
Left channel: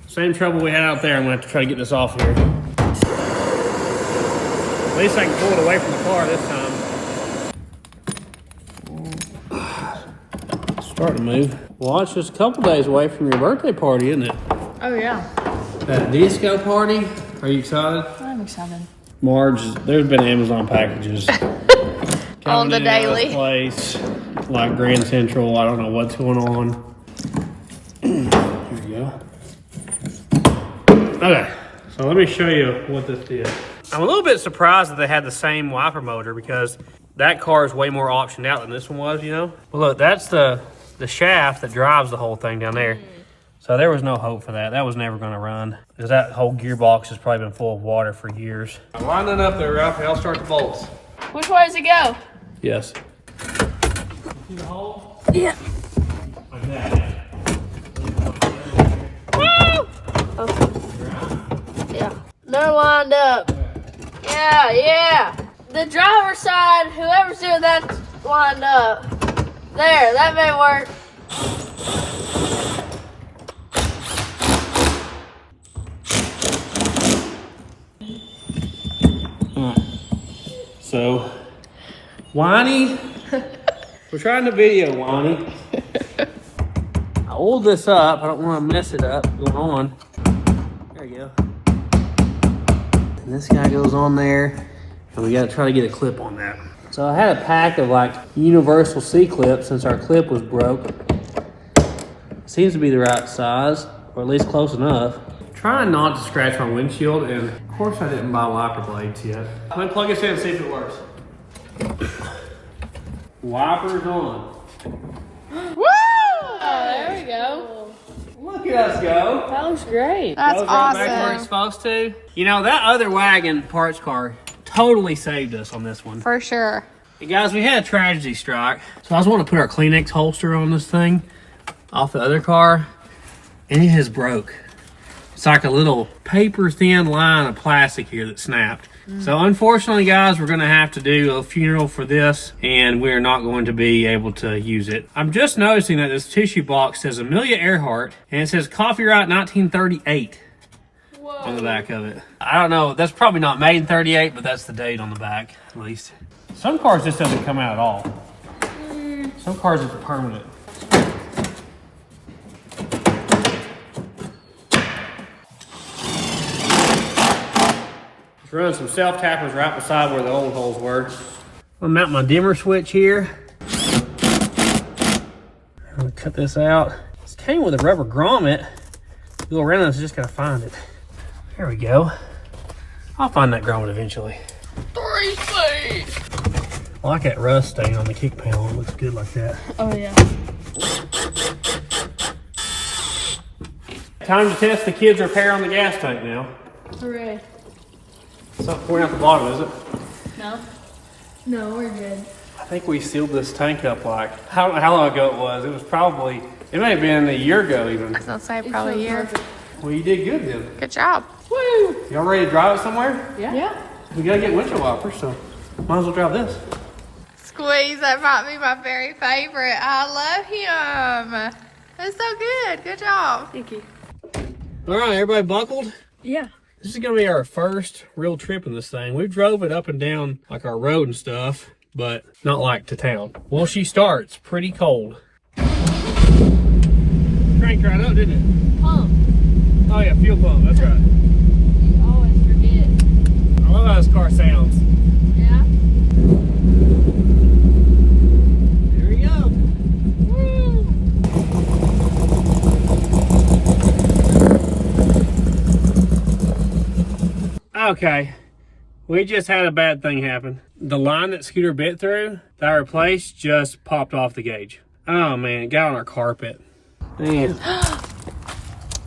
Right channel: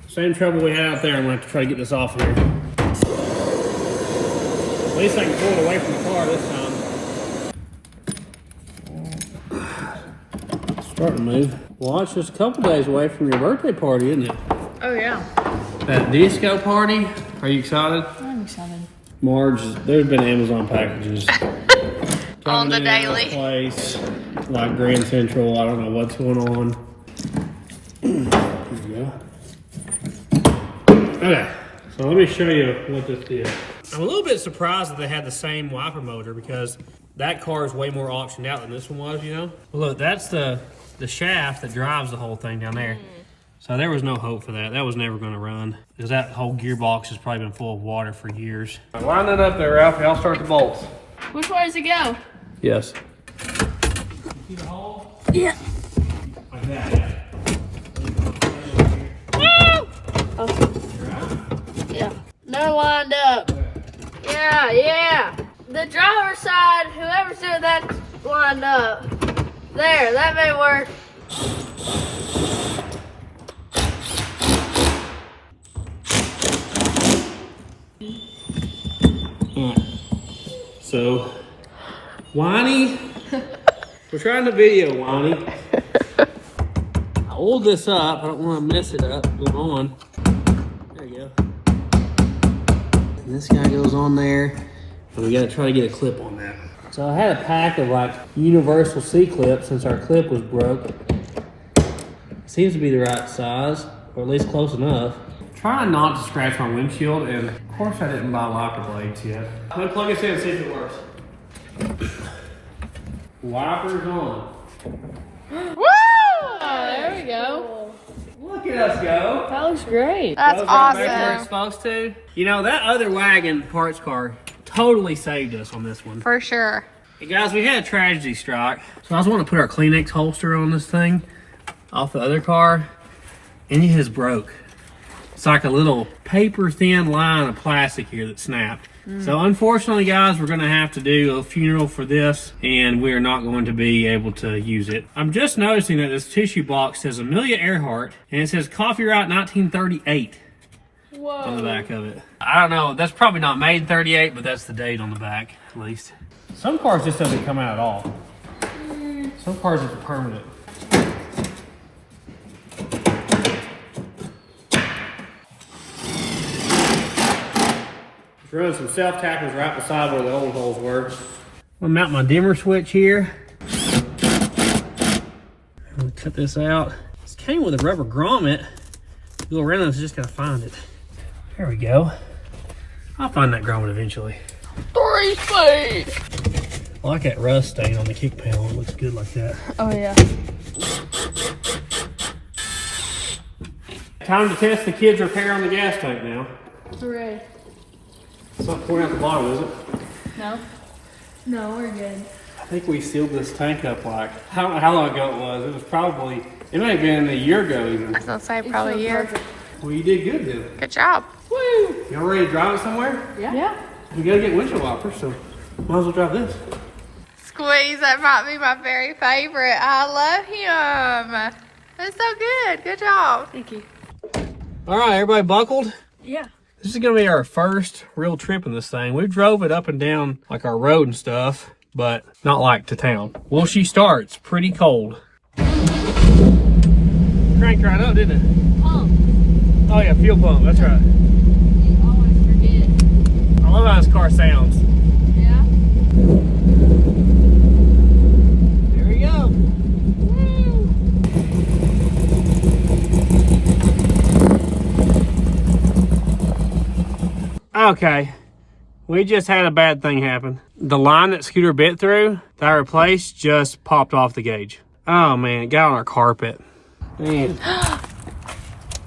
Same trouble we had out there. I'm gonna have to try to get this off here. At least I can pull it away from the car this time. It's starting to move. Well, it's just a couple days away from your birthday party, isn't it? Oh, yeah. That disco party. Are you excited? I'm excited. Marge, there's been Amazon packages On the coming in out of daily. place, like Grand Central. I don't know what's going on. Here we go. Okay, so let me show you what this is. I'm a little bit surprised that they had the same wiper motor because that car is way more optioned out than this one was, you know? Well, look, that's the the shaft that drives the whole thing down there. So there was no hope for that. That was never going to run because that whole gearbox has probably been full of water for years. Line it up there, Ralph, and I'll start the bolts. Which way does it go? Yes. See the hole? Yeah. Like that. Woo! Oh. Yeah. They're lined up. Yeah, yeah. The driver's side, whoever's doing that's lined up. There, that may work. So, Whiny, we're trying to video, Whiny. I hold this up. I don't want to mess it up going on. There you go. And this guy goes on there, and we got to try to get a clip on that. So I had a pack of like universal C-clips since our clip was broke. Seems to be the right size, or at least close enough. Trying not to scratch my windshield, and of course I didn't buy wiper blades yet. I'm gonna plug this in and see if it works. Wipers on. Woo! There we go. Look at us go. That looks great. That's Goes right back where awesome. it's supposed to. You know, that other wagon parts car totally saved us on this one. For sure. Hey guys, we had a tragedy strike. So I was wanting to put our Kleenex holster on this thing off the other car, and it has broke. It's like a little paper thin line of plastic here that snapped. So unfortunately, guys, we're gonna have to do a funeral for this, and we're not going to be able to use it. I'm just noticing that this tissue box says Amelia Earhart, and it says copyright 1938 on the back of it. I don't know, that's probably not made in 38, but that's the date on the back, at least. Some cars just doesn't come out at all. Some cars are permanent. Running some self-tappers right beside where the old holes were. I'm gonna mount my dimmer switch here. I'm gonna cut this out. This came with a rubber grommet. You go around and just gotta find it. There we go. I'll find that grommet eventually. 3 feet. I like that rust stain on the kick panel. It looks good like that. Oh yeah. Time to test the kids' repair on the gas tank now. Hooray. Something point out the bottom, is it? No. No, we're good. I think we sealed this tank up like, I don't know how long ago it was. It was probably, it may have been a year ago even. I was gonna say probably a year. Well, you did good then. Good job. Woo! Y'all ready to drive it somewhere? Yeah. We gotta get windshield wipers, so might as well drive this. Squeeze, that might be my very favorite. I love him. That's so good. Good job. Thank you. All right, everybody buckled? Yeah. This is gonna be our first real trip in this thing. We drove it up and down like our road and stuff, but not like to town. Well, she starts pretty cold. Cranked right up, didn't it? Pump. Oh yeah, fuel pump, that's right. You always forget. I love how this car sounds. Yeah. Here we go. Okay, we just had a bad thing happen. The line that Scooter bit through, that I replaced, just popped off the gauge. Oh man, it got on our carpet. Man,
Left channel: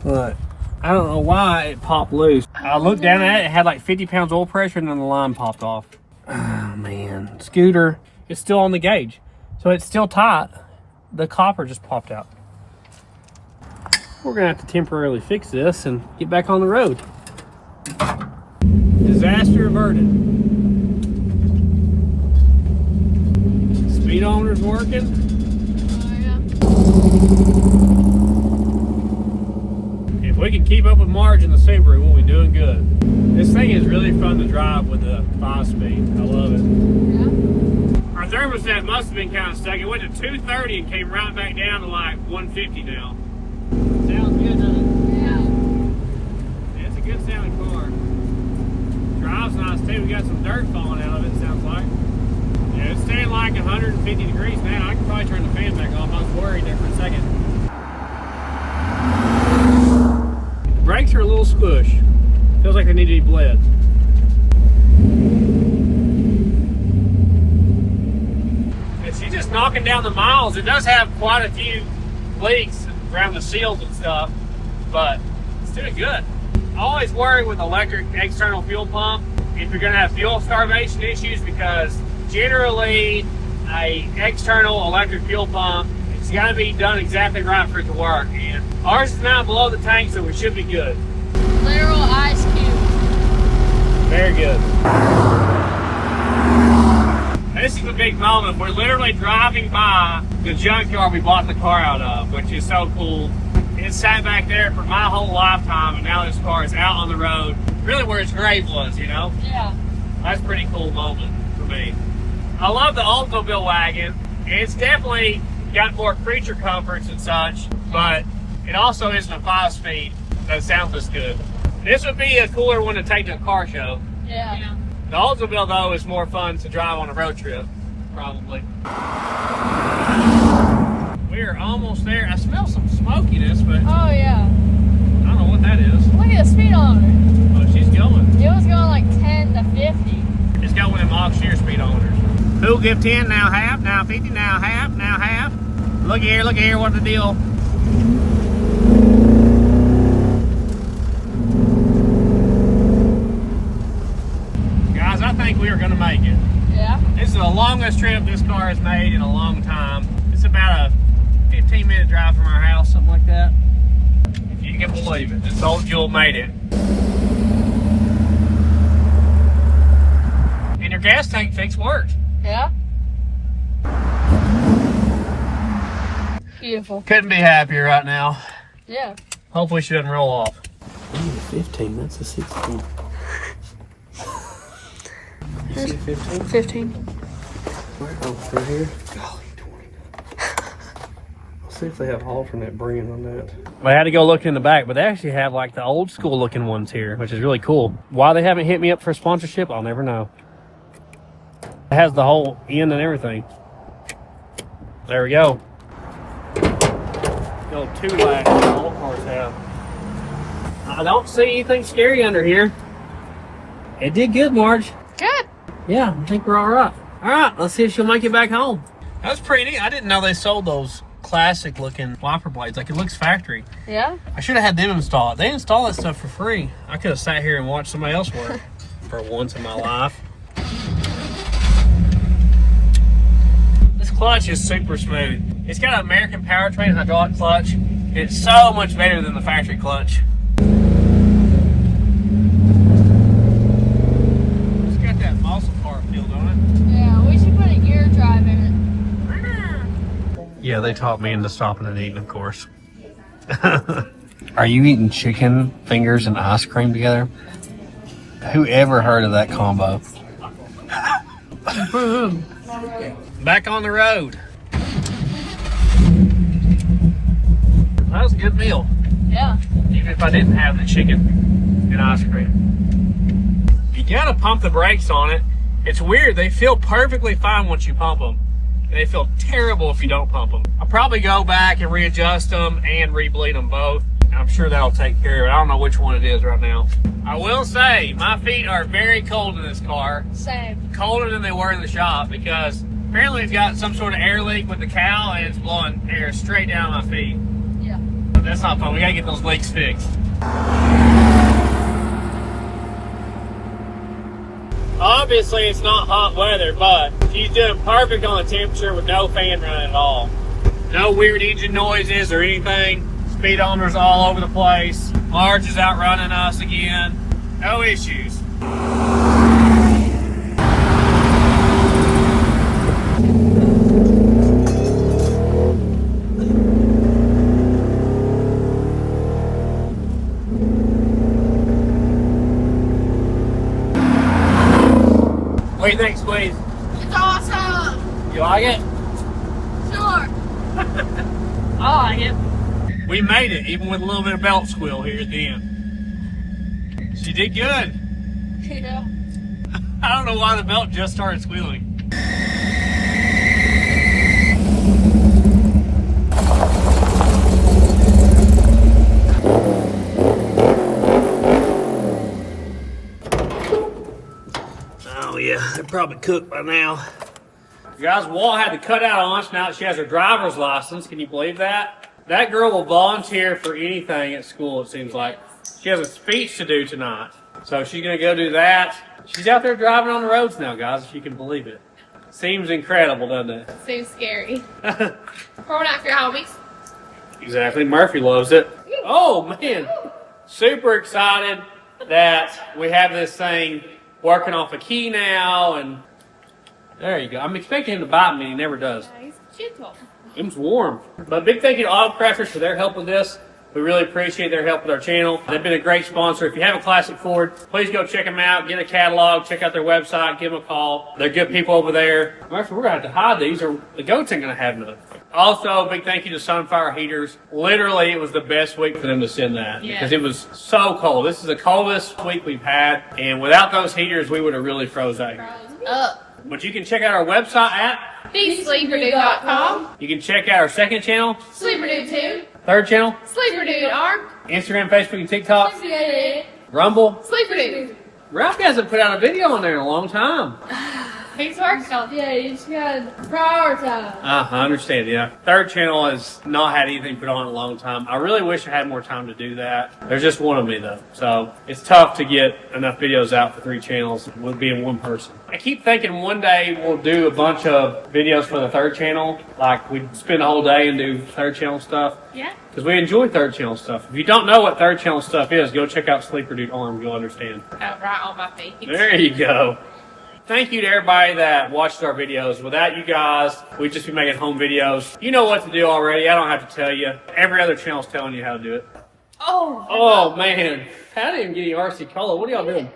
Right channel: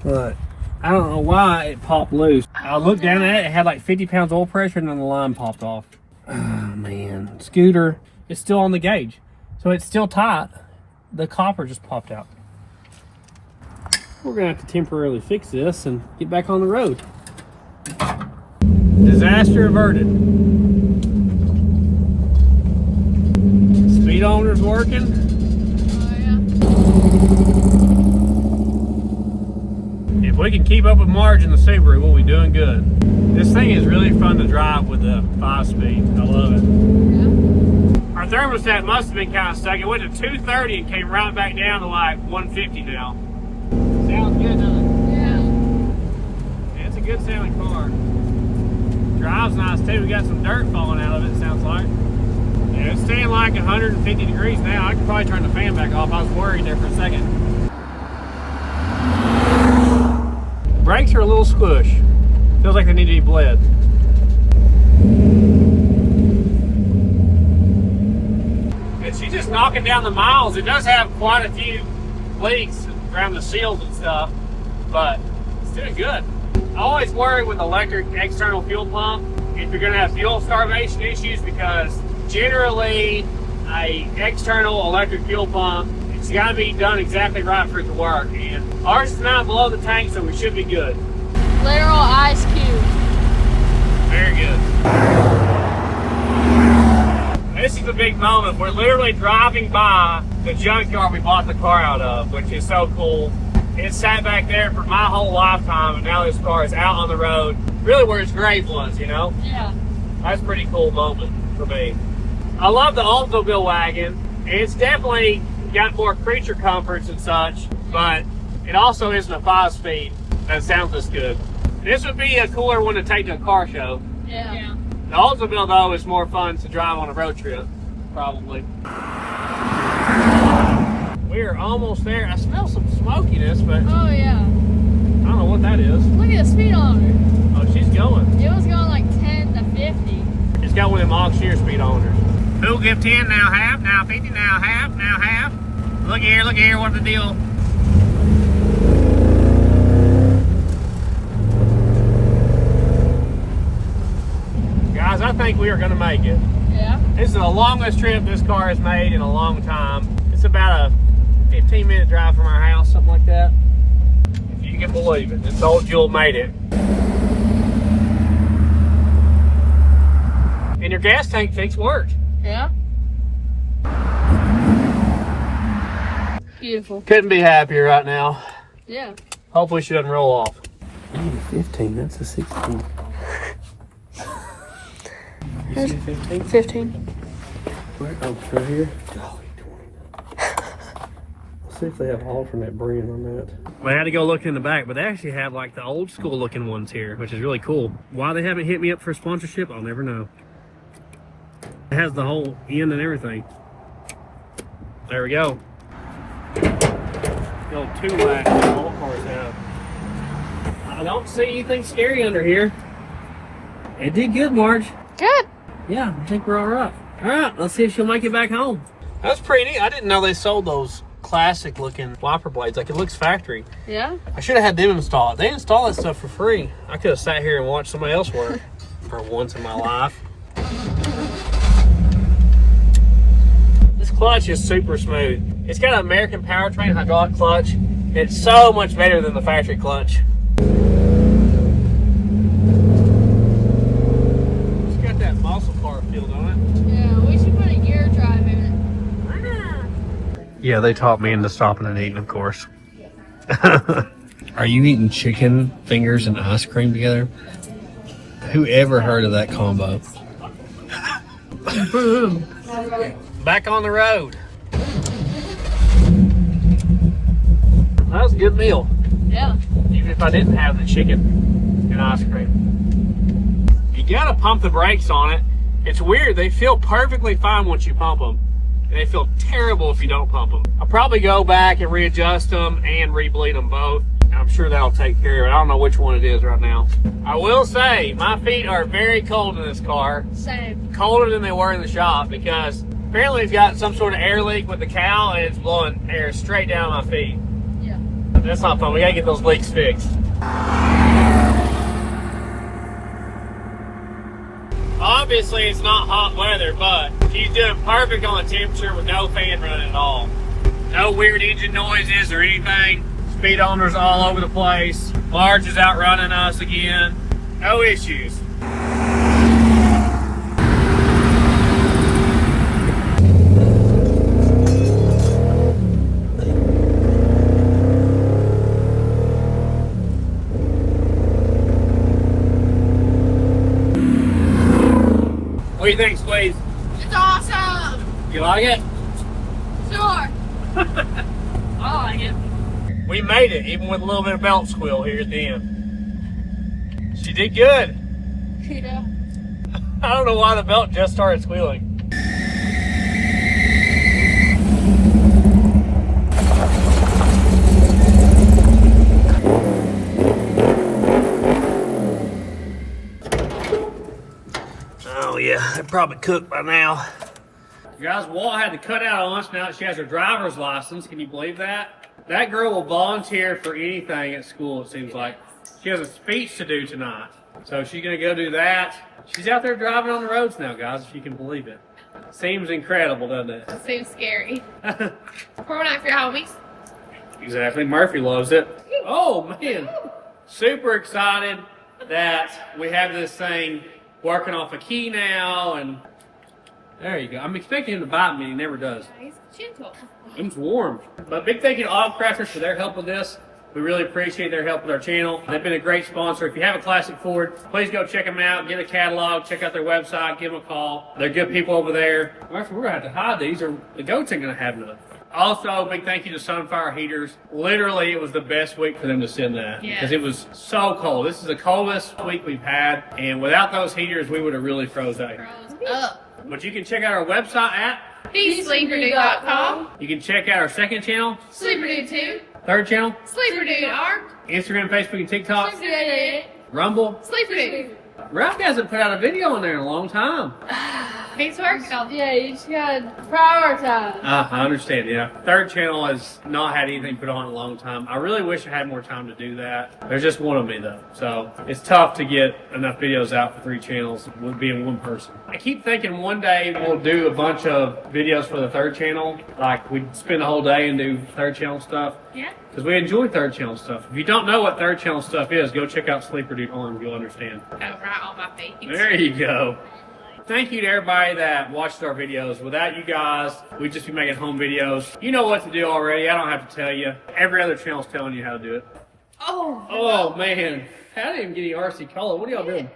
look, I don't know why it popped loose. I looked down at it, it had like 50 pounds oil pressure, and then the line popped off. Oh man, Scooter, it's still on the gauge. So it's still tight. The copper just popped out. We're gonna have to temporarily fix this and get back on the road. Disaster averted. Speedometer's working. If we can keep up with Marge in the Subaru, we'll be doing good. This thing is really fun to drive with the 5-speed. I love it. Yeah. Our thermostat must have been kind of stuck. It went to 230 and came right back down to like 150 now. Sounds good, doesn't it? Yeah. It's a good sounding car. Drives nice too. We got some dirt falling out of it, sounds like. Yeah, it's staying like 150 degrees now. I could probably turn the fan back off. I was worried there for a second. Brakes are a little squish. Feels like they need to be bled. And she's just knocking down the miles, it does have quite a few leaks around the seals and stuff, but it's doing good. I always worry with electric external fuel pump if you're gonna have fuel starvation issues, because generally a external electric fuel pump, it's gotta be done exactly right for it to work. And ours is not below the tank, so we should be good. Literal ice cube. Very good. This is a big moment. We're literally driving by the junkyard we bought the car out of, which is so cool. It sat back there for my whole lifetime, and now this car is out on the road, really where its grave was, you know? Yeah. That's a pretty cool moment for me. I love the Oldsmobile wagon. It's definitely got more creature comforts and such, but it also isn't a 5-speed that sounds as good. This would be a cooler one to take to a car show. Yeah. The Oldsmobile, though, is more fun to drive on a road trip, probably. We are almost there. I smell some smokiness, but Oh yeah. I don't know what that is. Look at the speedometer. Oh, she's going. It was going like 10 to 50. It's got one of them off-shear speedometers. Who'll give 10, now half, now 50, now half, now half. Look here, what's the deal? Guys, I think we are gonna make it. Yeah. This is the longest trip this car has made in a long time. It's about a 15-minute drive from our house, something like that. If you can believe it. This old Jewel made it. And your gas tank fix worked. Yeah. Beautiful. Couldn't be happier right now. Yeah. Hopefully she doesn't roll off. 15, that's a 16. You see 15? 15. Right over here. Golly, 20. Let's see if they have alternate bringing on that. I had to go look in the back, but they actually have like the old school looking ones here, which is really cool. Why they haven't hit me up for sponsorship, I'll never know. It has the whole end and everything. There we go. The old 2-rack that all cars have. I don't see anything scary under here. It did good, Marge. Good. Yeah, I think we're all right. All right, let's see if she'll make it back home. That's pretty neat. I didn't know they sold those classic looking wiper blades. Like, it looks factory. Yeah. I should have had them install it. They install that stuff for free. I could have sat here and watched somebody else work for once in my life. This clutch is super smooth. It's got an American powertrain hydraulic clutch. It's so much better than the factory clutch. It's got that muscle car feel on it. Yeah, we should put a gear drive in it. Yeah, they taught me into stopping and eating, of course. Are you eating chicken fingers and ice cream together? Who ever heard of that combo? Back on the road. That was a good meal. Yeah. Even if I didn't have the chicken and ice cream. You gotta pump the brakes on it. It's weird. They feel perfectly fine once you pump them. And they feel terrible if you don't pump them. I'll probably go back and readjust them and re-bleed them both. I'm sure that'll take care of it. I don't know which one it is right now. I will say, my feet are very cold in this car. Same. Colder than they were in the shop, because apparently it's got some sort of air leak with the cowl and it's blowing air straight down my feet. Yeah. That's not fun. We gotta get those leaks fixed. Obviously it's not hot weather, but she's doing perfect on the temperature with no fan running at all. No weird engine noises or anything. Speedometer's all over the place. Marge is outrunning us again. No issues. What do you think, Squeeze? It's awesome. You like it? Sure. I like it. We made it, even with a little bit of belt squeal here at the end. She did good. Yeah. I don't know why the belt just started squealing. Oh yeah, they're probably cooked by now. Guys, Walt had to cut out on us now that she has her driver's license. Can you believe that? That girl will volunteer for anything at school, it seems like. She has a speech to do tonight. So she's going to go do that. She's out there driving on the roads now, guys, if you can believe it. Seems incredible, doesn't it? It seems scary. Pour one out for your homies. Exactly. Murphy loves it. Oh, man. Super excited that we have this thing working off a key now. And there you go. I'm expecting him to bite me. He never does. Nice. Gentle. It's warm. But big thank you to Auto Crafters for their help with this. We really appreciate their help with our channel. They've been a great sponsor. If you have a classic Ford, please go check them out. Get a catalog. Check out their website. Give them a call. They're good people over there. Actually, we're going to have to hide these or the goats ain't going to have none. Also, big thank you to Sunfire Heaters. Literally, it was the best week for them to send that. Because it was so cold. This is the coldest week we've had. And without those heaters, we would have really froze out. But you can check out our website at TheSleeperDude.com. You can check out our second channel, Sleeper Dude 2. third channel, Sleeper Dude Arm. Instagram, Facebook, and TikTok, Sleeper Rumble. Dude. Rock hasn't put out a video on there in a long time. He's working on it. Yeah, you just gotta prioritize. I understand, yeah. Third channel has not had anything put on in a long time. I really wish I had more time to do that. There's just one of me, though. So it's tough to get enough videos out for 3 channels with being one person. I keep thinking one day we'll do a bunch of videos for the third channel. Like, we'd spend a whole day and do third channel stuff. Yeah. Because we enjoy third channel stuff. If you don't know what third channel stuff is, go check out Sleeper Dude Arm. You'll understand. Oh, right on my face. There you go. Thank you to everybody that watched our videos. Without you guys, we'd just be making home videos. You know what to do already. I don't have to tell you. Every other channel's telling you how to do it. Oh, man. I didn't get you RC Cola. What are y'all doing?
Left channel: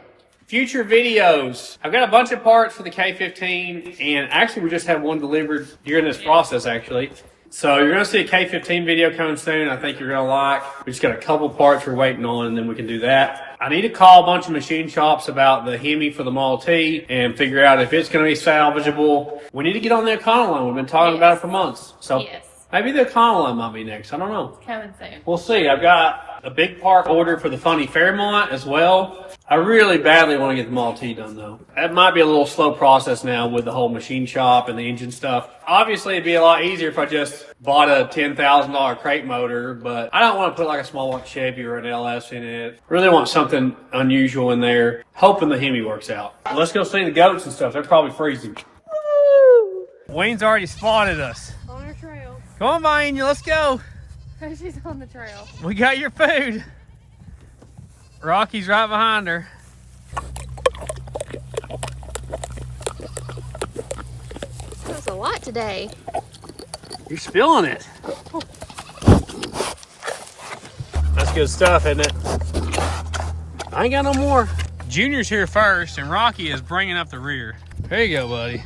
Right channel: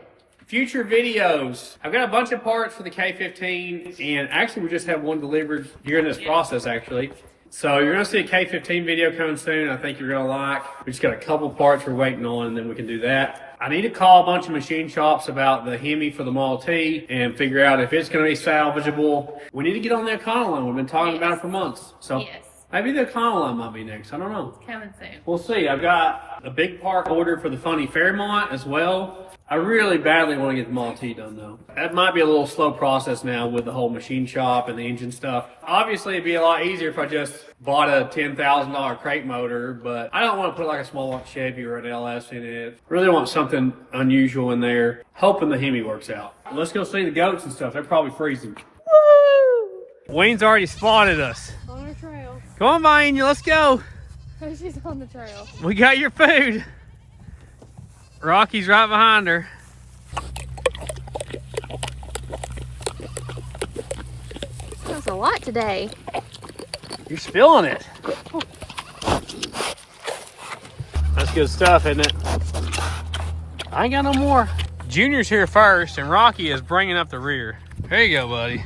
Future videos. I've got a bunch of parts for the K15, and actually we just had one delivered during this process, actually. So you're going to see a K15 video coming soon. I think you're going to like. We just got a couple parts we're waiting on, and then we can do that. I need to call a bunch of machine shops about the Hemi for the Model T and figure out if it's going to be salvageable. We need to get on the Econoline. We've been talking about it for months. So maybe the Econoline might be next. I don't know. Coming soon. We'll see. I've got a big part order for the Funny Fairmont as well. I really badly want to get the Model T done, though. That might be a little slow process now with the whole machine shop and the engine stuff. Obviously, it'd be a lot easier if I just bought a $10,000 crate motor, but I don't want to put like a small like Chevy or an LS in it. Really want something unusual in there. Hoping the Hemi works out. Let's go see the goats and stuff. They're probably freezing. Woo! Wayne's already spotted us. On your trail. Come on, Vanya, let's go. She's on the trail. We got your food. Rocky's right behind her. There's a lot today. You're spilling it. That's good stuff, isn't it? I ain't got no more. Junior's here first, and Rocky is bringing up the rear. There you go, buddy.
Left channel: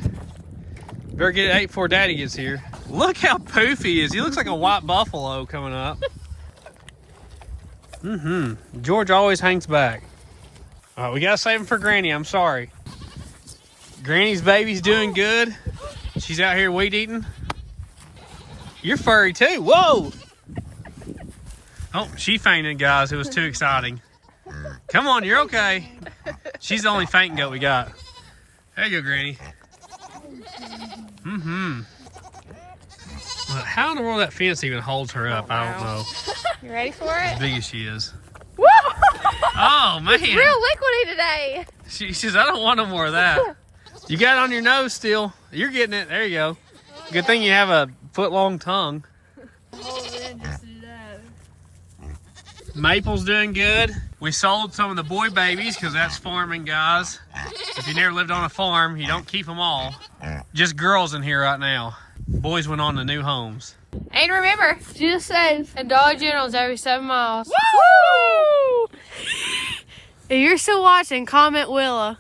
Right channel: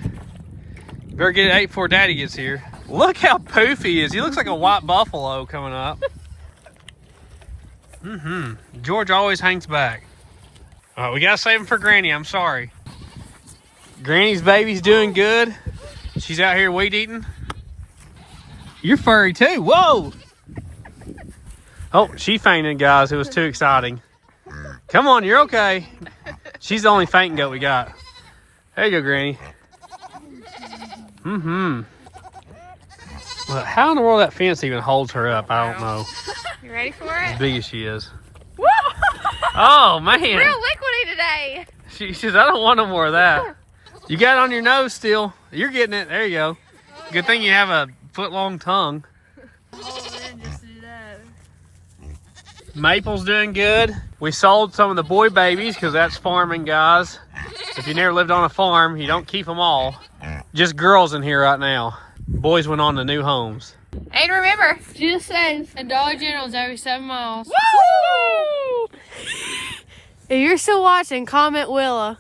Better get it ate before Daddy gets here. Look how poofy he is. He looks like a white buffalo coming up. George always hangs back. All right, we gotta save him for Granny. I'm sorry. Granny's baby's doing good. She's out here weed eating. You're furry too. Whoa! Oh, she fainted, guys. It was too exciting. Come on, you're okay. She's the only fainting goat we got. There you go, Granny. Well, how in the world that fence even holds her up? I don't know. You ready for As it? big as she is. Oh, man. Real liquidy today. She says, I don't want no more of that. You got it on your nose still. You're getting it. There you go. Good thing you have a foot-long tongue. Maple's doing good. We sold some of the boy babies because that's farming, guys. If you never lived on a farm, you don't keep them all. Just girls in here right now. Boys went on to new homes. And remember, Just safe. And Dollar General's every 7 miles. woo! If you're still watching, comment Willa.